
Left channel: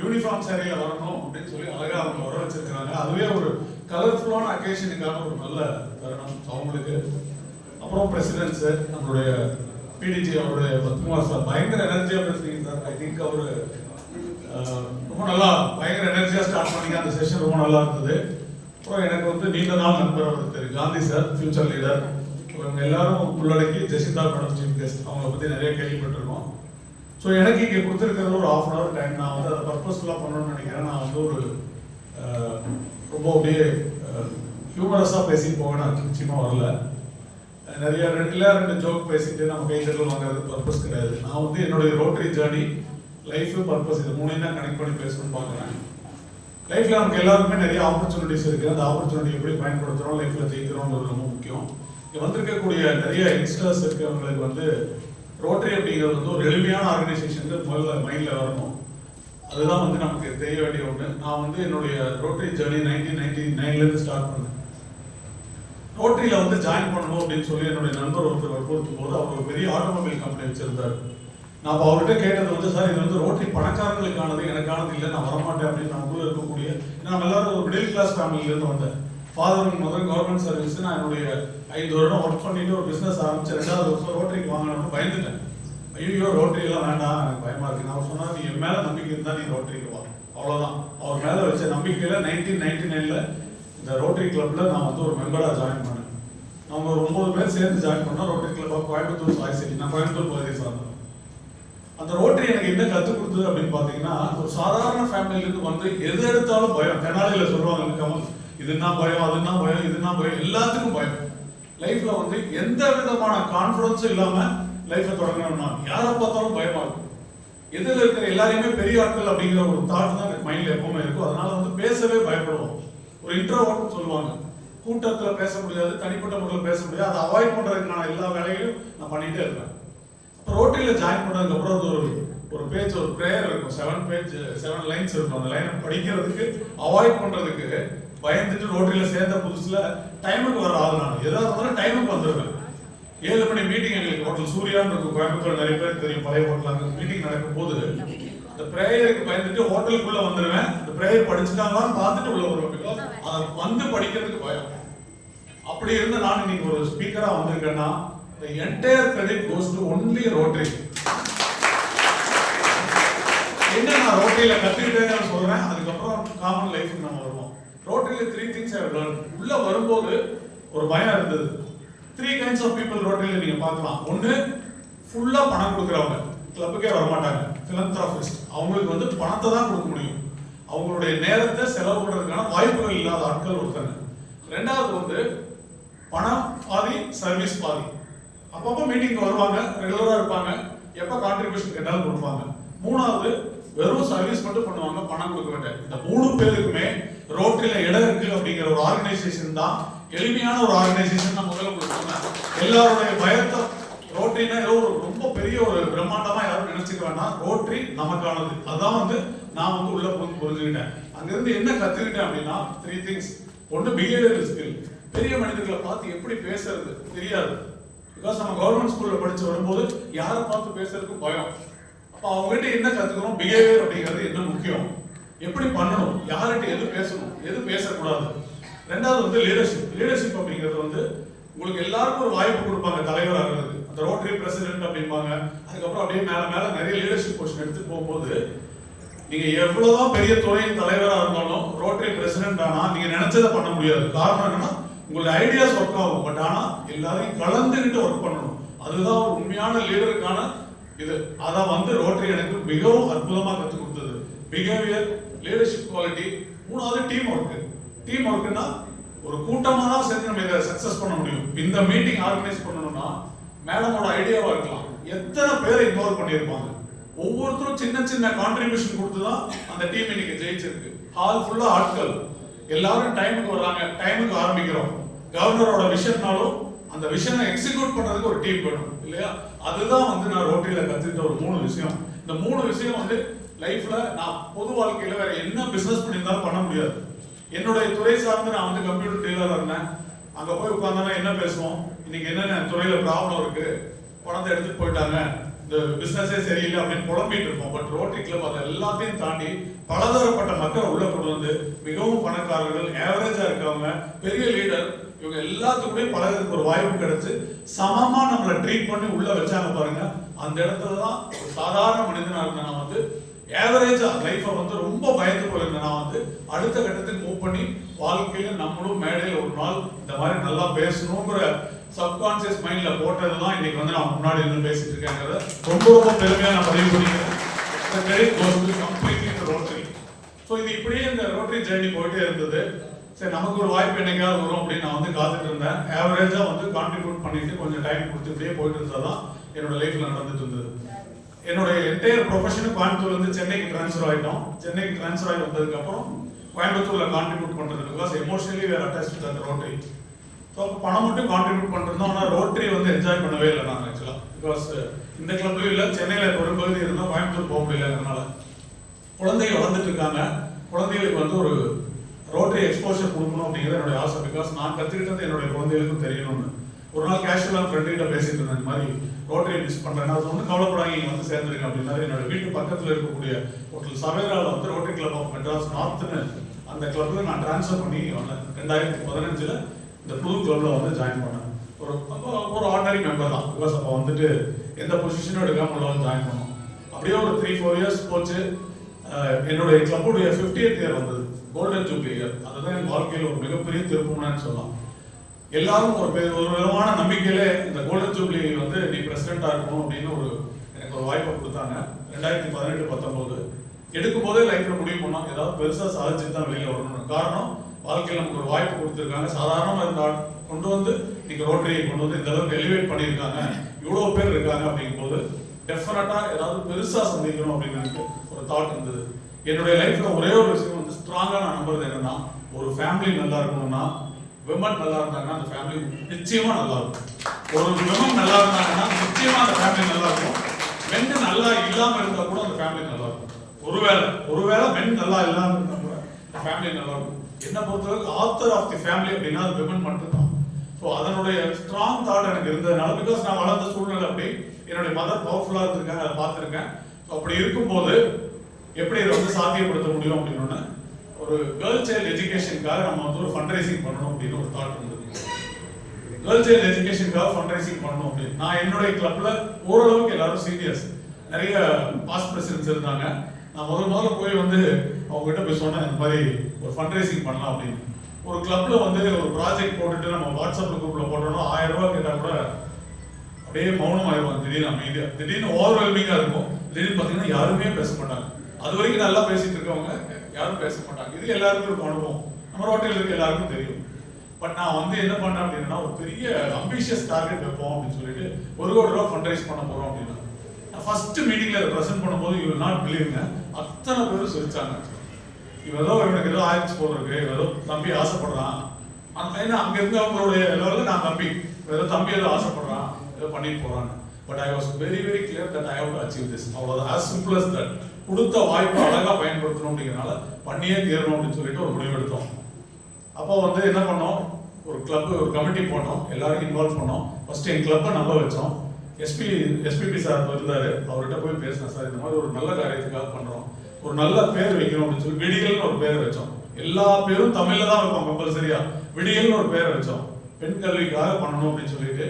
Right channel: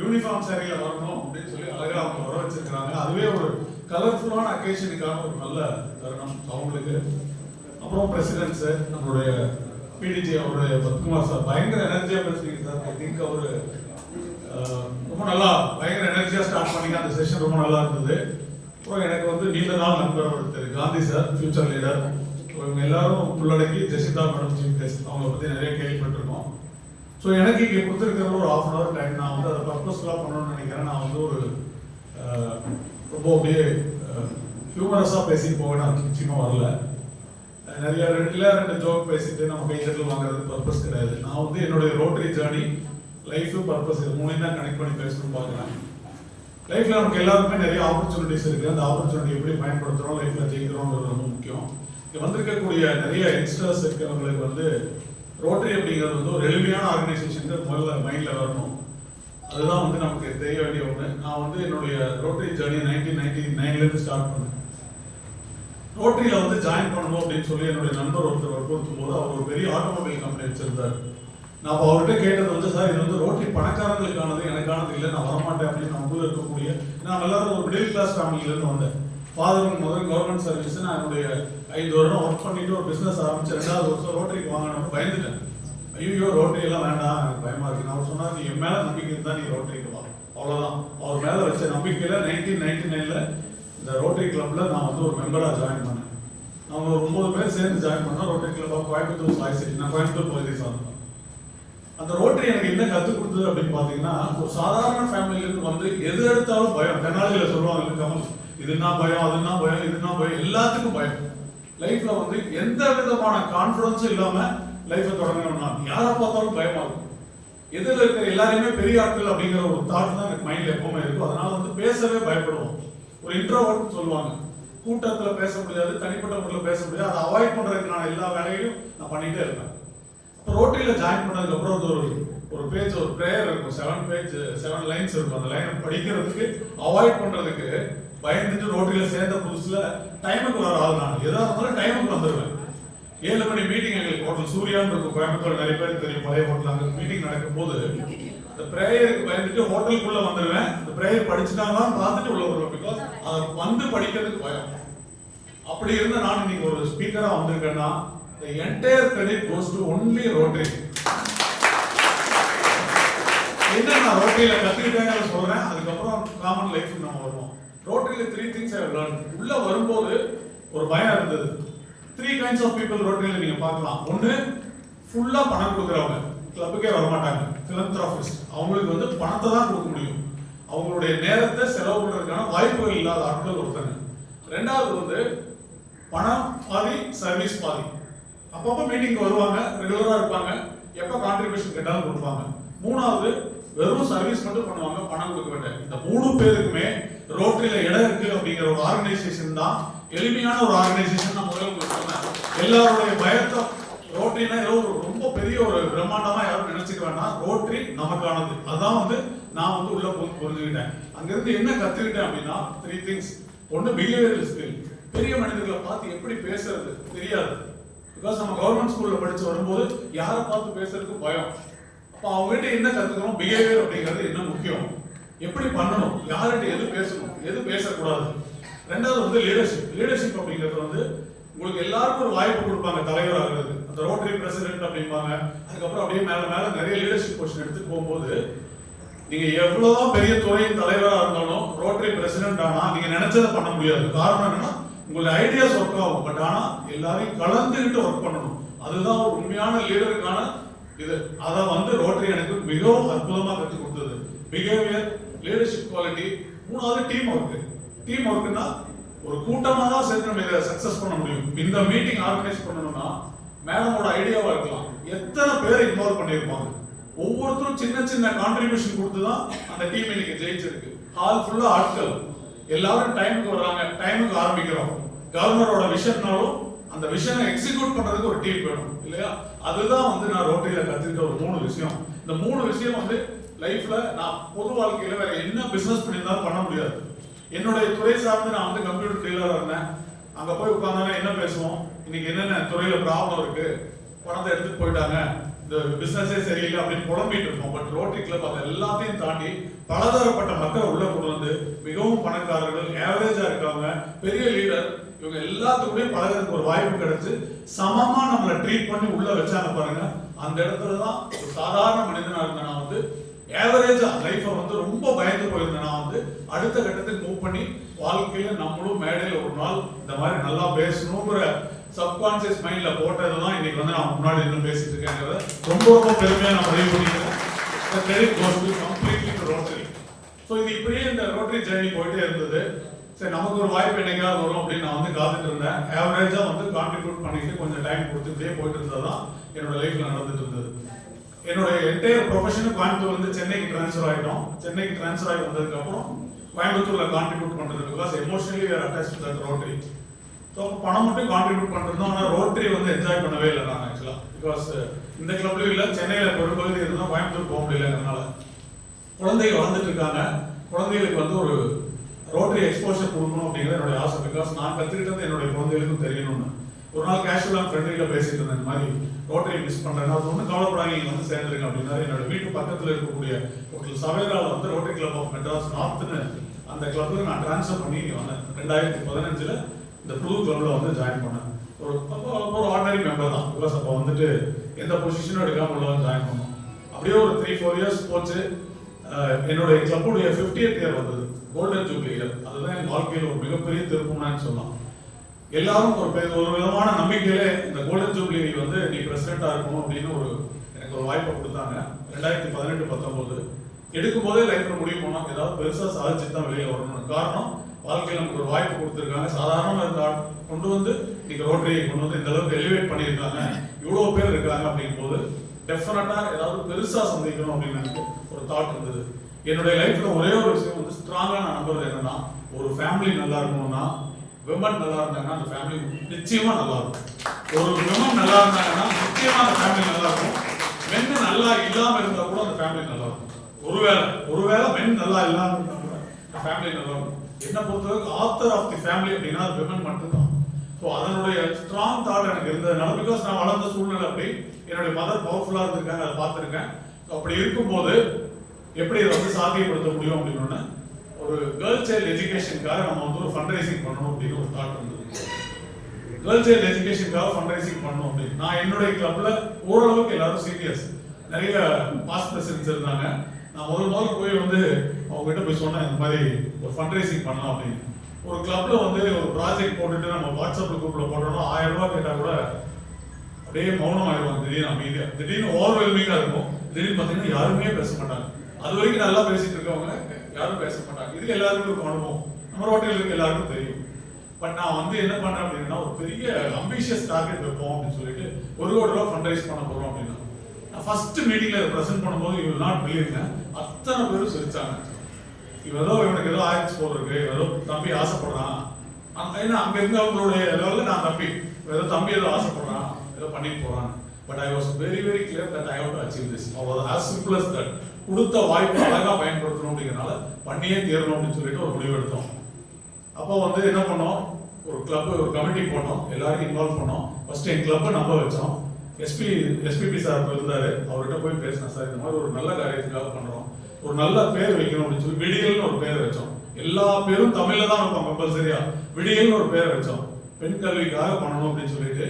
யூனிஃபார்ம் சேரையில வரணும் அப்படின்னு சொல்லி அழகா அவங்க வர வச்சிருக்காங்க. அதுவே ஒரு கலர்ஃபுல்லான அக்கேஷனுக்கான ஒரு நல்ல தருணம் அவங்களுக்கு. அப்புறம் பிரசிடென்ட்ஸ் நம்மளுடைய பிடிஜி அவருடைய பத்குமார் சார் பயங்கர எனர்ஜியா பேசுறீங்க சார். ஐ திங்க் அவரு ரொம்ப நல்லா பயங்கர எனர்ஜியா ஸ்டார்ட் பண்ணிங்க. அந்த செஷன் ரொம்ப நல்லா இருந்தது. அப்புறம் எனக்கு வந்து நீண்ட நாள் நண்பர் ஒருத்தர் காந்தி சார், ஃபியூச்சர் லீடர். இவங்க எல்லாரும் உள்ளடக்கி ஜெசிதா மேடம் சீஃப் கெஸ்ட், அவங்கள பற்றி நிறைய கேள்விப்பட்டிருக்கோம். ஸோ எனக்கு இங்கே கொடுத்துருக்கிறது ஒரு ½ hour டைம். நான் வந்து அதை பர்பஸ்ஃபுல்லாக பண்ணணும்னு நினைக்கிறேன். நான் வந்து ஒரு ரொம்ப அப்படியே ஹியூமரஸாக பேசி போக நான் நிச்சயமாக வரல. நிறைய ரெண்டு ஜோக் பேசிட்டு நம்ம கைத்தட்டல் வாங்குறது பர்பஸ் கிடையாது. நான் வந்து என்னுடைய ரோட்டரி ஜேர்னி, லைஃப், பர்பஸ் இது மூணையும் தான் கனெக்ட் பண்ணி பேசணும்னு பார்க்குறேன். லைஃப்ல நமக்கு எல்லாருக்குமே நிறைய ஆப்பர்ச்சுனிட்டிஸ் இருக்கு. அந்த ஆப்பர்ச்சுனிட்டி எப்படி பயன்படுத்துறோம், லைஃப்ல ஜெயிக்கிறோம்ன்றது ரொம்ப முக்கியம். இங்க வந்திருக்கக்கூடிய நிறைய யங்ஸ்டர்ஸ் இருக்கிறவங்களுக்கு வந்து ரோட்டரி அப்படிங்கிறது வந்து ஒரு எளிமையான ஆர்கனைசேஷன் முதல்ல மைண்ட்ல வரணும். அதுதான் வந்து நமக்கு தெரிய வேண்டிய ஒன்று. நான் வந்து என்னுடைய ரோட்டரி ஜேர்னி 1999 ஸ்டார்ட் பண்ணேன். ரோட்டரியில வந்து ஜாயின் பண்ணணும் அப்படின்னு சொல்லி என்னுடைய நண்பர் ஒருத்தர் வற்புறுத்தும் போது அவர் ஒரு பெரிய ஆட்டோமொபைல் கம்பெனி வச்சிருந்தார். நான் இப்போ அவர்கிட்ட கேட்டது வந்து, சார் இது வந்து ரோட்டரி பணக்காரங்களுக்கானது, எனக்கானது இல்லை, நான் வரமாட்டேன் அப்படின்னு நம்ம ஊரில் இருக்கக்கூடிய, நான் எல்லாரும் ஒரு மிடில் கிளாஸ் ஃபேமிலியிலேருந்து வந்தேன். Father and mother government service. நான் என்னுடைய 5 வருடம் ஒர்க் பண்ணிட்டு ஒரு பிஸ்னஸ் ஆரம்பிச்சு 2வது வருஷம் ரோட்டரிக்கு வாங்கணும்னு பயந்துட்டேன். ஐயோ ரோட்டரி எல்லாம் வேண்டாம், எனக்கு பயமா இருக்கு. அவர் சொன்னார், நீ என் மேல நம்பிக்கை இருந்தா நீ ரோட்டரிக்கு வா, அவ்வளவுதான். அவர் மேல வச்ச நம்பிக்கையில 1999ல இந்த ரோட்டரி கிளப்ல நான் வந்து ஒரு மெம்பரா ஜாயின் பண்ணேன். அவங்க ஒரு 9 பேர் சேர்ந்து ஜாயின் பண்ணோம். Rotary Club of Coimbatore Sai City. நான் கோயம்புத்தூர் பகுதியை சார்ந்தேன். அந்த ரோட்டரி எனக்கு என்ன கற்றுக் கொடுத்தது அப்படின்னு பார்த்தீங்கன்னா, ஒரு சாதாரண ஃபேமிலியிலேருந்து வந்து எது எடுத்தாலும் பயம். தென்னாலியில சொல்லுவாங்க, கமல் இதுனா பயம், அதுனா பயம், இதுனா பயம், எல்லாத்துக்கும் பயம். லைஃப்ல வந்து எந்த விதமான கான்ஃபிடன்ஸும் இல்லாம லைஃப்பை தொடங்கணும்னா யாரை பார்த்தாலும் பயமாகும். எதில் இருக்கிற எல்லாரையுமே பெரிய ஆட்கள் அப்படிங்கிற ஒரு தாட் தான் எனக்கு மைண்ட்ல எப்பவுமே இருக்கும். அதனால வந்து பேசவே பயப்படுவோம். ஒரு இன்ட்ரோவர்ட் சொல்லுவாங்க, கூட்டத்தில் பேச முடியாது, தனிப்பட்ட முறையில் பேச முடியாது. அதை அவாய்ட் பண்றதுக்கான எல்லா வேலையும் நான் பண்ணிட்டே இருக்கேன். இப்போ ரோட்டரியில் ஜாயின் பண்ணதுக்கு அப்புறம் ஒரு பேஜ், ஒரு ப்ரேயர் இருக்கும், 7 லைன்ஸ் இருக்கும். அந்த லைனை படிக்கிறதுக்கு அவாய்ட் பண்றதுக்கு பயந்துட்டு ரோட்டரியில் சேர்ந்த புதுசுல டைமுக்கு வர ஆள் நான். எதாவது இருந்தாலும் டைமுக்கு வந்துடுவேன். 7 மணி மீட்டிங் எங்களுக்கு ஹோட்டல் சூர்யான்னு இருக்கும் கோயம்புத்தூர், நிறைய பேர் தெரியும், பழைய ஹோட்டல். அங்கே மீட்டிங் நடக்கும் போது அந்த ப்ரேயருக்கு பயந்துட்டு ஹோட்டலுக்குள்ள வந்துடுவேன். அந்த ப்ரேயர் படிச்சுட்டாங்களான்னு பார்த்துட்டு உள்ள வருவேன். பிகாஸ் அதை வந்து படிக்கிறதுக்கு பயம். அப்படி இருந்து நான் இன்னைக்கு ஒரு ஸ்பீக்கரா வந்திருக்கேன்னா, the entire credit goes to only Rotary. என்ன நான் ரோட்டரியில கத்துக்கிட்டேன்னு சொல்றேன். அதுக்கப்புறம் காமன் லைஃப்க்கு நம்ம வருவோம். ரோட்டரியில 3 things I have learned. உள்ள வரும்போது ஒரு பயம் இருந்தது. 3 kinds of people ரோட்டரியில நீங்க பார்க்கலாம். ஒன்று, ஃபுல்லா பணம் கொடுக்குறவங்க, கிளப்புக்கே வர மாட்டாங்க, philanthropist. அவங்களுக்கு வந்து பணத்தை தான் கொடுக்க முடியும். அவங்களுடைய நேரத்தை செலவு பண்றதுக்கான வாய்ப்புகள் இல்லாத ஆட்கள் ஒருத்தங்க. 2வது வந்து பணம் பாதி, சர்வீஸ் பாதி. அப்பப்போ மீட்டிங் வருவாங்க, ரெகுலரா இருப்பாங்க, எப்ப கான்ட்ரிபியூஷன் கேட்டாலும் கொடுப்பாங்க. 3வது வெறும் சர்வீஸ் மட்டும் பண்ணுவாங்க, பணம் கொடுக்க வேண்டாம். இந்த 3 பேருக்குமே ரோட்டரியில இடம் இருக்கு அப்படிங்கிற ஒரு ஆர்கனைசேஷன் தான் எளிமையான ஒரு ஆர்கனைசேஷன். நான் முதல்ல உங்களுக்கு சொன்னேன். எல்லாருடைய பயத்தை ரோட்டரினா ஏதோ ஒரு ரொம்ப பெரிய ஒரு பிரம்மாண்டமா யாரும் நினைச்சுக்க வேண்டாம். ரோட்டரி நமக்கானது. அதான் வந்து நான் வந்து உள்ள போய் புரிஞ்சுக்கிட்டேன். அங்கிருந்து என்ன கத்துக்கிட்டேன் அப்படின்னா 3 things. ஒன்று, பிஹேவியரல் ஸ்கில். பெரிய மனிதர்களை பார்த்து எப்படி பேசுறது தெரியாது. பிகாஸ் நம்ம கவர்மெண்ட் ஸ்கூல்ல படிச்சு வரும்போது யாரை பார்த்து பேசுறதுக்கு பயம். அப்ப அவங்ககிட்ட என்ன கத்துக்கணும், பிஹேவியர் அப்படிங்கிறது என்ன முக்கியம், எப்படி பண்ணணும், யார்கிட்ட எது பேசணும், எது பேசக்கூடாது. 2வது வந்து லீடர்ஷிப். லீடர்ஷிப் அப்படிங்கிறது வந்து உங்களுக்கு எல்லாருக்கும் ஒரு வாய்ப்பு கொடுப்பாங்க தலைவர் ஆகிறதுக்கு. அந்த ரோட்டரி பிரசிடென்ட் அப்படிம்பாங்க. அதுக்கப்புறம் அப்படியே மேல மேல நிறைய லீடர்ஷிப் பொசிஷன் எடுத்து போகும்போது நீங்க எவ்வளவுதான் பெரிய துறையின் தலைவரா இருந்தாலும் ரோட்டரி பிரசிடென்ட் ஆனா நீங்க நினைச்சதை பண்ண முடியாது. காரணம் என்னன்னா, உங்களுடைய ஐடியாஸ் ஒர்க் ஆகும், பட் ஆனா எல்லாரையும் கலந்துகிட்டு ஒர்க் பண்ணணும். அதுதான் ஒரு உண்மையான லீடருக்கான இது. அதான் வந்து ரோட்டரி எனக்கு மிகவும் அற்புதமா கற்றுக் கொடுத்தது. Behaviour, leadership quality. 3வது டீம் ஒர்க். டீம் ஒர்க்னா ஒரு கூட்டமா தான் சேர்ந்து நம்ம இதை சக்சஸ் பண்ண முடியும். இந்த மீட்டிங் ஆர்கனைஸ் பண்ணணும்னா மேடமோட ஐடியாவா இருக்கலாம், எத்தனை பேரை இன்வால்வ் பண்ணியிருப்பாங்க, ஒவ்வொருத்தரும் சின்ன சின்ன கான்ட்ரிபியூஷன் கொடுத்து தான் அந்த டீம் இன்னைக்கு ஜெயிச்சிருக்கு. ஹால் ஃபுல்லா ஆட்கள், எல்லாரும் டைமுக்கு வர்றாங்க, டைமுக்கு ஆரம்பிக்கிறோம். கவர்னரோட விஷன்னாலும் அந்த விஷனை எக்ஸிக்யூட் பண்றதுக்கு ஒரு டீம் வேணும் இல்லையா? அதுதான் வந்து நான் ரோட்டரியில கத்துக்கிட்ட ஒரு 3 விஷயம். இந்த 3 விஷயம் வந்து லைஃப்ல நான் பொது வாழ்க்கையில வேற என்ன பிசினஸ் பண்ணியிருந்தாலும் பண்ண முடியாது. என்னுடைய துறை சார்ந்து நான் வந்து கம்ப்யூட்டர் டீலரா இருந்தேன். அங்க போய் உட்கார்ந்தோம்னா என்ன பேசுவோம், இன்னைக்கு என்னென்ன துறையில ப்ராப்ளம் இருக்கு, பணத்தை எடுத்துட்டு போயிட்டாங்க, இந்த பிசினஸே சரியில்லை அப்படின்னு புலம்பிட்டு இருப்போம். பட் ரோட்டரி கிளப் அதை எல்லாத்தையும் தாண்டி பலதரப்பட்ட மக்களை உள்ள கொண்டு வந்து மிகவும் பணக்காரர்கள், ஆவரேஜா இருக்கவங்க, பெரிய லீடர், இவங்க எல்லாத்துக்குமே பலருக்கு ஒரு வாய்ப்பு கிடைச்சு சமமா நம்மளை ட்ரீட் பண்ணி உள்ள வச்சாங்க பாருங்க. அந்த இடத்துல தான் ஒரு சாதாரண மனிதனா இருந்த நான் வந்து ஆவரேஜா லைஃபை வந்து ரொம்ப பயந்து போயிருந்தேன். நான் வந்து அடுத்த கட்டத்துக்கு மூவ் பண்ணி வாழ்க்கையில நம்மளும் மேடையில் ஒரு நாள் இந்த மாதிரி நல்லா பேசணுங்கிற சப்கான்சியஸ் மைண்ட்ல போட்டதுதான் இன்னைக்கு வந்து நான் முன்னாடி இருந்து பேசிட்டு இருக்கேங்கிறத ரொம்ப ரொம்ப பெருமையா நான் பதிவு பண்ணிக்கிறேன். Credit goes to completely rotary. So இது இப்படியே இந்த ரோட்டரி ஜேர்னி போயிட்டே இருந்தது. சரி நமக்கு ஒரு வாய்ப்பு என்னைக்காவது வரும் அப்படின்னு நான் வந்து காத்துட்டு இருந்தேன். ஆவரேஜா வந்து கான்ட்ரிபியூட் பண்ணிட்டு கொஞ்சம் டைம் கொடுத்துட்டே போயிட்டு இருந்ததுதான் என்னோட லைஃப்ல நடந்துட்டு இருந்தது. என்னோட என்டையர் ப்ரொஃபஷனும் கோயம்புத்தூர்ல இருந்து சென்னைக்கு ட்ரான்ஸ்ஃபர் ஆயிட்டோம். சென்னைக்கு ட்ரான்ஸ்ஃபர் ஆகி வந்ததுக்கு அப்புறம் கோயம்புத்தூர்ல கான்ட்ரிபியூட் பண்றது because emotionally we are attached to that rotary. So அப்போ பணம் மட்டும் கான்ட்ரிபியூட் பண்றோம். ஆனால் ரோட்டரி வந்து என்ஜாய் பண்ணவே இல்லை நான் ஆக்சுவலா. பிகாஸ் இந்த கிளப்லயும் இல்லை, சென்னையில ஒரு பகுதி இருந்தால் கோயம்புத்தூர் போக முடியல. அதனால குழந்தைகள் வளர்ந்துட்டு இருக்காங்க. குழந்தைகளுக்கு வந்து ஒரு ரோட்டரி எக்ஸ்போஷர் கொடுக்கணும் அப்படிங்கிறது என்னுடைய ஆசை. பிகாஸ் நான் கற்றுக்கிட்டது என்னுடைய குழந்தைகளுக்கும் தெரியணும்னு. ஒரு நாள் கேஷுவலாக ஃப்ரெண்டுகிட்ட பேசிட்டு இருந்தேன், இந்த மாதிரி ரோட்டரி மிஸ் பண்றேன், அது ஒன்றும் கவலைப்படாங்க, நீங்க வந்து சேர்ந்துருங்க அப்படின்னாரு. என்னோட வீட்டு பக்கத்தில் இருக்கக்கூடிய ஒரு சவேரால வந்து ரோட்டரி கிளப் ஆஃப் மெட்ராஸ் நார்த்னு அந்த கிளப்ல நான் ட்ரான்ஸ்ஃபர் பண்ணி வந்தேன். 2015 இந்த புது கிளப்ல வந்து ஜாயின் பண்ணேன். ஒரு ஆர்டினரி மெம்பர் தான். பிகாஸ் அப்போ வந்துட்டு எந்த பொசிஷனும் எடுக்காம உள்ள வந்து ஜாயின் பண்ணோம். அப்படியே ஒரு 3-4 இயர்ஸ் போச்சு. என்னுடைய கிளப்புடைய 50th இயர் வந்தது, கோல்டன் ஜூப்ளி இயர். அதுதான் என் வாழ்க்கையில் ஒரு மிகப்பெரிய திருப்பம்னு சொல்லலாம். எல்லாரும் ஒரு விதமான நம்பிக்கையிலே இந்த கோல்டன் ஜூப்ளி வந்து நீ பிரசிடென்டா இருக்கணும் அப்படின்னு எனக்கு ஒரு வாய்ப்பை கொடுத்தாங்க. 2018-19 எடுக்கும் போதே லைஃப்ல முடிவு பண்ணோம், ஏதாவது பெருசா சாதிச்சு தான் வெளியில வரணும். காரணம், வாழ்க்கையில் நமக்கு ஒரு வாய்ப்பு கொடுத்துருக்காங்க. சாதாரணமா இருந்தா கொண்டு வந்து நீங்க ரோட்டரியை கொண்டு வந்து இந்த அளவுக்கு எலிவேட் பண்ணியிருக்காங்க, இவ்வளவு பேர் இருக்காங்க அப்படிங்கும் போது டெஃபினட்டா ஏதாவது பெருசா சந்திக்கணும் அப்படின்னு எனக்கு ஒரு தாட் இருந்தது. என்னுடைய லைஃப்ல ஒரே ஒரு விஷயம் வந்து ஸ்ட்ராங்கா நான் நம்புறது என்னன்னா, ஒரு ஃபேமிலி நல்லா இருக்கணும்னா விமன் நல்லா இருந்தாங்கன்னா அந்த ஃபேமிலி நிச்சயமா நல்லா இருக்கும். ஒரு விமன் நல்லா இருந்தாங்கன்னா நிச்சயமா அந்த ஃபேமிலி நல்லா இருக்கும். மென் நல்லா இல்லாம இருந்தா கூட அந்த ஃபேமிலி நல்லா இருக்கும். ஒருவேளை மென் நல்லா இல்லாம இருந்தா கூட அந்த ஃபேமிலி நல்லா இருக்கும். என்ன பொறுத்தவரைக்கும் ஆத்தர் ஆஃப் தி ஃபேமிலி அப்படின்னா அது விமன் மட்டும்தான். ஸோ அதனுடைய ஸ்ட்ராங் தாட் எனக்கு இருந்ததுனால, பிகாஸ் நான் வளர்ந்த சூழ்நிலை அப்படி, என்னுடைய மதர் பவர்ஃபுல்லா இருந்திருக்காங்க, அதை பார்த்துருக்கேன். ஸோ அப்படி இருக்கும்போது எப்படி இதை வந்து சாத்தியப்படுத்த முடியும் அப்படின்னு ஒரு கேர்ள் சைல்டு எஜுகேஷனுக்காக நம்ம வந்து ஒரு ஃபண்ட் ரைசிங் பண்ணணும் அப்படின்னு ஒரு தாட் வந்தது. கேர்ள் சைல்டு எஜுகேஷனுக்காக ஃபண்ட் ரைசிங் பண்ணணும் அப்படின்னு நான் என்னுடைய கிளப்ல ஓரளவுக்கு எல்லாரும் சீனியர்ஸ், நிறைய பாஸ்ட் பிரசிடென்ட்ஸ் இருந்தாங்க. நான் முதல்ல போய் வந்து அவங்க கிட்ட போய் சொன்னேன், இந்த மாதிரி ஒரு ஃபண்ட் ரைசிங் பண்ணலாம் அப்படின்னு. ஒரு கிளப்ல வந்து ஒரு ப்ராஜெக்ட் போட்டுட்டு நம்ம வாட்ஸ்அப் குரூப்ல போட்டோம்னா 1000 ரூபாய் கேட்டா கூட அப்படியே மௌனம் ஆயிடுவாங்க. திடீர்னு அமைதியா, திடீர்னு ஓவர்வெல்மிங்கா இருக்கும். திடீர்னு பார்த்தீங்கன்னா யாருமே பேச மாட்டாங்க. அது வரைக்கும் நல்லா பேசிட்டு இருக்கவங்க யாரும் பேச மாட்டாங்க. இது எல்லாருக்கும் இருக்கும் அனுபவம், நம்ம ரோட்டில் இருக்க எல்லாருக்கும் தெரியும். பட் நான் வந்து என்ன பண்ணேன் அப்படின்னா, ஒரு பெரிய அம்பிஷியஸ் டார்கெட் வைப்போம் அப்படின்னு சொல்லிட்டு 1 கோடி ரூபாய் ஃபண்ட் ரைஸ் பண்ண போறோம் அப்படின்னா, ஃபர்ஸ்ட் மீட்டிங்ல பிரசன்ட் பண்ணும்போது யூ வில் நாட் பிலீவ், அத்தனை பேரும் சிரிச்சாங்க. இவரோ இவனுக்கு ஏதோ ஆயிடுச்சு போல இருக்கு, ஏதோ தம்பி ஆசைப்படுறான். ஏன்னா அங்க இருந்தவங்களுடைய லெவலில் நான் தம்பி ஏதோ தம்பி ஏதோ ஆசைப்படுறான், ஏதோ பண்ணிட்டு போறான். But I was very very clear that I have to achieve this. அவ்வளவு as simple as that. கொடுத்த வாய்ப்பு அழகா பயன்படுத்தணும் அப்படிங்கிறனால பண்ணியே தீரணும் அப்படின்னு சொல்லிட்டு ஒரு முடிவு எடுத்தோம். அப்போ வந்து என்ன பண்ணோம், ஒரு கிளப் ஒரு கமிட்டி போட்டோம், எல்லாரும் இன்வால்வ் பண்ணோம். ஃபர்ஸ்ட் என் கிளப்பை நம்ப வச்சோம். எஸ்பிபி சார் இருந்தாரு, அவர்கிட்ட போய் பேசினேன், சார் இந்த மாதிரி ஒரு நல்ல காரியத்துக்காக பண்றோம், ஒரு நல்ல பேர் வைக்கணும் அப்படின்னு சொல்லி விடியல்னு ஒரு பேர் வச்சோம். எல்லா பேரும் தமிழ்ல தான் இருக்கும் கம்பல்சரியா. விடியல்னு ஒரு பேர் வச்சோம், பெண் கல்விக்காக பண்ணணும் அப்படின்னு சொல்லிட்டு.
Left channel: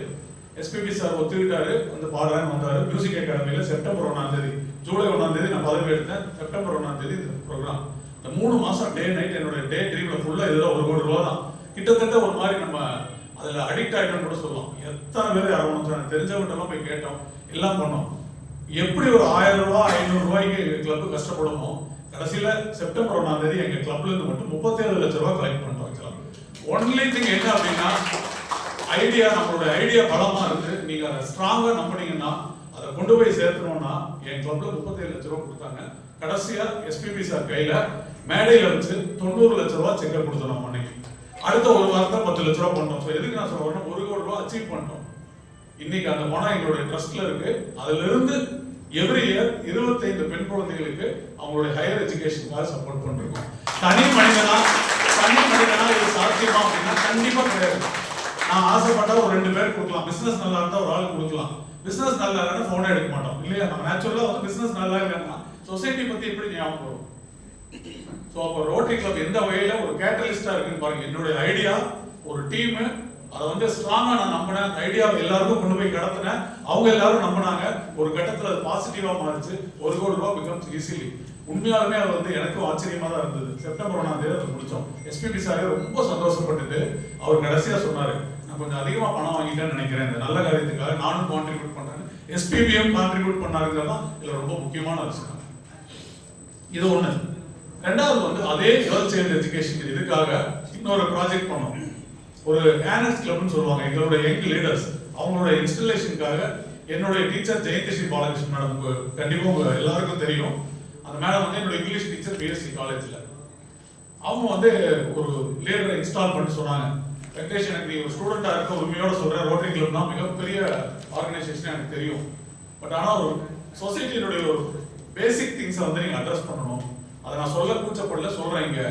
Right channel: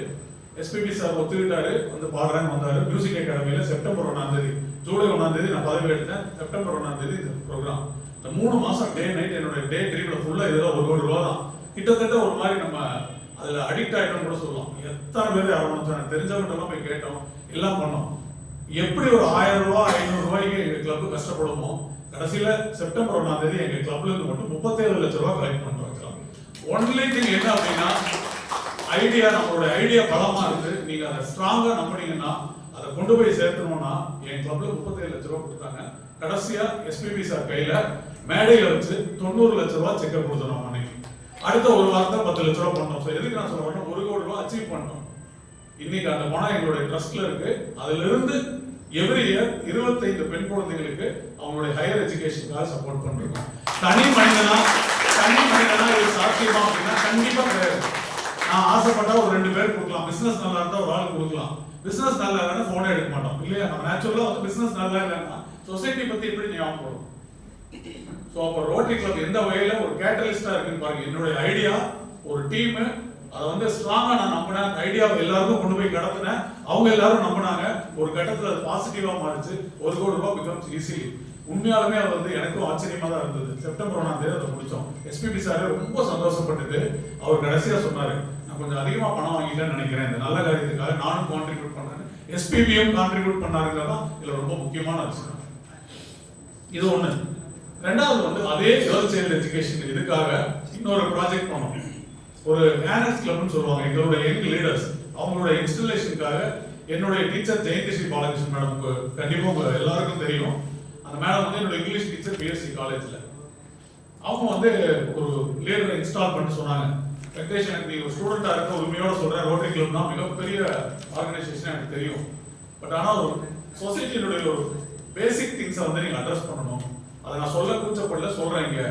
எஸ்பிபி சார் ஒத்துக்கிட்டாரு, வந்து பாடுறேன்னு வந்தாரு. மியூசிக் அகாடமியில செப்டம்பர் 1ஆம் தேதி, ஜூலை 1ஆம் தேதி நான் பதவி எடுத்தேன். செப்டம்பர் 1ஆம் தேதி இந்த ப்ரோக்ராம். இந்த 3 மாசம் டே நைட் என்னுடைய டே ட்ரீம்ல ஃபுல்லா இதுல 1 கோடி ரூபா தான். கிட்டத்தட்ட ஒரு மாதிரி நம்ம அதுல அடிக்ட் ஆயிட்டோம் கூட சொல்லலாம். எத்தனை பேர் யாரும் தெரிஞ்சவங்க போய் கேட்டோம், எல்லாம் பண்ணோம். எப்படி ஒரு 1000 ரூபாய் 500 ரூபாய்க்கு எங்க கிளப் கஷ்டப்படுமோ, கடைசியில செப்டம்பர் 1ஆம் தேதி எங்க கிளப்ல இருந்து மட்டும் 37 லட்சம் ரூபாய் கலெக்ட் பண்ணிட்டோம். ஒன்லி திங் என்ன அப்படின்னா, ஐடியா, நம்மளோட ஐடியா பலமா இருக்கு. நீங்க அதை ஸ்ட்ராங்கா நம்பினீங்கன்னா, அதை கொண்டு போய் சேர்த்தணும்னா, என் கிளப்ல 37 லட்சம் ரூபாய் கொடுத்தாங்க. கடைசியா எஸ்பிபி சார் கையில மேடையில வச்சு 90 லட்சம் ரூபாய் செக்கப் கொடுத்தோம் அன்னைக்கு. அடுத்த ஒரு வாரத்துல 10 லட்சம் ரூபாய் பண்ணோம். எதுக்கு நான் சொல்றேன், 1 கோடி ரூபாய் அச்சீவ் பண்ணோம். இன்னைக்கு அந்த பணம் எங்களுடைய ட்ரஸ்ட்ல இருக்கு. அதுல இருந்து எவ்ரி இயர் 25 பெண் குழந்தைகளுக்கு அவங்களுடைய ஹையர் எஜுகேஷனுக்காக சப்போர்ட் பண்றோம். தனி மனிதனா இது சாத்தியமா அப்படின்னா கண்டிப்பா கிடையாது. நான் ஆசைப்பட்டா ஒரு 2 பேர் கொடுக்கலாம், பிசினஸ் நல்லா இருந்தா ஒரு ஆள் கொடுக்கலாம். பிசினஸ் நல்லா இல்லைன்னா போனே எடுக்க மாட்டோம் இல்லையா? நம்ம நேச்சுரலா வந்து பிசினஸ் நல்லா இல்லைன்னா சொசைட்டி பத்தி எப்படி ஞாபகம் வரும்? ஸோ அப்போ ரோட்டரி கிளப் எந்த வகையில ஒரு கேட்டலிஸ்டா இருக்குன்னு பாருங்க. என்னுடைய ஐடியா ஒரு டீம், அதை வந்து ஸ்ட்ராங்கா நான் நம்பினேன். அந்த ஐடியாவை எல்லாருக்கும் கொண்டு போய் கடத்தினேன். அவங்க எல்லாரும் நம்பினாங்க. ஒரு கட்டத்தில் அது பாசிட்டிவா மாறிச்சு. 1 கோடி ரூபாய் பிகம்ஸ் ஈஸிலி. உண்மையாலுமே அது வந்து எனக்கும் ஆச்சரியமா தான் இருந்தது. செப்டம்பர் 1ஆம் தேதி அதை முடிச்சோம். எஸ்பிபி சாரே ரொம்ப சந்தோஷப்பட்டுட்டு அவர் கடைசியா சொன்னாரு, நான் கொஞ்சம் அதிகமா பணம் வாங்கிட்டேன்னு நினைக்கிறேன், இந்த நல்ல காரியத்துக்காக நானும் கான்ட்ரிபியூட் பண்றேன். எஸ்பிபியும் கான்ட்ரிபியூட் பண்ணாருங்கிறதான் இதுல ரொம்ப முக்கியமான விஷயம். இது ஒண்ணு. ரெண்டாவது வந்து அதே கேர்ள் சைல்டு எஜுகேஷன் இதுக்காக இன்னொரு ப்ராஜெக்ட் பண்ணோம். ஒரு ஆனர்ஸ் கிளப்னு சொல்லுவாங்க, எங்களுடைய யங் லீடர்ஸ் அவங்களோட இன்ஸ்டலேஷனுக்காக என்னுடைய டீச்சர் ஜெயகிருஷ்ணி பாலகிருஷ்ணன் மேடமுக்கு கண்டிப்பாக உங்க எல்லாருக்கும் தெரியும். அந்த மேடம் வந்து என்னோட இங்கிலீஷ் டீச்சர் பிஎஸ்சி காலேஜில். அவங்க வந்து ஒரு லீடரை இன்ஸ்டால் பண்ணி சொன்னாங்க, வெங்கடேஷ் எனக்கு நீ ஒரு ஸ்டூடெண்டாக இருக்க உரிமையோட சொல்கிறேன், ரோட்டரி கிளப் தான் மிகப்பெரிய ஆர்கனைசேஷன் எனக்கு தெரியும். பட் ஆனால் ஒரு சொசைட்டியினுடைய ஒரு பேசிக் திங்ஸை வந்து நீங்கள் அட்ரஸ் பண்ணணும். அதை நான் சொல்ல கூச்சப்படல, சொல்கிறேன். இங்கே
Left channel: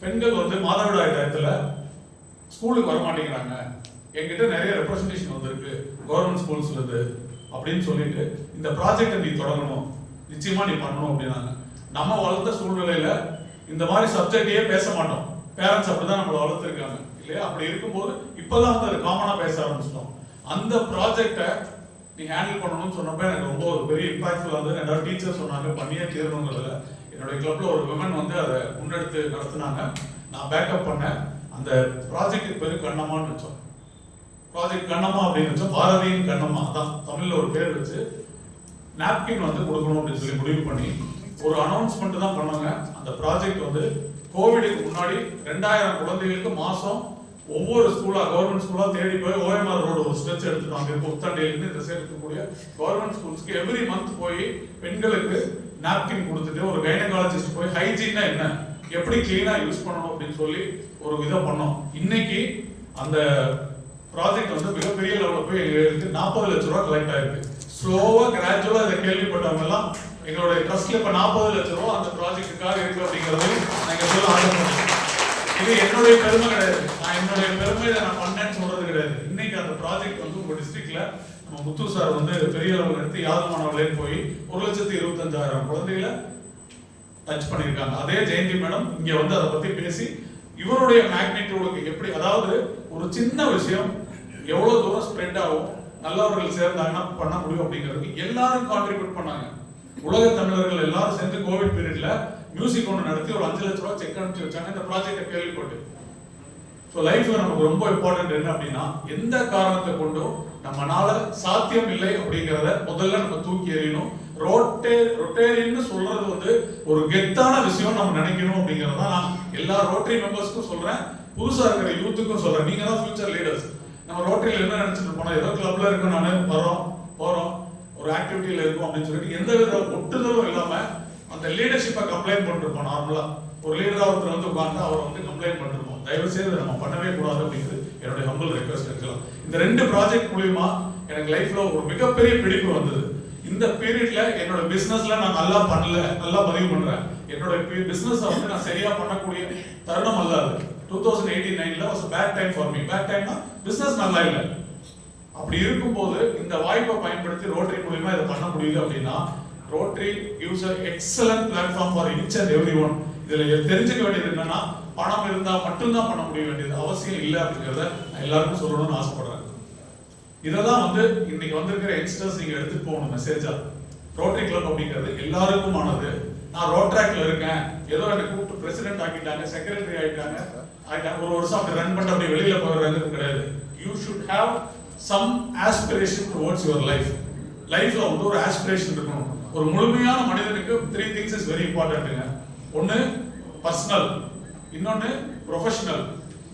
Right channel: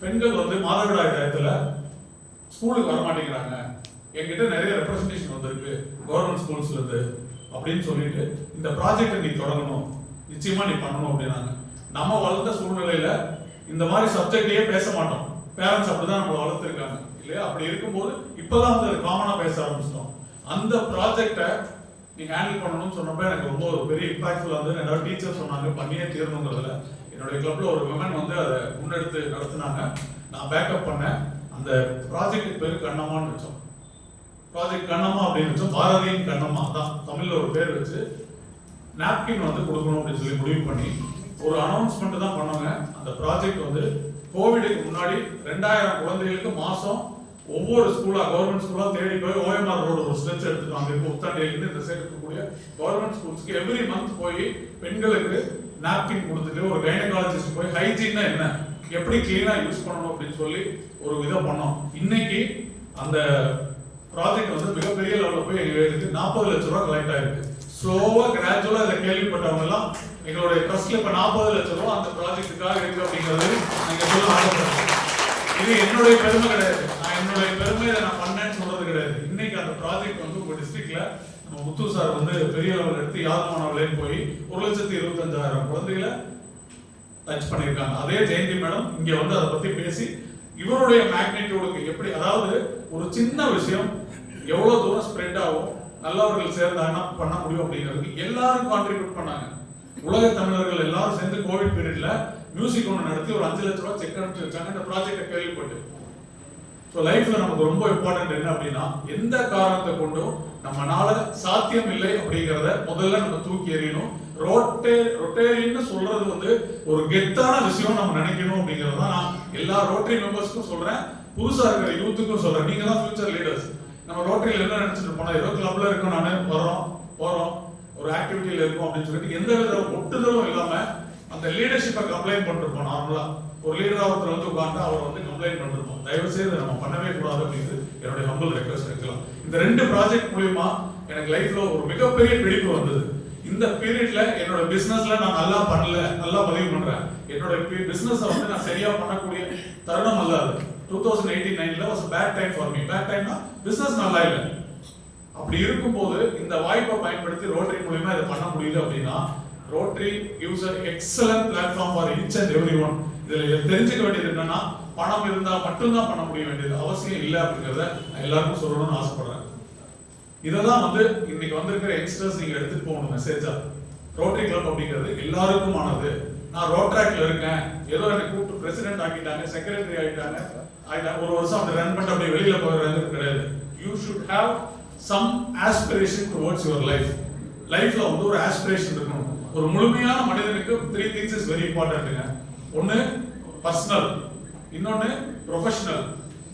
பெண்கள் வந்து மாதவிடாய் டயத்தில் ஸ்கூலுக்கு வர மாட்டேங்கிறாங்க, என்கிட்ட நிறைய ரெப்ரஸன்டேஷன் வந்திருக்கு கவர்மெண்ட் ஸ்கூல்ஸ்ல இருந்து அப்படின்னு சொல்லிட்டு இந்த ப்ராஜெக்டை நீ தொடங்கணும், நிச்சயமா நீ பண்ணணும் அப்படின்னாங்க. நம்ம வளர்ந்த சூழ்நிலையில இந்த மாதிரி சப்ஜெக்டையே பேச மாட்டோம். பேரண்ட்ஸ் அப்படிதான் நம்மளை வளர்த்துருக்காங்க இல்லையா? அப்படி இருக்கும்போது இப்பதான் வந்து அது காமனா பேச ஆரம்பிச்சிட்டோம். அந்த ப்ராஜெக்டை நீ ஹேண்டில் பண்ணணும்னு சொன்னப்ப எனக்கு ரொம்ப ஒரு பெரிய இம்பாக்ட்ஃபுல்லாக வந்து என்னோட டீச்சர் சொன்னாங்க பண்ணியே தீரணுங்கிறதுல. என்னுடைய கிளப்ல ஒரு விமன் வந்து அதை முன்னெடுத்து நடத்தினாங்க, நான் பேக்கப் பண்ணேன். அந்த ப்ராஜெக்ட் பேரு கண்ணம்மான்னு வச்சோம். ப்ராஜெக்ட் கண்ணம்மா அப்படின்னு வச்சோம், பாரதியின் கண்ணம்மா தான் தமிழ்ல ஒரு பேர் வச்சு நாப்கின் வந்து கொடுக்கணும் அப்படின்னு சொல்லி முடிவு பண்ணி ஒரு அனௌன்ஸ்மெண்ட் தான் பண்ணாங்க. அந்த ப்ராஜெக்ட் வந்து கோவிடுக்கு முன்னாடி 2000 குழந்தைகளுக்கு மாசம் ஒவ்வொரு ஸ்கூலா கவர்மெண்ட் ஸ்கூலா தேடி போய் ஓஎம்ஆர் ரோடு ஒரு ஸ்ட்ரெச் எடுத்துட்டாங்க. இப்போ புத்தாண்டியிலிருந்து இந்த சைடு இருக்கக்கூடிய கவர்மெண்ட் ஸ்கூல்ஸ்க்கு எவ்ரி மந்த் போய் பெண்களுக்கு நாப்கின் கொடுத்துட்டு ஒரு கைனகாலஜிஸ்ட் போய் ஹைஜீன்னா என்ன, எப்படி கிளீனா யூஸ் பண்ணணும் அப்படின்னு சொல்லி ஒரு இதை பண்ணோம். இன்னைக்கு அந்த ப்ராஜெக்ட் வந்து மிகப்பெரிய லெவலில் போய் எடுத்து 40 லட்சம் ரூபாய் கலெக்ட் ஆயிருக்கு. ஸ்லோவா கிராஜுவலா இதை கேள்விப்பட்டவங்க எல்லாம் எங்களுடைய ட்ரஸ்ட்ல இப்ப 40 லட்சம் ரூபாய் அந்த ப்ராஜெக்டுக்காக இருக்கு அப்படிங்கிறது நீங்க சொல்ல ஆரம்பிச்சோம். இது என்னுடைய பெருமை கிடையாது, நான் என்னுடைய பெருமை இதை நான் பண்ணேன்னு சொல்றது கிடையாது. இன்னைக்கு அந்த ப்ராஜெக்ட் வந்து உங்க டிஸ்ட்ரிக்ட்ல நம்ம முத்து சார் வந்து பெரிய லெவலில் எடுத்து யாதமானவர்களே போய் 1,25,000 குழந்தைகளை டச் பண்ணியிருக்காங்க. அதே ஜெயந்தி மேடம் இங்க வந்து அதை பத்தி பேசி இவருடைய மேக்னிடியூடுக்கு எப்படி, அதாவது ஒரு சின்ன விஷயம் எவ்வளவு தூரம் ஸ்ப்ரெட் ஆகும், நல்லவர்கள் சேர்ந்தாங்கன்னா பண்ண முடியும் அப்படிங்கிறதுக்கு எல்லாரும் கான்ட்ரிபியூட் பண்ணாங்க. உலக தமிழர்கள் எல்லாரும் சேர்ந்து கோவிட் பீரியட்ல மியூசிக் ஒன்று நடத்தி ஒரு 5 லட்சம் ரூபாய் செக் அனுப்பிச்சு வச்சாங்க இந்த ப்ராஜெக்டை கேள்விப்பட்டு. ஸோ லைஃப்ல நமக்கு ரொம்ப இம்பார்ட்டன்ட் என்ன அப்படின்னா, எந்த காரணத்தை கொண்டும் நம்மளால சாத்தியம் இல்லை அப்படிங்கிறத முதல்ல நம்ம தூக்கி எறியணும். ரொட்டேரியன்னு சொல்றது வந்து ஒரு கெத்தான விஷயம் நம்ம நினைக்கணும் அப்படிங்கிறது தான் நான் எல்லா ரோட்டரி மெம்பர்ஸ்க்கும் சொல்றேன், புதுசா இருக்கிற யூத்துக்கும் சொல்றேன். நீங்க தான் ஃபியூச்சர் லீடர்ஸ். நம்ம ரோட்டரியில் என்ன நினைச்சிட்டு போனோம், ஏதோ கிளப்ல இருக்கோம், நானே போறோம் ஒரு ஆக்டிவிட்டியில இருக்கும் அப்படின்னு சொல்லிட்டு எந்த வித ஒட்டுதலும் இல்லாம அந்த லீடர்ஷிப்பை கம்ப்ளைண்ட் பண்ணிருப்போம். நார்மலா ஒரு லீடரா ஒருத்தர் வந்து உட்கார்ந்து அவர் வந்து கம்ப்ளைண்ட் பண்ணிருப்போம். தயவு செய்து நம்ம பண்ணவே கூடாது அப்படிங்கிறது என்னுடைய ஹம்பிள் ரெக்வஸ்ட் இருக்கலாம். இந்த 2 ப்ராஜெக்ட் மூலியமா எனக்கு லைஃப்ல ஒரு மிகப்பெரிய பிடிப்பு வந்தது. இந்த பீரியட்ல என்னோட பிசினஸ்ல நான் நல்லா பண்ணல, நல்லா பதிவு பண்றேன். என்னோட பிசினஸ் வந்து நான் சரியா பண்ணக்கூடிய தருணம் அல்ல அது. 2018-19 was a bad time for me. Bad time னா பிசினஸ் நல்லா இல்லை. அப்படி இருக்கும்போது இந்த வாய்ப்பை பயன்படுத்தி ரோட்டரி மூலமா இதை பண்ண முடியுது அப்படின்னா, rotary gives an excellent platform for each and everyone. இதுல தெரிஞ்சுக்க வேண்டியது என்னன்னா, பணம் இருந்தா மட்டும்தான் பண்ண முடிய வேண்டியது அவசியம் இல்லை அப்படிங்கிறத நான் எல்லாருக்கும் சொல்லணும்னு ஆசைப்படுறேன். இததான் வந்து இன்னைக்கு வந்திருக்கிற யங்ஸ்டர்ஸ் நீங்க எடுத்துட்டு போகணும் மெசேஜா. ரோட்டரி கிளப் அப்படிங்கிறது எல்லாருக்குமானது. நான் ரோட்ராக்ல இருக்கேன், ஏதோ எனக்கு கூப்பிட்டு பிரசிடென்ட் ஆக்கிட்டாங்க, செக்ரட்டரி ஆகிட்டாங்க, ஒரு வருஷம் அப்படி ரன் பண்ணிட்டு அப்படி வெளியில போகிறது கிடையாது. You should have some aspiration towards your life. லைஃப்ல வந்து ஒரு ஆஸ்பிரேஷன் இருக்கணும். ஒரு முழுமையான மனிதனுக்கு 3 things இஸ் வெரி இம்பார்ட்டன்ட்ங்க. ஒன்னு பர்சனல், இன்னொன்னு ப்ரொஃபஷனல்,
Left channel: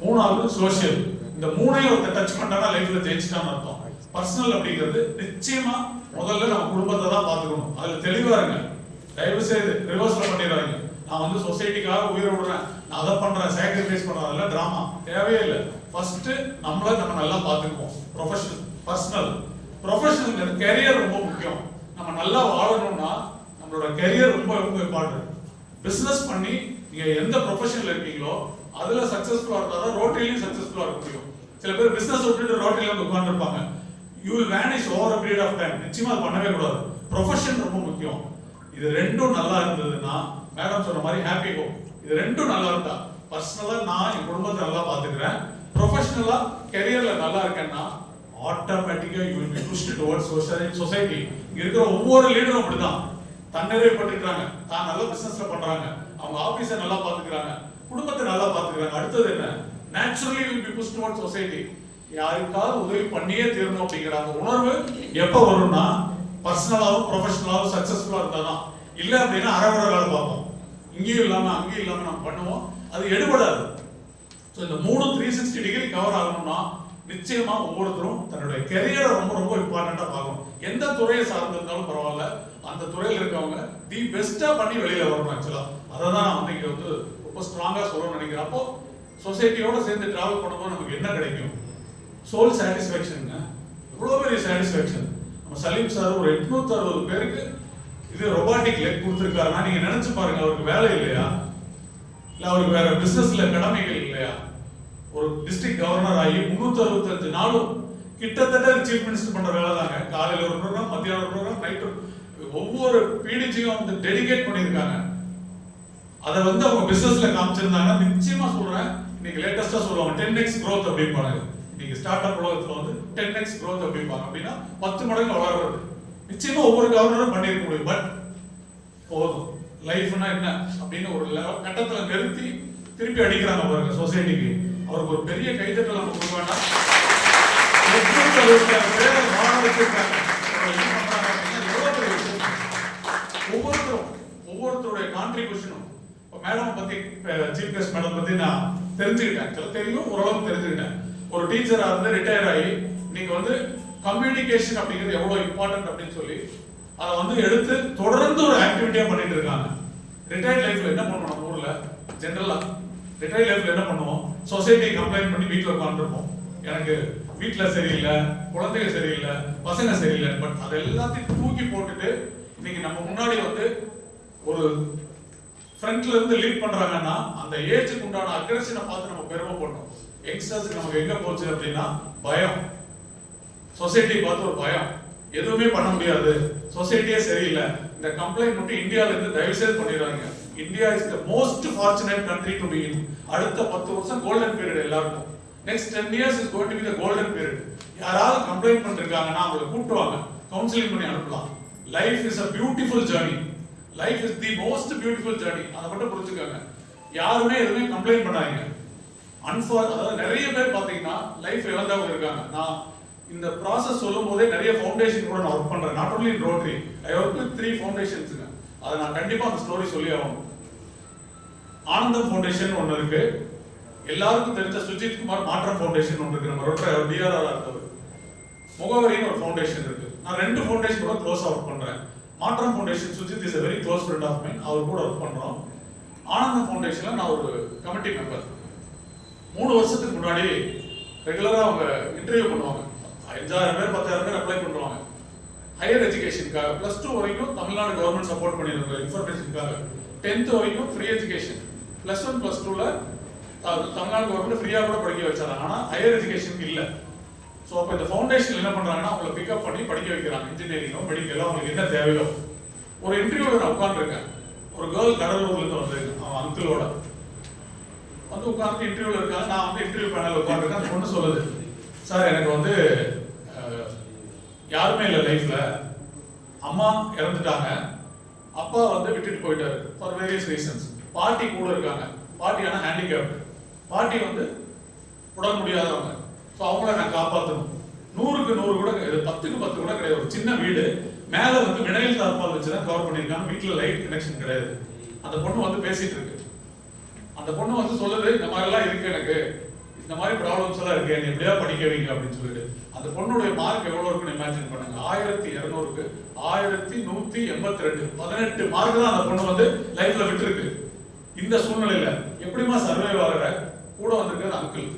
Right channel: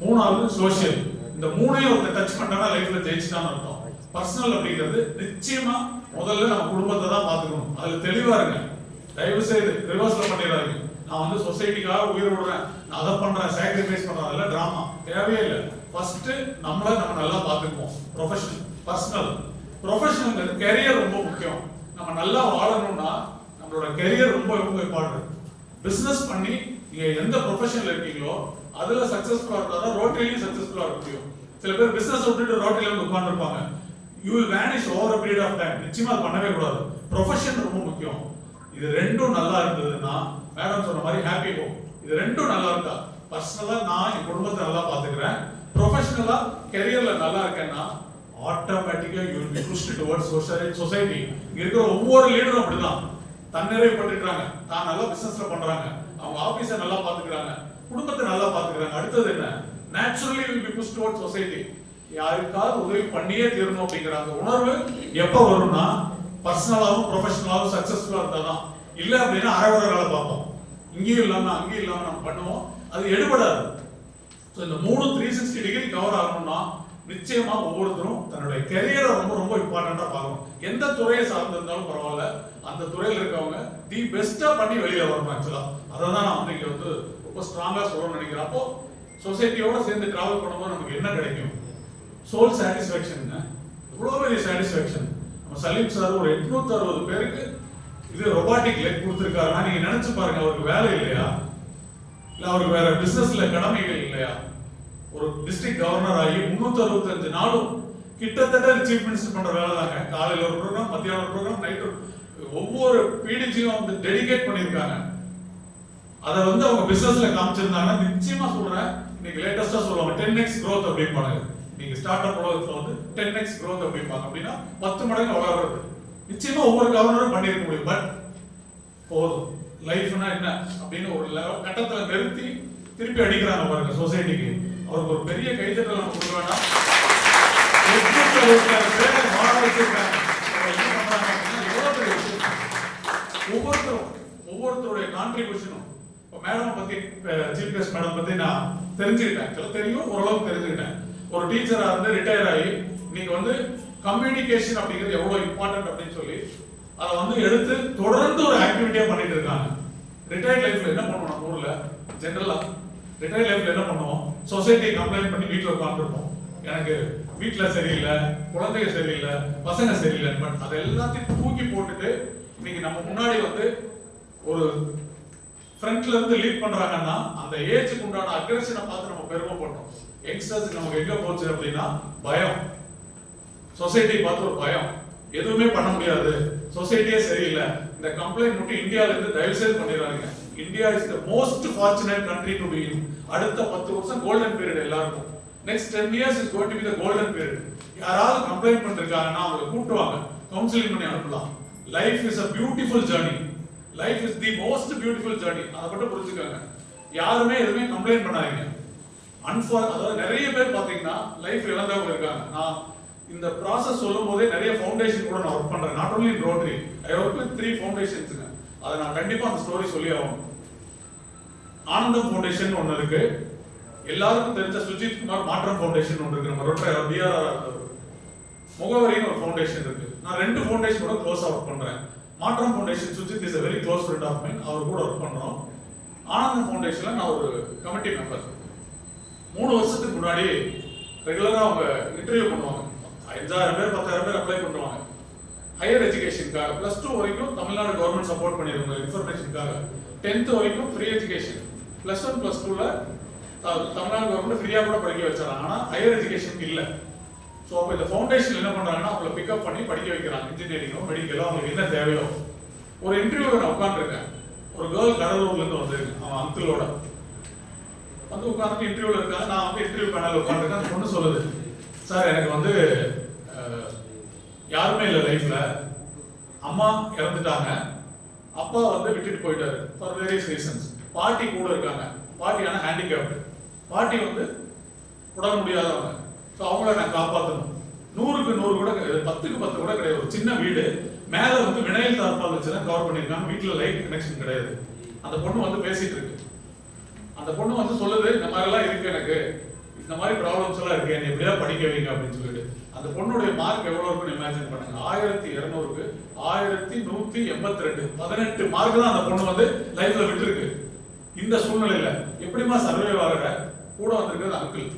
மூணாவது சோஷியல். இந்த மூணையும் ஒருத்தர் டச் பண்ணா லைஃப்ல ஜெயிச்சிட்டான்னு அர்த்தம். பர்சனல் அப்படிங்கிறது நிச்சயமா முதல்ல நம்ம குடும்பத்தை தான் பார்த்துக்கணும். அதுல தெளிவா இருங்க. தயவு செய்து ரிவர்ஸ்ல பண்ணிடுறாங்க. நான் வந்து சொசைட்டிக்காக உயிர் விடுறேன், நான் அதை பண்றேன், சாக்ரிஃபைஸ் பண்றேன், அதெல்லாம் டிராமா தேவையே இல்லை. ஃபர்ஸ்ட் நம்மள நம்ம நல்லா பார்த்துக்குவோம். Professional, personal. ப்ரொஃபஷனல் கெரியர் ரொம்ப முக்கியம். நம்ம நல்லா வாழணும்னா நம்மளோட கெரியர் ரொம்ப ரொம்ப இம்பார்ட்டன்ட். பிசினஸ் பண்ணி நீங்க எந்த ப்ரொஃபஷன்ல இருக்கீங்களோ அதுல சக்சஸ்ஃபுல்லா இருந்தாதான் ரோட்டரியிலும் சக்சஸ்ஃபுல்லா இருக்க முடியும். சில பேர் பிசினஸ் விட்டுட்டு ரோட்டரியில வந்து உட்கார்ந்துருப்பாங்க. You will vanish over a period of time. நிச்சயமா அது பண்ணவே கூடாது. ப்ரொஃபஷன் ரொம்ப முக்கியம். இது ரெண்டும் நல்லா இருந்ததுன்னா, மேடம் சொன்ன மாதிரி ஹாப்பி ஹோம், இது ரெண்டும் நல்லா இருந்தா, பர்சனலா நான் என் குடும்பத்தை நல்லா பாத்துக்கிறேன், ப்ரொஃபஷனலா கெரியர்ல நல்லா இருக்கேன்னா ஆட்டோமேட்டிக்கா you will be pushed towards society. இங்க இருக்கிற ஒவ்வொரு லீடரும் அப்படிதான் தன்னிறைவுபட்டுறாங்க. தான் நல்லா பிசினஸ்ல பண்றாங்க, அவங்க ஆபீஸை நல்லா பாத்துக்கிறாங்க, குடும்பத்தை நல்லா பாத்துக்கிறாங்க. அடுத்தது என்ன, naturally will be pushed towards society. யாருக்காவது உதவி பண்ணியே தீரணும் அப்படிங்கிற அந்த உணர்வு எப்ப வரும்னா, பர்சனலாவும் ப்ரொஃபஷனலாவும் சக்சஸ்ஃபுல்லா இருந்தாதான். இல்ல அப்படின்னா அறகுற வேலை பார்ப்போம், இங்கேயும் இல்லாம அங்கேயும் இல்லாம நம்ம பண்ணுவோம், அது எடுபடாது. ஸோ இந்த 360 டிகிரி கவர் ஆகணும்னா நிச்சயமா ஒவ்வொருத்தரும் தன்னுடைய கெரியரை ரொம்ப ரொம்ப இம்பார்ட்டண்டா பார்க்கணும். எந்த துறையை சார்ந்திருந்தாலும் பரவாயில்ல, அந்த துறையில் இருக்கவங்க தி பெஸ்டா பண்ணி வெளியில வரணும். ஆக்சுவலா அதை தான் நான் வந்து இங்க வந்து ரொம்ப ஸ்ட்ராங்கா சொல்லணும்னு நினைக்கிறேன். அப்போ சொசைட்டியோட சேர்ந்து டிராவல் பண்ணும்போது நமக்கு என்ன கிடைக்கும்? Soul satisfaction. எவ்வளோ பெரிய சாட்டிஸ்ஃபேக்ஷன். நம்ம சலீம் சார் ஒரு 860 பேருக்கு இது ரொபாட்டிக் லெக் கொடுத்துருக்காருன்னா நீங்க நினைச்சு பாருங்க, அவருக்கு வேலை இல்லையா? இல்ல அவருக்கு வேற பிசினஸ்ல கடமைகள் இல்லையா? ஒரு டிஸ்ட்ரிக்ட் கவர்னர் ஆகி 365 நாளும் கிட்டத்தட்ட சீஃப் மினிஸ்டர் பண்ற வேலை தாங்க. காலையில ஒரு ப்ரோக்ராம், மத்தியானம் ஒரு ப்ரோக்ராம், நைட்டு ஒவ்வொரு பிடிஜியும் வந்து டெடிகேட் பண்ணியிருக்காங்க. அதை வந்து அவங்க பிசினஸ்ல காமிச்சிருந்தாங்கன்னா நிச்சயமா சொல்றேன், இன்னைக்கு லேட்டஸ்டா சொல்லுவாங்க 10x growth அப்படிம்பாங்க. இன்னைக்கு ஸ்டார்ட் அப் உலகத்துல வந்து 10x growth அப்படிம்பாங்க. அப்படின்னா 10 மடங்கு வளர்றது நிச்சயமா ஒவ்வொரு கவர்னரும் பண்ணியிருக்க முடியும். பட் போதும், லைஃப்னா என்ன அப்படின்னு ஒரு கட்டத்துல நிறுத்தி திருப்பி அடிக்கிறாங்க பாருங்க சொசைட்டிக்கு. அவருக்கு ஒரு பெரிய கைத்தட்டல் நம்ம கொடுக்க வேண்டாம். ஒவ்வொருத்தருடைய கான்ட்ரிபியூஷனும். மேடம் பத்தி, சீஃப் கெஸ்ட் மேடம் பத்தி நான் தெரிஞ்சுக்கிட்டேன், தெரியும், ஓரளவுக்கு தெரிஞ்சுக்கிட்டேன். ஒரு டீச்சரா இருந்து ரிட்டையர் ஆகி நீங்க வந்து கம்யூனிகேஷன் அப்படிங்கிறது எவ்வளவு இம்பார்ட்டன்ட் அப்படின்னு சொல்லி அதை வந்து எடுத்து தொடர்ந்து ஒரு ஆக்டிவிட்டியா பண்ணிட்டு இருக்காங்க. ரிட்டையர்ட் லைஃப்ல என்ன பண்ணுவோம்? நம்ம ஊர்ல ஜெனரலா ரிட்டையர்ட் லைஃப்ல என்ன பண்ணுவோம்? சொசைட்டி கம்ப்ளைண்ட் பண்ணி வீட்டுல உட்காந்துருப்போம். எனக்கு வீட்டுல சரியில்லை, குழந்தைங்க சரியில்லை, பசங்க சரியில்லை. பட் அது எல்லாத்தையும் தூக்கி போட்டுட்டு இன்னைக்கு நம்ம முன்னாடி வந்து ஒரு ஃப்ரண்ட்ல இருந்து லீட் பண்றாங்கன்னா அந்த ஏஜுக்கு உண்டான அக்ரெஷனை பார்த்து நம்ம பெருமைப்படணும். யங்ஸ்டர்ஸ் நமக்கு எங்க போச்சு அப்படின்னா பயம். சொசைட்டி பார்த்து ஒரு பயம், எதுவுமே பண்ண முடியாது, சொசைட்டியே சரியில்லை. இந்த கம்ப்ளைண்ட் மட்டும் இந்தியால இருந்து தயவு செய்து பண்ணிடுறாங்க. India is the most fortunate country to be in. அடுத்த 10 வருஷம் கோல்டன் பீரியட் எல்லாருக்கும். Next 10 years is going to be the golden period. யாராவது கம்ப்ளைண்ட் பண்ணிருக்காங்கன்னா அவங்களை கூட்டுவாங்க, கவுன்சிலிங் பண்ணி அனுப்பலாம். Life is a beautiful journey. Life is the most beautiful journey. அதை மட்டும் புரிஞ்சுக்கோங்க. யாருமே எதுவுமே கம்ப்ளைண்ட் பண்ணாதீங்க. அதாவது நிறைய பேர் பாத்தீங்கன்னா லைஃப் இழந்தவங்க இருக்காங்க. நான் இந்த ப்ராசஸ் சொல்லும் போதே நிறைய ஃபவுண்டேஷன் கூட நான் ஒர்க் பண்றேன். Not only in rotary, I work with 3 ஃபவுண்டேஷன்ஸ்ங்க. அதை நான் கண்டிப்பா அந்த ஸ்டோரி சொல்லி ஆகணும். ஆனந்தம் ஃபவுண்டேஷன் ஒன்று இருக்கு, எல்லாருக்கும் தெரிஞ்ச சுஜித் குமார் மாற்றம் ஃபவுண்டேஷன் ஒன்று இருக்கு, நம்ம ரோட்டரி டிஆர்ஆர் இருந்தவர். முகவரின்னு ஒரு ஃபவுண்டேஷன் இருக்கு. நான் 2 ஃபவுண்டேஷன் கூட க்ளோஸா ஒர்க் பண்றேன். மாற்றம் foundation Sujith is a very close friend of mine, அவர் கூட ஒர்க் பண்றோம். ஆனந்தம் ஃபவுண்டேஷன்ல நான் ஒரு கமிட்டி மெம்பர். 3 வருஷத்துக்கு முன்னாடி ரெகுலரா அவங்க இன்டர்வியூ பண்ணுவாங்க. 5000 பேர் 10000 பேர் அப்ளை பண்ணுவாங்க ஹையர் எஜுகேஷனுக்காக. +2 வரைக்கும் தமிழ்நாடு கவர்மெண்ட் சப்போர்ட் பண்ணிருக்காங்க இன்ஃபர்மேஷனுக்காக. 10th வரைக்கும் ஃப்ரீ எஜுகேஷன். +1 +2ல தமிழ்நாடு கவர்மெண்ட் ஃப்ரீயா கூட படிக்க வச்சாங்க. ஆனா ஹையர் எஜுகேஷன் இல்ல. ஸோ அப்போ இந்த ஃபவுண்டேஷன் என்ன பண்றாங்கன்னா அவங்களை பிக்கப் பண்ணி படிக்க வைக்கிறாங்க. இன்ஜினியரிங்கோ மெடிக்கலோ அவங்களுக்கு என்ன தேவையோ. ஒரு இன்டர்வியூ நான் உட்காந்துருக்கேன். ஒரு கேர்ள் கடலூர்ல இருந்து வந்திருக்கு, அவன் அங்கிளோட வந்து உட்காந்து இன்டர்வியூல இருக்காங்க. நான் வந்து இன்டர்வியூ பேனல் உட்காந்துருக்கேன். அந்த பொண்ணு சொல்லுது, சார் எனக்கு வந்து யாருமே இல்லை லைஃப்ல, அம்மா இறந்துட்டாங்க, அப்பா வந்து விட்டுட்டு போயிட்டாரு ஃபார் வேரியஸ் ரீசன்ஸ். பாட்டி கூட இருக்காங்க, பாட்டி ஆனால் ஹேண்டிகேப்டு, பாட்டி வந்து உடல் முடியாதவங்க. ஸோ அவங்கள நான் காப்பாற்றணும். 100க்கு 100 கூட 10க்கு 10 கூட கிடையாது. ஒரு சின்ன வீடு மேலே வந்து வினைல் தார்பால் வச்சு தான் கவர் பண்ணியிருக்காங்க. வீட்டில் லைட் கனெக்ஷன் கிடையாது. அந்த பொண்ணு வந்து பேசிட்டு இருக்கு. அந்த பொண்ணு வந்து சொல்லுது, இந்த மாதிரிலாம் இருக்கு, எனக்கு இந்த மாதிரி ப்ராப்ளம்ஸ் எல்லாம் இருக்கு, என்ன எப்படியா படிக்க வைங்க அப்படின்னு சொல்லிட்டு. அந்த பொண்ணுடைய மார்க் எவ்வளவு இருக்குன்னு இமேஜின் பண்ணுங்க. 1200க்கு 1182, 18 மார்க் தான் அந்த பொண்ணு வந்து லைஃப்ல விட்டுருக்கு. இந்த சூழ்நிலையில எப்படிமா சர்வைவ் ஆகுற? கூட வந்திருக்கிறது அங்கிள்.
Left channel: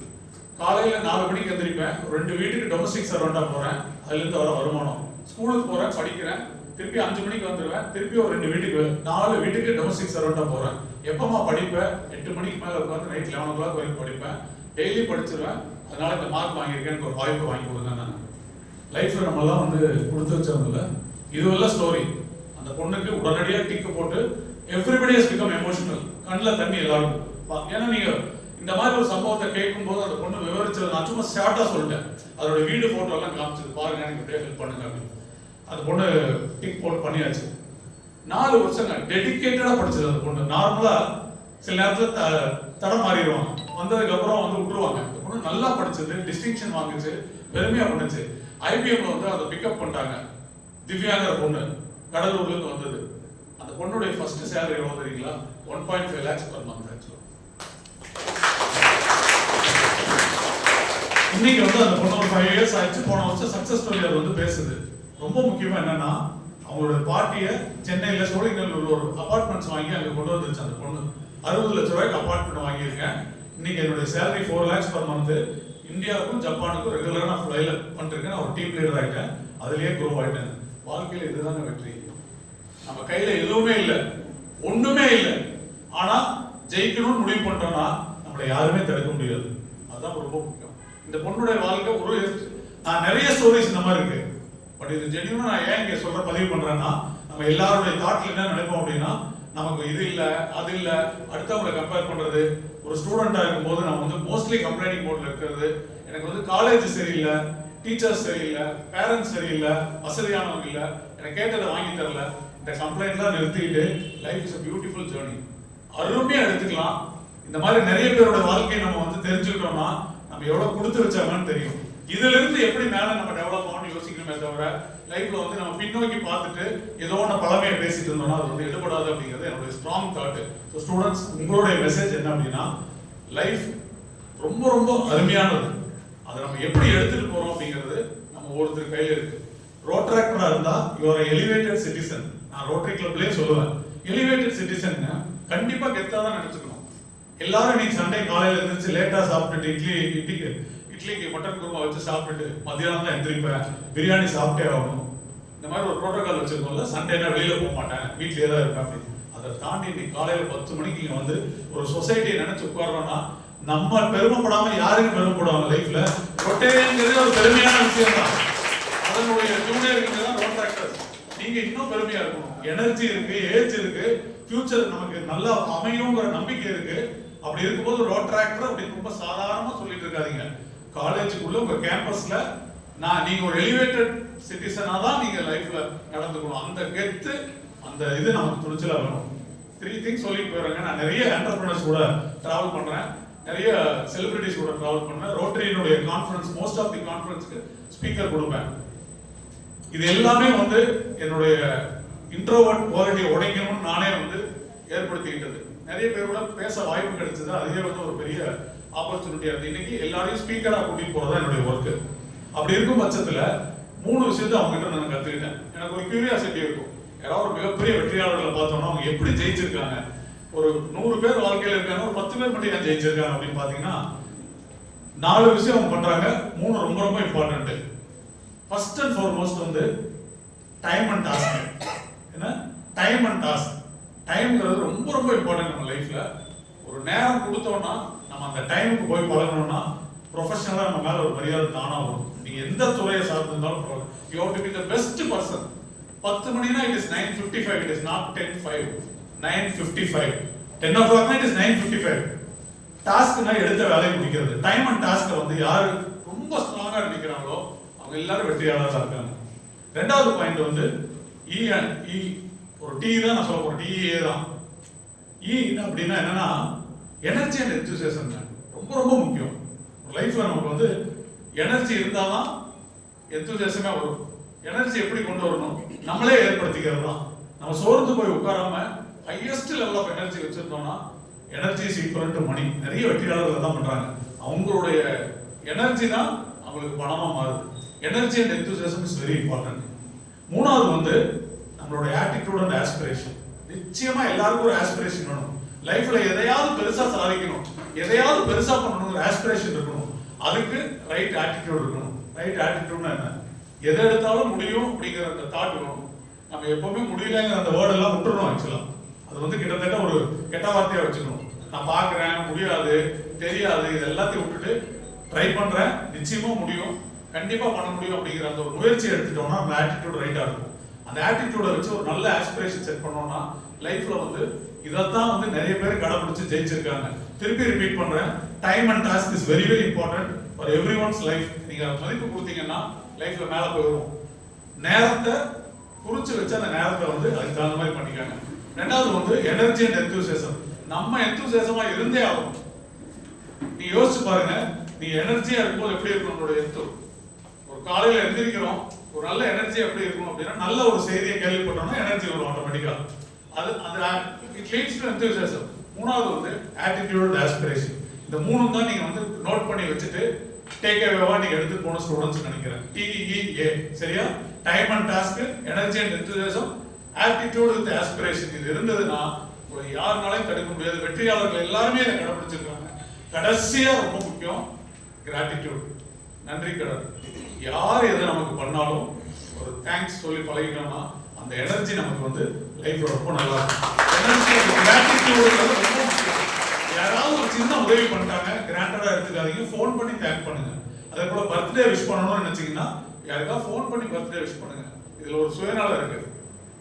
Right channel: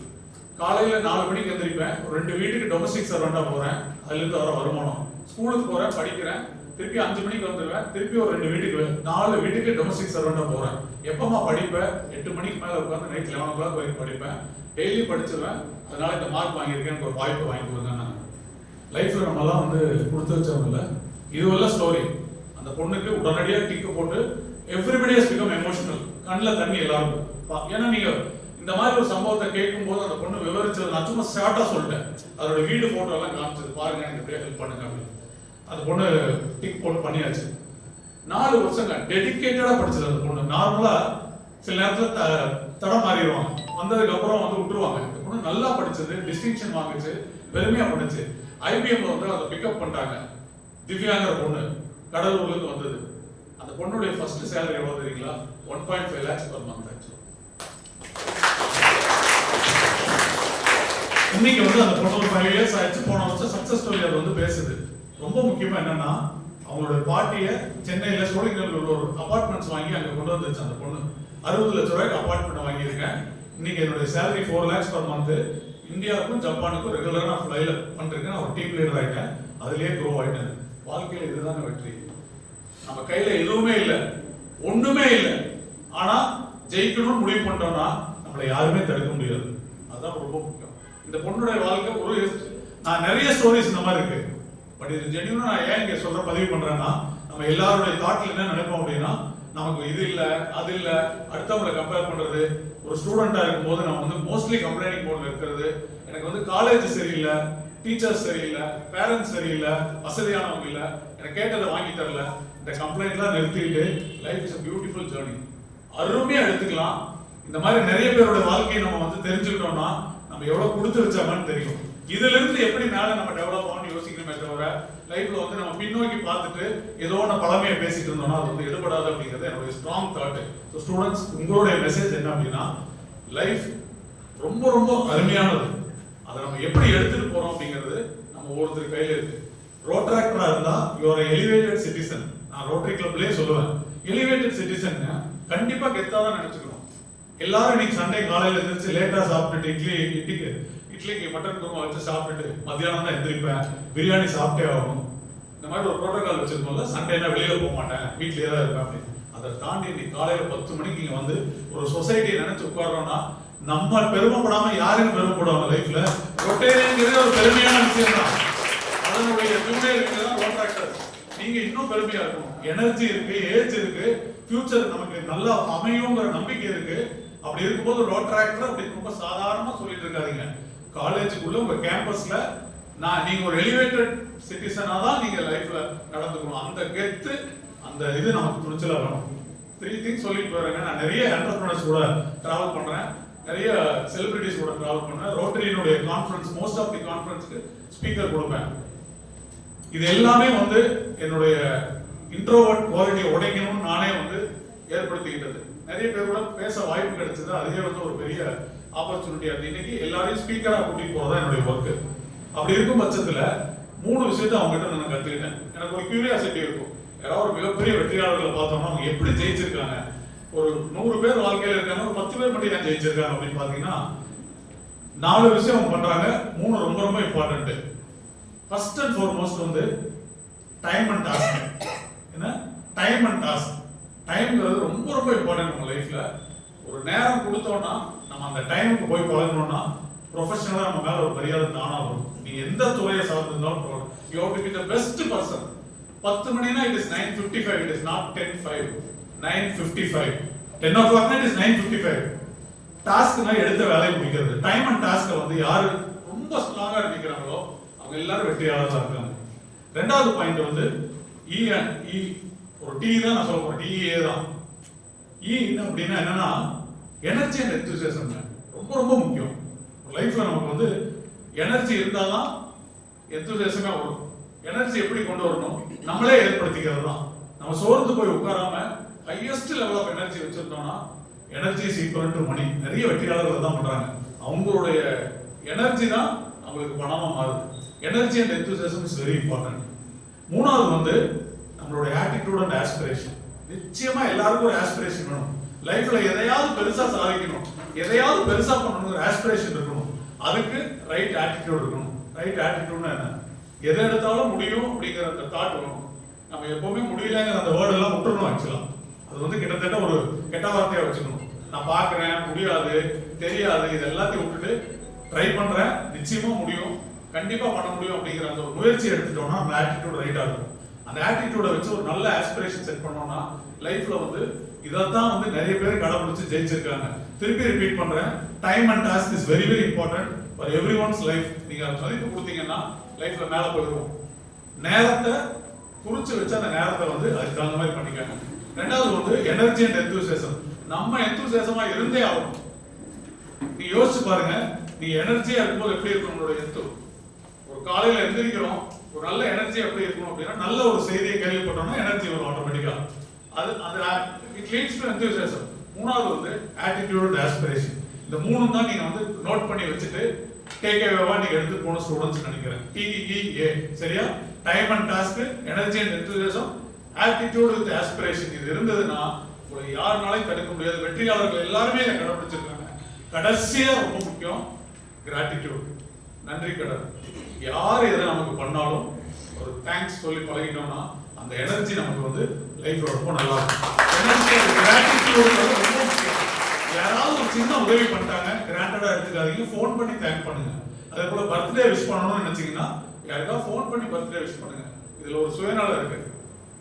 காலையில 4 மணிக்கு எந்திரிப்பேன், ஒரு 2 வீட்டுக்கு டொமஸ்டிக் சர்வெண்டா போறேன், அதுல இருந்து வர வருமானம். ஸ்கூலுக்கு போறேன், படிக்கிறேன், திருப்பி 5 மணிக்கு வந்துருவேன், திருப்பி ஒரு 2 வீட்டுக்கு 4 வீட்டுக்கு டொமஸ்டிக் சர்வெண்டா போறேன். எப்பமா படிப்பேன்? 8 மணிக்கு மேல உட்காந்து நைட் 11 o'clock வரைக்கும் படிப்பேன். டெய்லி படிச்சிருவேன். அதனால இந்த மார்க் வாங்கியிருக்கேன், எனக்கு ஒரு வாய்ப்பு வாங்கி கொடுங்க. நான் லைஃப்ல நம்மலாம் வந்து கொடுத்து வச்சவங்கள இதுவெல்லாம் ஸ்டோரி. அந்த பொண்ணுக்கு உடனடியாக டிக்கு போட்டு எவ்ரிபடி ஹஸ் பிகம் எமோஷனல். கண்ணில் தண்ணி எல்லாரும். ஏன்னா நீங்க இந்த மாதிரி ஒரு சம்பவத்தை கேட்கும் போது அந்த பொண்ணு விவரிச்சது நான் சும்மா ஷார்ட்டா சொல்லிட்டேன். அதோட வீடு போட்டோ எல்லாம் காமிச்சது, பாருங்க எனக்கு எப்படியா ஹெல்ப் பண்ணுங்க அப்படின்னு. அந்த பொண்ணு டிக் போட்டு பண்ணியாச்சு. 4 வருஷங்க டெடிகேட்டடா படிச்சது அந்த பொண்ணு. நார்மலா சில நேரத்துல தடம் மாறிடுவாங்க, வந்ததுக்கு அப்புறம் வந்து விட்டுருவாங்க. இந்த பொண்ணு நல்லா படிச்சது, டிஸ்டிங்ஷன் வாங்குச்சு, பெருமையா பண்ணுச்சு. ஐபிஎம்ல வந்து அதை பிக்கப் பண்ணிட்டாங்க. திவ்யாங்கிற பொண்ணு கடலூர்ல இருந்து வந்தது. அந்த பொண்ணுடைய ஃபர்ஸ்ட் சேலரி எவ்வளவு தெரியுங்களா? 1.5 lakhs per month. இன்னைக்கு வந்து அந்த பொண்ணு ஒரு 5 இயர்ஸ் ஆயிடுச்சு. போன வருஷம் சக்சஸ் ஸ்டோரி அது வந்து பேசுது. ரொம்ப முக்கியமா என்னன்னா அவங்களோட பாட்டிய சென்னையில சோழிங்கநல்லூர்ல ஒரு அபார்ட்மெண்ட்ஸ் வாங்கி அங்க கொண்டு வந்துருச்சு அந்த பொண்ணு. 60 லட்சம் ரூபாய்க்கு அபார்ட்மெண்ட் வாங்கியிருக்கேன். இன்னைக்கு என்னுடைய சேலரி 4 lakhs per month. இந்தியாவுக்கும் ஜப்பானுக்கும் ரெகுலரா நான் ஃப்ளைல பண்ணிருக்கேன். ஒரு டீம் லீடர் ஆயிட்டேன். அதுலயே க்ரோ ஆயிட்டேன். வாழ்க்கையில இதுதாங்க வெற்றி. நம்ம கையில எதுவுமே இல்லை, ஒண்ணுமே இல்லை. ஆனா ஜெயிக்கணும்னு முடிவு பண்ணிட்டோம்னா நம்மளை யாருமே தடுக்க முடியாது. அதுதான் ரொம்ப முக்கியம். இந்த பொண்ணுடைய வாழ்க்கை ஒரு நான் நிறைய ஸ்டோரிஸ் இந்த மாதிரி இருக்கு. பட் இது ஜென்யூனா நான் ஏன் இங்க சொல்ற பதிவு பண்றேன்னா நம்ம எல்லாருடைய தாட்ல என்ன நினைப்போம் அப்படின்னா நமக்கு இது இல்ல அது இல்ல அடுத்தவங்களை கம்பேர் பண்றது. ஒரு ஸ்டூடெண்டா இருக்கும்போது நம்ம வந்து மோஸ்ட்லி கம்ப்ளைனிங் மோட்ல இருக்கிறது. எனக்கு வந்து காலேஜ் சரியில்லை, டீச்சர்ஸ் சரியில்லை, பேரண்ட்ஸ் சரியில்லை, வசதியானவங்க இல்லை, எனக்கு கேட்டதை வாங்கி தரல. இந்த கம்ப்ளைண்ட்லாம் நிறுத்திட்டு life is a beautiful journey. அருமையா எடுத்துக்கலாம். இந்த மாதிரி நிறைய பேரோட வாழ்க்கையை நம்ம வந்து தெரிஞ்சுக்கிட்டோம்னா நம்ம எவ்வளவு கொடுத்து வச்சாங்கன்னு தெரியும். இதுல இருந்து எப்படி மேல நம்ம டெவலப் ஆகணும்னு யோசிக்கணுமே தவிர லைஃப்ல வந்து நம்ம பின்னோக்கி பார்த்துட்டு ஏதோ ஒன்று பழமையை பேசிட்டு இருந்தோம்னா அது வந்து எடுபடாது அப்படிங்கிறது என்னுடைய ஸ்ட்ராங் தாட். ஸோ ஸ்டூடெண்ட்ஸ், உங்களுடைய மெசேஜ் என்ன அப்படின்னா லைஃப் ரொம்ப ரொம்ப அருமையானது. அதை நம்ம எப்படி எடுத்துட்டு போறோம் அப்படிங்கிறது நம்ம ஒவ்வொருத்தர் கையில இருக்கு. ரோட்ராக்டரா இருந்தா யுவர் எலிவேட்டட் சிட்டிசன். நான் ரோட்டரி கிளப்லயே சொல்லுவேன், எலிவேட்டட் சிட்டிசன் கண்டிப்பா கெத்தா தான் நினைச்சுக்கணும். எல்லாரும் இன்னைக்கு சண்டே காலையில எழுந்திரிச்சு லேட்டா சாப்பிட்டுட்டு இட்லிக்கு மட்டன் குருமா வச்சு சாப்பிட்டுட்டு மத்தியானம் தான் எந்திரிப்பேன், பிரியாணி சாப்பிட்டே ஆகணும், இந்த மாதிரி ஒரு ப்ரோட்டோகால் வச்சிருக்கோம்ல. சண்டேனா வெளியில போக மாட்டேன், வீட்லயே தான் இருப்பேன் அப்படின்னு. அதை தாண்டி இன்னைக்கு காலையில 10 மணிக்கு இங்க வந்து ஒரு சொசைட்டியை நினைச்சு உட்கார்றோம்னா நம்ம பெருமைப்படாம யாருக்கும் பெருமைப்படுவாங்க லைஃப்ல. ரொட்டேங்கிறதே ஒரு பெருமையான விஷயம் தான். அதனுடைய ஜூனியர் தான் ரோட்ராக்டர்ஸ். நீங்க இன்னும் பெருமையா இருக்கணும். எனர்ஜி இருக்கு, ஏஜ் இருக்கு, ஃபியூச்சர் நமக்கு நல்லா அமையுங்கிற நம்பிக்கை இருக்கு. அப்படி இருக்கும்போது ரோட்ராக்டர் அப்படின்னு ரொம்ப சாதாரணமா சொல்லிட்டு இருக்காதீங்க. காலேஜுக்குள்ள உங்க கேம்பஸ்ல நீங்க ஒரு எலிவேட்டட் சிட்டிசனா தான் நீங்க லைஃப்ல நடந்துக்கணும். அந்த கெத்து, அந்த இது நமக்கு துணிச்சலா வேணும். 3 things சொல்லிட்டு வரேங்க. நான் நிறைய என்டர்பிரனர்ஸ் கூட டிராவல் பண்றேன், நிறைய செலிபிரிட்டிஸ் கூட டிராவல் பண்றேன். ரோட்டரியினுடைய கான்ஃபரன்ஸ், மோஸ்ட் ஆஃப் தி கான்ஃபரன்ஸ்க்கு ஸ்பீக்கர் கொடுப்பேன். இது எல்லாமே வந்து என்னுடைய இன்ட்ரோவர்ட் குவாலிட்டியை உடைக்கணும்னு நானே வந்து ஏற்படுத்திக்கிட்டது. நிறைய பேர் கூட பேச வாய்ப்பு கிடைச்சது. அதுவே வந்து ஒரு பெரிய ஆப்பர்ச்சுனிட்டியா இருக்கு. இன்னைக்கு எல்லாரையும் ஸ்பீக்கரா கூட்டிட்டு போறதா என்னுடைய ஒர்க். அப்படி இருக்கும் பட்சத்துல 3 விஷயத்தை அவங்ககிட்ட நான் கத்துக்கிட்டேன். எனக்கு ஒரு கியூரியாசிட்டி இருக்கும். யாராவது ஒரு மிகப்பெரிய வெற்றியாளர்களை பார்த்தோம்னா அவங்க எப்படி ஜெயிச்சிருக்காங்க, ஒரு 100 பேர் வாழ்க்கையில இருக்காங்க, ஒரு 10 பேர் மட்டும் ஏன் ஜெயிச்சிருக்காங்க அப்படின்னு பாத்தீங்கன்னா 4 விஷயம் அவங்க பண்றாங்க. 3 ரொம்ப ரொம்ப இம்பார்ட்டன்ட். ஃபர்ஸ்ட் அண்ட் ஃபார்மோஸ்ட் வந்து டைம் அண்ட் டாஸ்க். என்ன டைம் அண்ட் டாஸ்க்? டைம்ங்கிறது ரொம்ப ரொம்ப இம்பார்ட்டன்ட் நம்ம லைஃப்ல. ஒரு நேரம் கொடுத்தோம்னா நம்ம அந்த டைமுக்கு போய் பழகணும்னா ப்ரொஃபஷனலா நம்ம மேல ஒரு மரியாதை தானா வரும். நீங்க எந்த துறையை சார்ந்திருந்தாலும் you have to be the best person. 10 மணினா it is 9:55, it is not 10:05, 9:55. 10 o'clock it is 9:55. டாஸ்க்னா எடுத்த வேலையை முடிக்கிறது. டைம் அண்ட் டாஸ்க்கை வந்து யாரு ரொம்ப ஸ்ட்ராங்கா நினைக்கிறாங்களோ அவங்க எல்லாரும் வெற்றியாளர்களா இருக்காங்க. ரெண்டாவது பாயிண்ட் வந்து இ ஒரு டி தான் நான் சொல்ல போறேன், டிஏ தான். இ அப்படின்னா என்னன்னா எனர்ஜி அண்ட் எந்தூசியாசம். ரொம்ப ரொம்ப முக்கியம் லைஃப்ல. நமக்கு வந்து எனர்ஜி இருந்தாதான் எந்தூசியாசமே வரும். எனர்ஜி எப்படி கொண்டு வரணும்? நம்மளே ஏற்படுத்திக்கிறது தான். நம்ம சோர்ந்து போய் உட்காராம ஹையஸ்ட் லெவல் ஆஃப் எனர்ஜி வச்சிருந்தோம்னா energy is equal to money. நிறைய வெற்றியாளர்கள் தான் பண்றாங்க. அவங்களுடைய எனர்ஜி தான் அவங்களுக்கு பணமா மாறுது. Energy and enthusiasm is very important. மூணாவது வந்து நம்மளுடைய ஆட்டிடியூட் அண்ட் ஆஸ்பிரேஷன். நிச்சயமா எல்லாருக்கும் ஒரு ஆஸ்பிரேஷன் வேணும். லைஃப்ல எதையாவது பெருசா சாதிக்கணும், எதையாவது பெருசா பண்ணணுங்கிற ஆஸ்பிரேஷன் இருக்கணும். அதுக்கு ரைட் ஆட்டிடியூட் இருக்கணும். ரைட் ஆட்டிடியூட்னா என்ன? எதை எடுத்தாலும் முடியும் அப்படிங்கிற அந்த தாட் வேணும். நம்ம எப்பவுமே முடியலங்கிற அந்த வேர்ட் எல்லாம் விட்டுறணும். ஆக்சுவலா அது வந்து கிட்டத்தட்ட ஒரு கெட்ட வார்த்தையா வச்சுக்கணும். நான் பாக்குறேன், முடியாது, தெரியாது, இது எல்லாத்தையும் விட்டுட்டு ட்ரை பண்றேன், நிச்சயமா முடியும், கண்டிப்பா பண்ண முடியும் அப்படிங்கிற அந்த ஒரு முயற்சி எடுத்துட்டோம்னா நம்ம ஆட்டிடியூட் ரைட்டா இருக்கும். அந்த ஆட்டிடியூட வச்சு ஒரு நல்ல ஆஸ்பிரேஷன் செட் பண்ணோம்னா லைஃப்ல வந்து இதத்தான் வந்து நிறைய பேர் கடைபிடிச்சு ஜெயிச்சிருக்காங்க. திருப்பி ரிப்பீட் பண்றேன், time and task is very very important for everyone's life. நீங்க மதிப்பு கொடுத்தீங்கன்னா லைஃப்ல மேல போயிடும். நேரத்தை குறிச்சு வச்சு அந்த நேரத்தை வந்து அதுக்கு தகுந்த மாதிரி பண்ணிக்காங்க. ரெண்டாவது வந்து எனர்ஜி அண்ட் எந்தூசியாசம். நம்ம எந்தூசியாசமா இருந்தே ஆகணும். நீ யோசிச்சு பாருங்க, நீ எனர்ஜியா இருக்கும்போது எப்படி இருக்கும் நம்மளோட எத்து? ஒரு காலையில எந்திரிக்கிறோம், ஒரு நல்ல எனர்ஜி எப்படி இருக்கும் அப்படின்னா நல்ல ஒரு செய்தியை கேள்விப்பட்டோம்னா எனர்ஜி வரும் ஆட்டோமேட்டிக்கா. அது இட் லீட்ஸ் டு எந்தூசியாசம். மூணாவது வந்து ஆட்டிடியூட் அண்ட் ஆஸ்பிரேஷன். இந்த மூணும் தான் நீங்க வந்து நோட் பண்ணி வச்சுட்டு டேக் அவேவா நீங்க எடுத்து போன ஸ்டூடெண்ட்ஸ் நினைக்கிறேன். TEA சரியா? Time and task, energy and enthusiasm, attitude with aspiration. இது இருந்ததுன்னா உங்களுக்கு யாருனாலையும் தடுக்க முடியாது. வெற்றியாளர்கள் எல்லாருமே இதை கடைபிடிச்சிருக்காங்க. கடைசியா ரொம்ப முக்கியம் கிராட்டிடியூட், நன்றி கடன். யார் எதை நமக்கு பண்ணாலும் ஒரு தேங்க்ஸ் சொல்லி பழகிட்டோம்னா அந்த எனர்ஜி நமக்கு வந்து லைஃப் ரொம்ப நல்லா இருக்கும். எனர்ஜி கிராட்டிடியூட் ரொம்ப முக்கியம். யாராவது ஒரு சின்ன உதவி பண்ணிட்டாங்க, கிராண்டடா எடுத்துக்காதீங்க, ஃபோன் பண்ணி தேங்க் பண்ணுங்க. அதே போல பர்த்டே விஷ் பண்ணணும்னு நினைச்சீங்கன்னா யாருக்காவது ஃபோன் பண்ணி பர்த்டே விஷ் பண்ணுங்க. இதுல ஒரு சுயநலம் இருக்கு.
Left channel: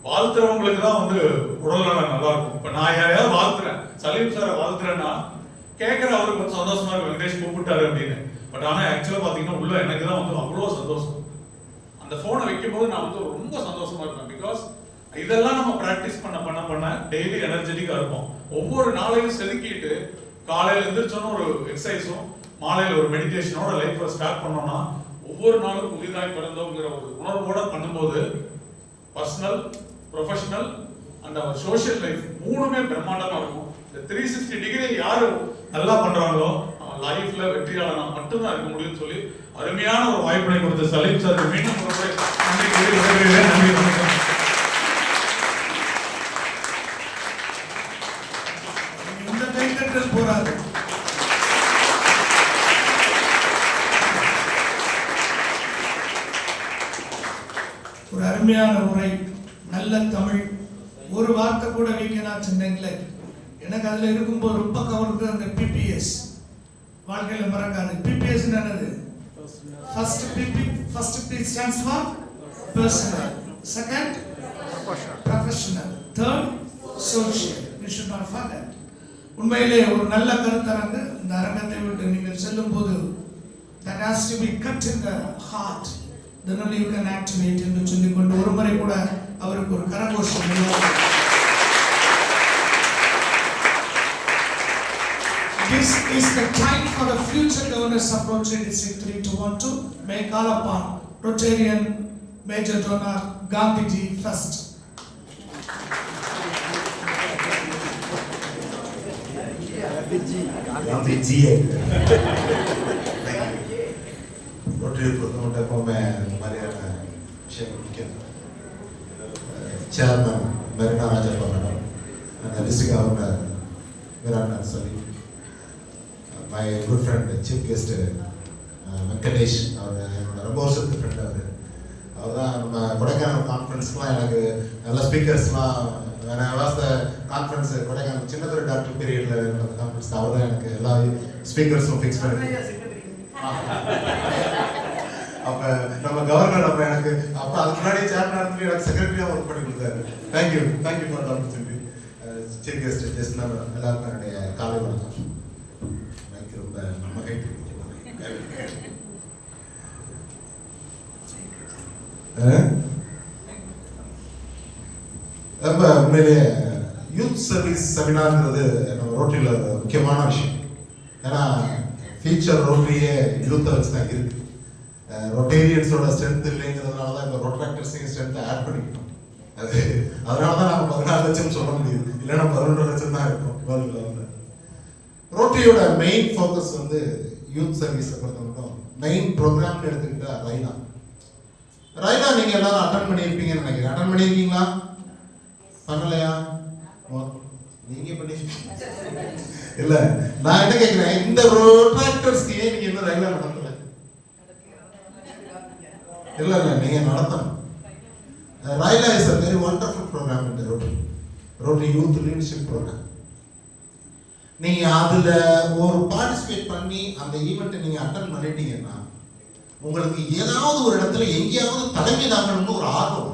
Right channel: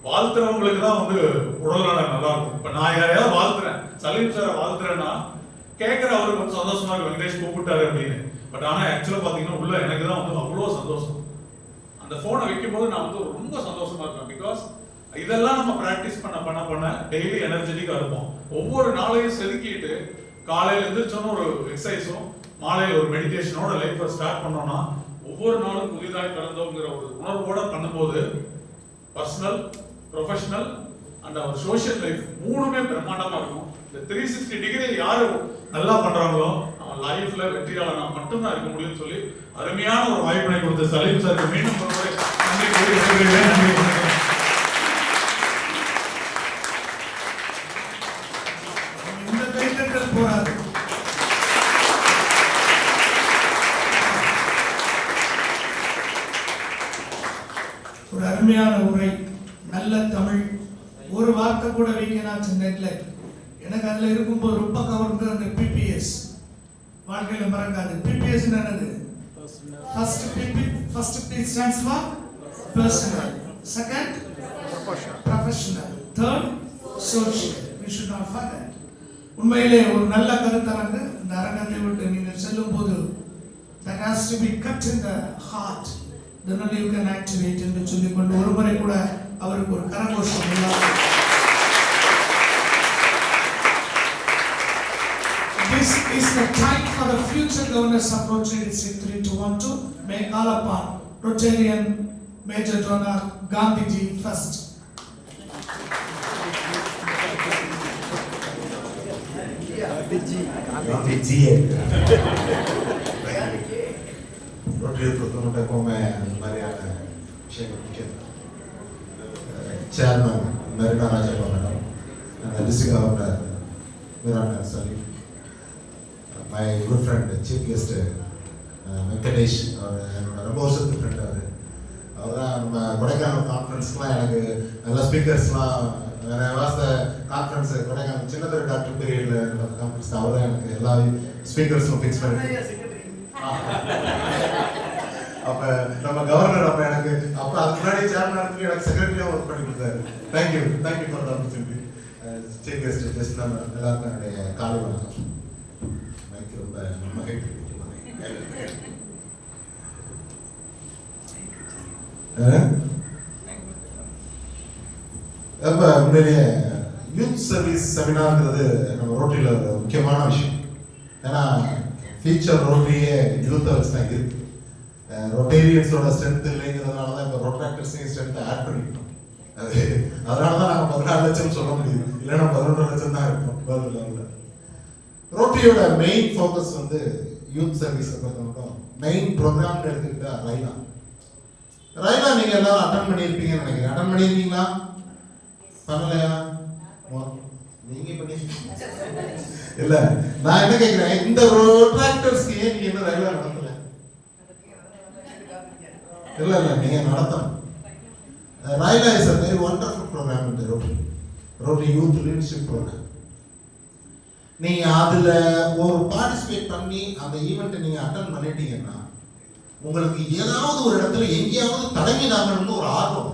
வாழ்த்துறவங்களுக்கு தான் வந்து உடல்நலம் நல்லா இருக்கும். இப்ப நான் யாரையாவது வாழ்த்துறேன், சலீம் சாரை வாழ்த்துறேன்னா கேட்கிற அவருக்கு வந்து சந்தோஷமா இருக்கு, வெங்கடேஷ் கூப்பிட்டாரு அப்படின்னு. பட் ஆனா ஆக்சுவலா பாத்தீங்கன்னா உள்ள எனக்கு தான் வந்து அவ்வளவு சந்தோஷம். அந்த போனை வைக்கும் போது நான் வந்து ரொம்ப சந்தோஷமா இருப்பேன். பிகாஸ் இதெல்லாம் நம்ம பிராக்டிஸ் பண்ண டெய்லி எனர்ஜெட்டிக்கா இருப்போம். ஒவ்வொரு நாளையும் செதுக்கிட்டு காலையில எந்திரிச்சோன்னு ஒரு எக்ஸசைஸும் மாலையில் ஒரு மெடிடேஷனோட லைஃப்பை ஸ்டார்ட் பண்ணோம்னா ஒவ்வொரு நாளும் புதிதாய் பிறந்தோங்கிற ஒரு உணர்வோட பண்ணும்போது personal, professional and our social life மூணுமே பிரம்மாண்டமா இருக்கும். இந்த 360 டிகிரி யாரு நல்லா பண்றாங்களோ அவன் லைஃப்ல வெற்றியாளனா மட்டும்தான் இருக்க முடியும்னு சொல்லி அருமையான ஒரு வாய்ப்பினை கொடுத்த சலீம் சார் மீண்டும் ஒரு முறை நன்றி கூறி விடைபெறுகிறேன். இந்த கைத்தட்டல் போராது. ஒரு அருமையான உரை, நல்ல தமிழ். ஒரு வார்த்தை கூட வைக்கலாம் சென்னையில். எனக்கு அதுல இருக்கும்போது ரொம்ப கவர்ந்து அந்த PPS வாழ்க்கையில மறக்காது. PPS என்னது? First P stands for personal, second professional, third social. We should not forget. உண்மையிலே ஒரு நல்ல கருத்தரங்க இந்த அரங்கத்தை விட்டு நீங்கள் செல்லும் போது that has to be cut in the heart, then only you can activate என்று சொல்லிக் கொண்டு ஒரு முறை கூட அவருக்கு ஒரு கரகோஷம் உள்ளது. This is the time for the future donors of Rotary District 3 to want to make all upon Rotarian Major Donor Gandhiji first. Gandhiji. Rotary promoter को मैं हमारे chairman Marina Raja Governor and district governor Viran sorry. My good friend, chief guest, Venkatesh, ரொம்ப வருஷத்துக்கு friend அவர் தான் நம்ம கொடைக்கானல் கான்ஃபரன்ஸ்லாம் எனக்கு எல்லா ஸ்பீக்கர்ஸ்லாம் வேற வாஸ்த கான்ஃபரன்ஸ் கொடைக்கானல் சின்னதுரை டாக்டர் பீரியடில் நடந்த கான்ஃபரன்ஸ் அவர் தான் எனக்கு எல்லா ஸ்பீக்கர்ஸும் ஃபிக்ஸ் பண்ணி. அப்போ நம்ம கவர்னர் அப்போ எனக்கு அப்போ அதுக்கு முன்னாடி சேர்மனாக எனக்கு செக்ரட்டரியாக ஒர்க் பண்ணி கொடுத்தாரு. Thank you for the opportunity. Chief guest just நம்ம எல்லாருக்கும் என்னுடைய காலை வணக்கம். ரொம்ப நம்ம உண்மையிலேயே யூத் சர்வீஸ் செமினார்ங்கிறது நம்ம ரோட்டரியில் ஒரு முக்கியமான விஷயம். ஏன்னா ஃபியூச்சர் ரோட்டரியே யூத்தை வச்சு தான் இருக்கு. ரொட்டேரியன்ஸோட ஸ்ட்ரென்த் இல்லைங்கிறதுனால தான் இப்போ ரோட்ராக்டர்ஸையும் ஸ்ட்ரென்த்தை ஆட் பண்ணிக்கிட்டோம். அதனால தான் நாங்கள் 14 லட்சம் சொல்ல முடியும், இல்லைன்னா 11 லட்சம் தான் இருக்கும் வேர்ல்டு லெவலில். ரோட்டரியோட மெயின் ஃபோக்கஸ் வந்து யூத் சர்வீஸை பொறுத்த மட்டும் மெயின் ப்ரோக்ராம்னு எடுத்துக்கிட்டா ரைனா நீங்கள் எல்லாரும் அட்டன் பண்ணியிருப்பீங்கன்னு நினைக்கிறேன். அட்டன் பண்ணியிருக்கீங்களா? பண்ணலையா? நீங்கள் பண்ணி இல்லை. நான் என்ன கேட்குறேன், இந்த ரோட்ராக்டர்ஸ்க்கு ஏன் நீங்கள் இன்னும் ரைனா நடத்தலை? இல்லை நீங்கள் நடத்தணும். Raila is a very wonderful program in the Rotary Youth Leadership Program. நீங்க அதுல ஒரு பார்ட்டிசிபேட் பண்ணி அந்த ஈவெண்ட்டை நீங்க அட்டெண்ட் பண்ணிட்டீங்கன்னா உங்களுக்கு ஏதாவது ஒரு இடத்துல எங்கேயாவது தலைமை தாங்கணும்னு ஒரு ஆர்வம்.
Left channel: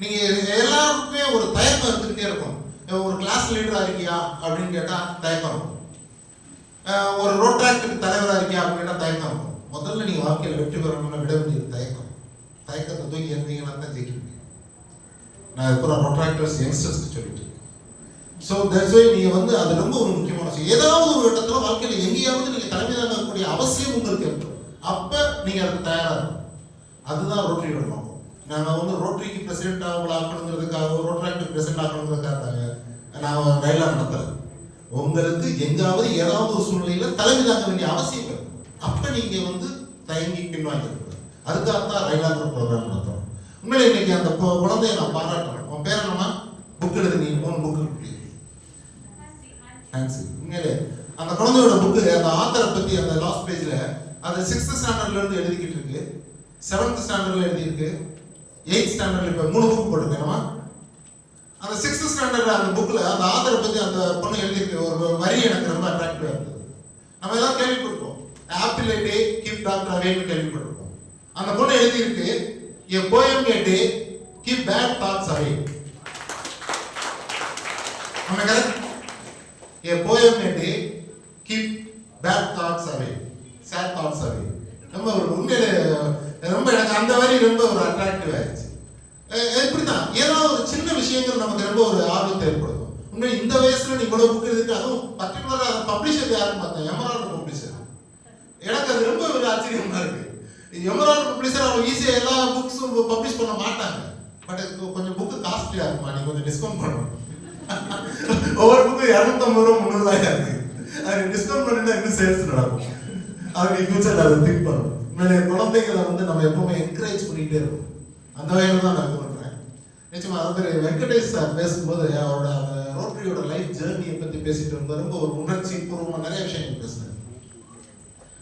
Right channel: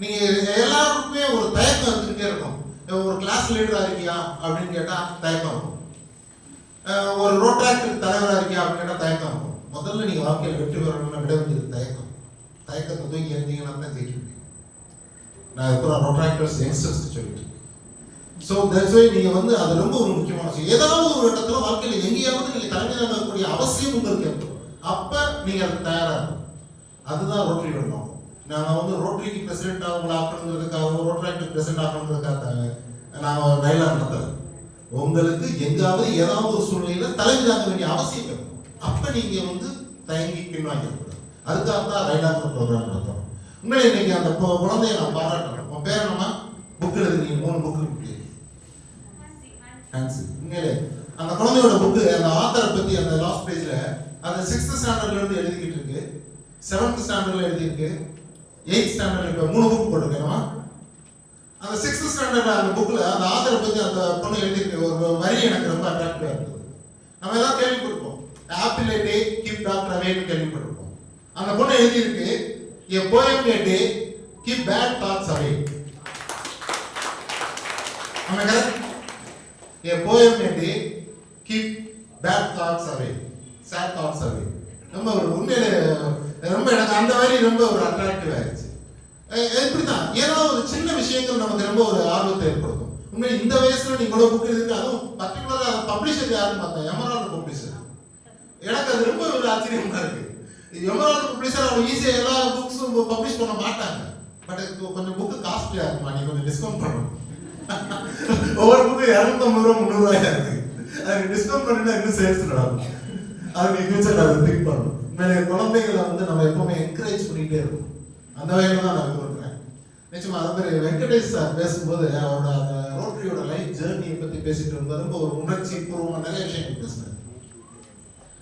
நீங்க எல்லாருக்குமே ஒரு தயக்கம் இருந்துகிட்டே இருக்கும். ஒரு கிளாஸ் லீடரா இருக்கியா அப்படின்னு கேட்டா தயக்கம் இருக்கும். ஒரு ரோட்ராக்டருக்கு தலைவரா இருக்கியா அப்படின்னு கேட்டா தயக்கம் இருக்கும். முதல்ல நீங்க வாழ்க்கையில் வெற்றி பெறணும்னு விட வேண்டியது தயக்கத்தை தூக்கி இருந்தீங்கன்னா தான் ஜெயிக்க முடியும். நான் இப்போ ரோட்ராக்டர்ஸ் யங்ஸ்டர்ஸ் சொல்லிட்டு ஸோ தட்ஸ் வை நீங்கள் வந்து அது ரொம்ப ஒரு முக்கியமான விஷயம். ஏதாவது ஒரு இடத்துல வாழ்க்கையில் எங்கேயாவது நீங்கள் தலைமை தாங்கக்கூடிய அவசியம் உங்களுக்கு இருக்கும். அப்போ நீங்கள் அதுக்கு தயாராக இருக்கும். அதுதான் ரோட்டரியோட நோக்கம். நான் வந்து ரோட்டரிக்கு பிரசிடென்ட் அவங்களை ஆக்கணுங்கிறதுக்காக ரோட்ராக்டர் பிரசிடென்ட் ஆக்கணுங்கிறதுக்காக நான் ரைலாக நடத்தலை. உங்களுக்கு எங்காவது ஏதாவது ஒரு சூழ்நிலையில் தலைமை தாங்க வேண்டிய அவசியம் இருக்கும். அப்போ நீங்கள் வந்து தயங்கி பின்வாங்கிடக்கூடாது. அதுக்காக தான் ரைலாங்கிற ப்ரோக்ராம் நடத்துகிறோம். உண்மையிலே இன்னைக்கு அந்த குழந்தைய நான் பாராட்டணும். உன் பேர் என்னமா? புக் எழுது, நீ 3 புக்கு ஹான்சி. உண்மையிலே அந்த குழந்தையோட புக்கு அந்த ஆத்தரை பற்றி அந்த லாஸ்ட் பேஜில் அது 6th ஸ்டாண்டர்ட்லேருந்து எழுதிக்கிட்டு இருக்கு, 7th ஸ்டாண்டர்டில் எழுதியிருக்கு, 8th ஸ்டாண்டர்டில் இப்போ 3 புக் போட்டிருக்கேன்மா. அந்த 6th ஸ்டாண்டர்டில் அந்த புக்கில் அந்த ஆத்தரை பற்றி அந்த பொண்ணு எழுதியிருக்கு. ஒரு வரி எனக்கு ரொம்ப அட்ராக்டிவாக இருந்தது. நம்ம எல்லாம் கேள்விப்பட்டிருக்கோம், apple a day keep doctor அவேன்னு கேள்விப்பட்டிருக்கோம். அந்த பொண்ணு எழுதியிருக்கு, a poem a day keep bad thoughts away. நம்ம correct? a poem a day keep bad thoughts away, sad thoughts away. ரொம்ப உண்மையிலே ரொம்ப எனக்கு அந்த வரி ரொம்ப ஒரு அட்ராக்டிவ் ஆயிடுச்சு. எப்படிதான் ஏதாவது ஒரு சின்ன விஷயங்கள் நமக்கு ரொம்ப ஒரு ஆர்வத்தை ஏற்படுத்தும். உண்மையில இந்த வயசுல நீ இவ்வளவு புக் எழுதிட்டு, அதுவும் பர்டிகுலரா பப்ளிஷர் யாருன்னு பார்த்தேன், எமரால்டு பப்ளிஷர். எனக்கு அது ரொம்ப ஒரு ஆச்சரியமா இருக்கு. எமரால்டு பப்ளிஷர் அவங்க ஈஸியாக எல்லா புக்ஸும் பப்ளிஷ் பண்ண மாட்டாங்க. பட் கொஞ்சம் புக்கு காஸ்ட்லியா இருக்குமா, நீ கொஞ்சம் டிஸ்கவுண்ட் பண்ணணும். ஒவ்வொரு புக்கு 250 ரூபா 300 ரூபாயா இருக்கு. அது டிஸ்கவுண்ட் பண்ணினா இன்னும் சேல்ஸ் நடக்கும். அது நீ ஃபியூச்சர் அதை திங்க் பண்ணணும். உண்மையிலே குழந்தைகளை வந்து நம்ம எப்பவுமே என்கரேஜ் பண்ணிட்டே இருக்கணும். அந்த வகையில் தான் நான் கொடுக்குறேன். நிச்சயமா அது வெங்கடேஷ் சார் பேசும்போது அவரோட அந்த ரோட்டரியோட லைஃப் ஜேர்னியை பற்றி பேசிட்டு இருக்கும்போது ரொம்ப ஒரு உணர்ச்சி பூர்வமாக நிறைய விஷயங்கள் பேசினார்.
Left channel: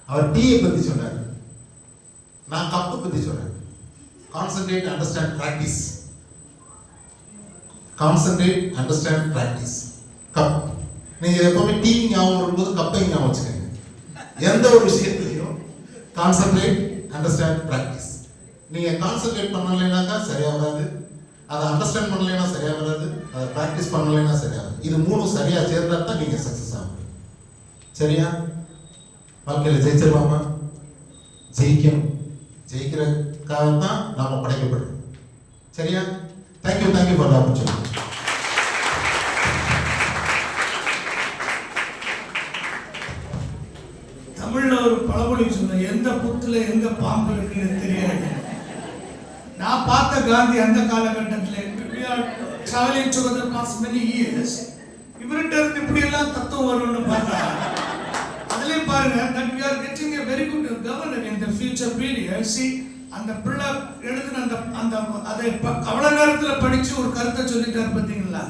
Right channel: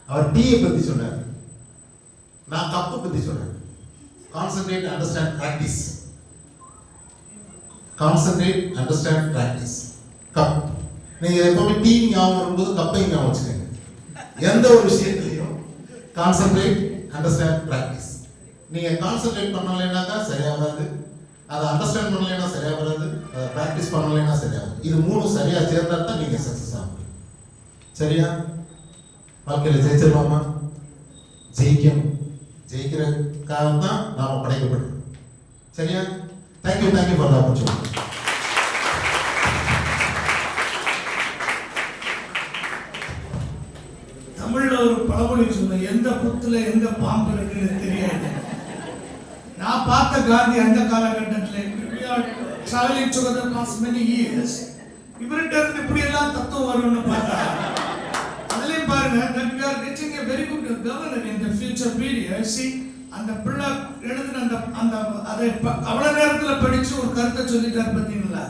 அவர் டீயை பற்றி சொன்னார், நான் கப்பை பற்றி சொன்னேன். Concentrate, understand, practice. Concentrate, understand, practice. Cup. நீங்கள் எப்பவுமே டீ ஞாபகம் வரும்போது கப்பை ஞாபகம் வச்சுக்கோங்க. எந்த ஒரு விஷயத்துலையும் கான்சென்ட்ரேட், அண்டர்ஸ்டாண்ட், ப்ராக்டிஸ். நீங்கள் கான்சென்ட்ரேட் பண்ணலைன்னா தான் சரியாக வராது, அதை அண்டர்ஸ்டாண்ட் பண்ணலைன்னா சரியாக வராது, அதை ப்ராக்டிஸ் பண்ணலைன்னா சரியாக. இது 3 சரியாக சேர்ந்தா தான் நீங்கள் சக்ஸஸ் ஆகும். சரியா? வாழ்க்கையில் ஜெயிச்சிருவாமா? ஜெயிக்கணும். ஜெயிக்கிறதுக்காக தான் நாம் படைக்கப்படுறோம். சரியா? Thank you for the opportunity. தமிழ்ல ஒரு பழமொழி சொன்ன, எந்த புத்துல எந்த பாம்பு இருக்குன்னு தெரியாது. நான் பார்த்த காந்தி அந்த காலகட்டத்தில் travelling together past many years, இவர்கிட்ட இருந்து இப்படி எல்லாம் தத்துவம் வரும்னு பார்த்தா அதுலயும் பாருங்க, that we are getting a very good governor in the future period. See, அந்த பிள்ளை எழுதின அந்த அதை அவ்வளவு நேரத்துல படிச்சு ஒரு கருத்தை சொல்லிட்டார் பார்த்தீங்களா?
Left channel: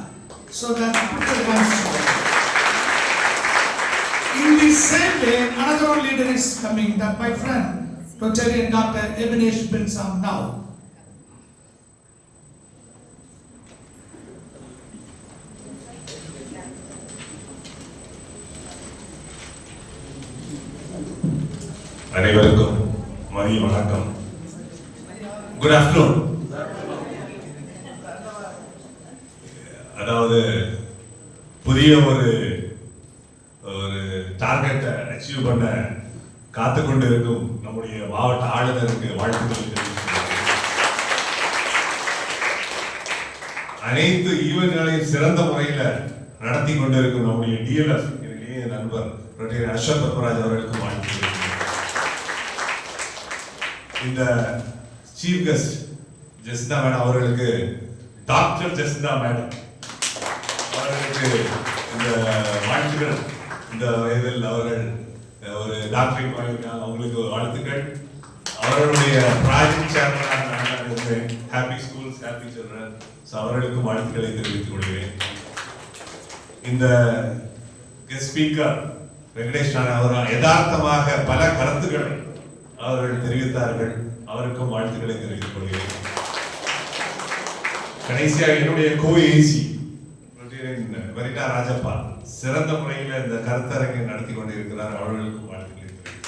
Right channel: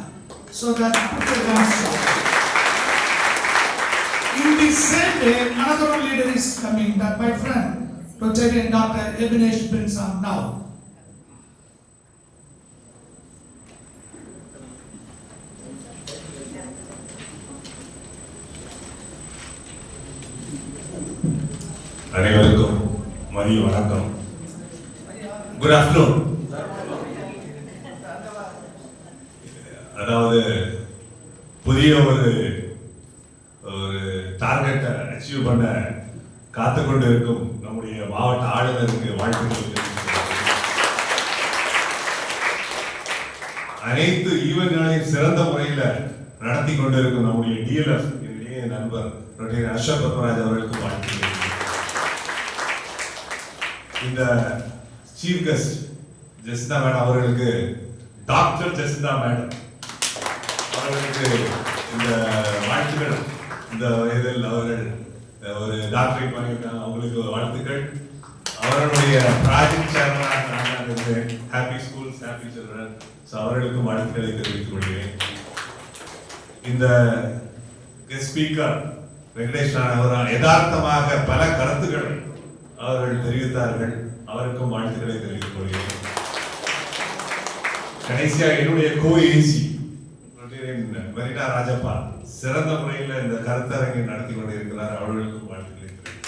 So that in the same way, another leader is coming, that my friend, Rotarian Dr. Ebenesh Binsam now. அனைவருக்கும் மதிய வணக்கம். Good afternoon. அதாவது புதிய ஒரு டார்கெட்டை அச்சீவ் பண்ண காத்து கொண்டிருக்கும் நம்முடைய மாவட்ட ஆளுநருக்கு வாழ்த்துக்கள் தெரிவிக்கிறேன். அனைத்து ஈவென்ட்களையும் சிறந்த முறையில் நடத்தி கொண்டிருக்கும் நம்முடைய டிஎல்எஃப் என்னுடைய நண்பர் அசோக் பத்மராஜ் அவர்களுக்கு வாழ்த்துக்கள். இந்த சீஃப் கெஸ்ட் ஜெசிந்தா மேடம் அவர்களுக்கு, டாக்டர் ஜெசிந்தா மேடம் அவர்களுக்கு இந்த வாழ்த்துக்கள். இந்த வயதில் அவர்கள் ஒரு டாக்டரேட் பண்ணியிருக்காங்க, அவங்களுக்கு வாழ்த்துக்கள். அவர்களுடைய ப்ராஜெக்ட் சேர்மனாக happy schools happy children, so அவர்களுக்கும் வாழ்த்துக்களை தெரிவித்துக் கொள்கிறேன். இந்த கெஸ்ட் ஸ்பீக்கர் வெங்கடேஷ் அவர் யதார்த்தமாக பல கருத்துக்களை அவர்கள் தெரிவித்தார்கள், அவருக்கும் வாழ்த்துக்களை தெரிவித்துக் கொள்கிறேன். கடைசியாக என்னுடைய கோஏசி வரிட்டா ராஜப்பா சிறந்த முறையில் இந்த கருத்தரங்கை நடத்தி கொண்டிருக்கிறார், அவர்களுக்கும் வாழ்த்துக்களை தெரிவித்துக்.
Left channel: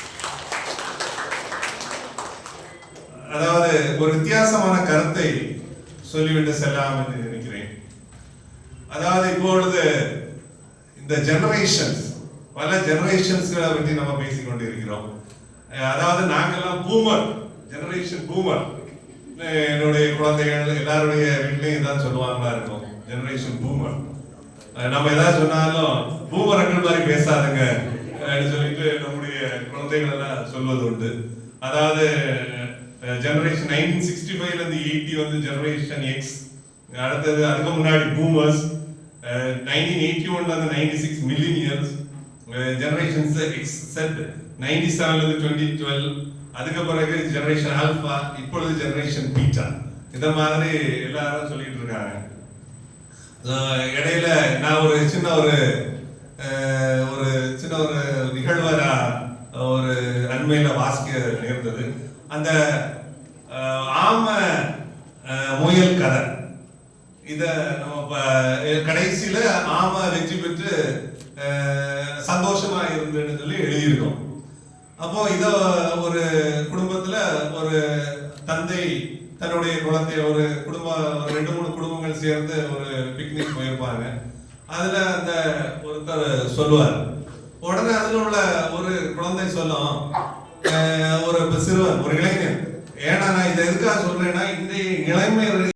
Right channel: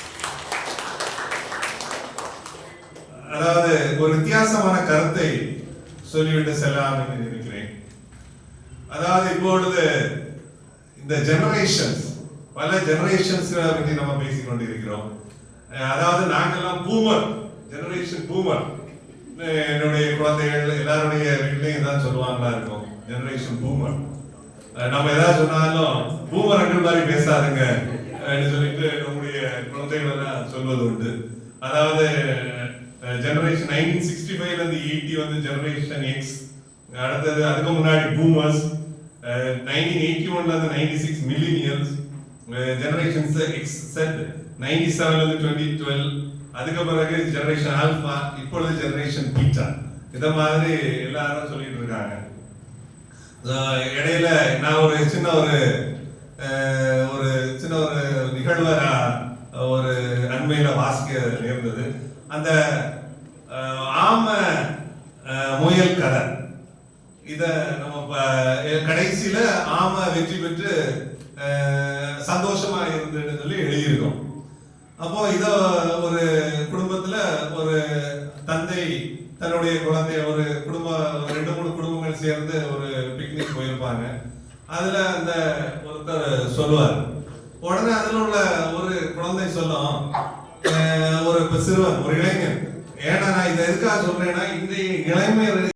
அதாவது ஒரு வித்தியாசமான கருத்தை சொல்லிவிட்டு செல்லலாம் என்று நினைக்கிறேன். அதாவது இப்பொழுது இந்த ஜெனரேஷன்ஸ், பல ஜெனரேஷன்ஸ்களை பற்றி நம்ம பேசிக் கொண்டிருக்கிறோம். அதாவது நாங்கெல்லாம் பூமர் ஜெனரேஷன், பூமர். என்னுடைய குழந்தைகள் எல்லாருடைய வீட்லையும் இதான் சொல்லுவாங்களா இருக்கும், ஜெனரேஷன் பூமர். நம்ம ஏதாவது சொன்னாலும் பூமர்கள் மாதிரி பேசாதுங்க சொல்லிட்டு நம்முடைய குழந்தைகள் எல்லாம் சொல்வது உண்டு. அதாவது ஜெனரேஷன் 1965 இருந்து 80 வந்து ஜெனரேஷன் எக்ஸ், அடுத்தது அதுக்கு முன்னாடி பூமர்ஸ், 1981 இருந்து 96 மில்லினியர்ஸ், ஜெனரேஷன் எக்ஸ் செட் 97 2012, அதுக்கு பிறகு ஜெனரேஷன் ஆல்பா, இப்பொழுது ஜெனரேஷன் பீட்டா. இத மாதிரி எல்லாரும் சொல்லிட்டு இருக்காங்க. இடையில நான் ஒரு சின்ன ஒரு நிகழ்வை ஒரு அண்மையில வாசிக்க நேர்ந்தது. அந்த ஆம முயல் கதை, இத நம்ம கடைசியில ஆம வெற்றி பெற்று சந்தோஷமா இருந்துன்னு சொல்லி எழுதியிருக்கோம். அப்போ இத ஒரு குடும்பத்துல ஒரு தந்தை தன்னுடைய குழந்தைய ஒரு 2-3 குடும்பங்கள் சேர்ந்து ஒரு பிக்னிக் போயிருப்பாங்க. அதுல அந்த ஒருத்தர் சொல்லுவார். உடனே அதுல உள்ள ஒரு குழந்தை சொல்லும், ஒரு சிறுவன், ஒரு இளைஞன், ஏன்னா நான் இதை எதுக்காக சொல்றேன்னா, இன்றைய இளைஞர்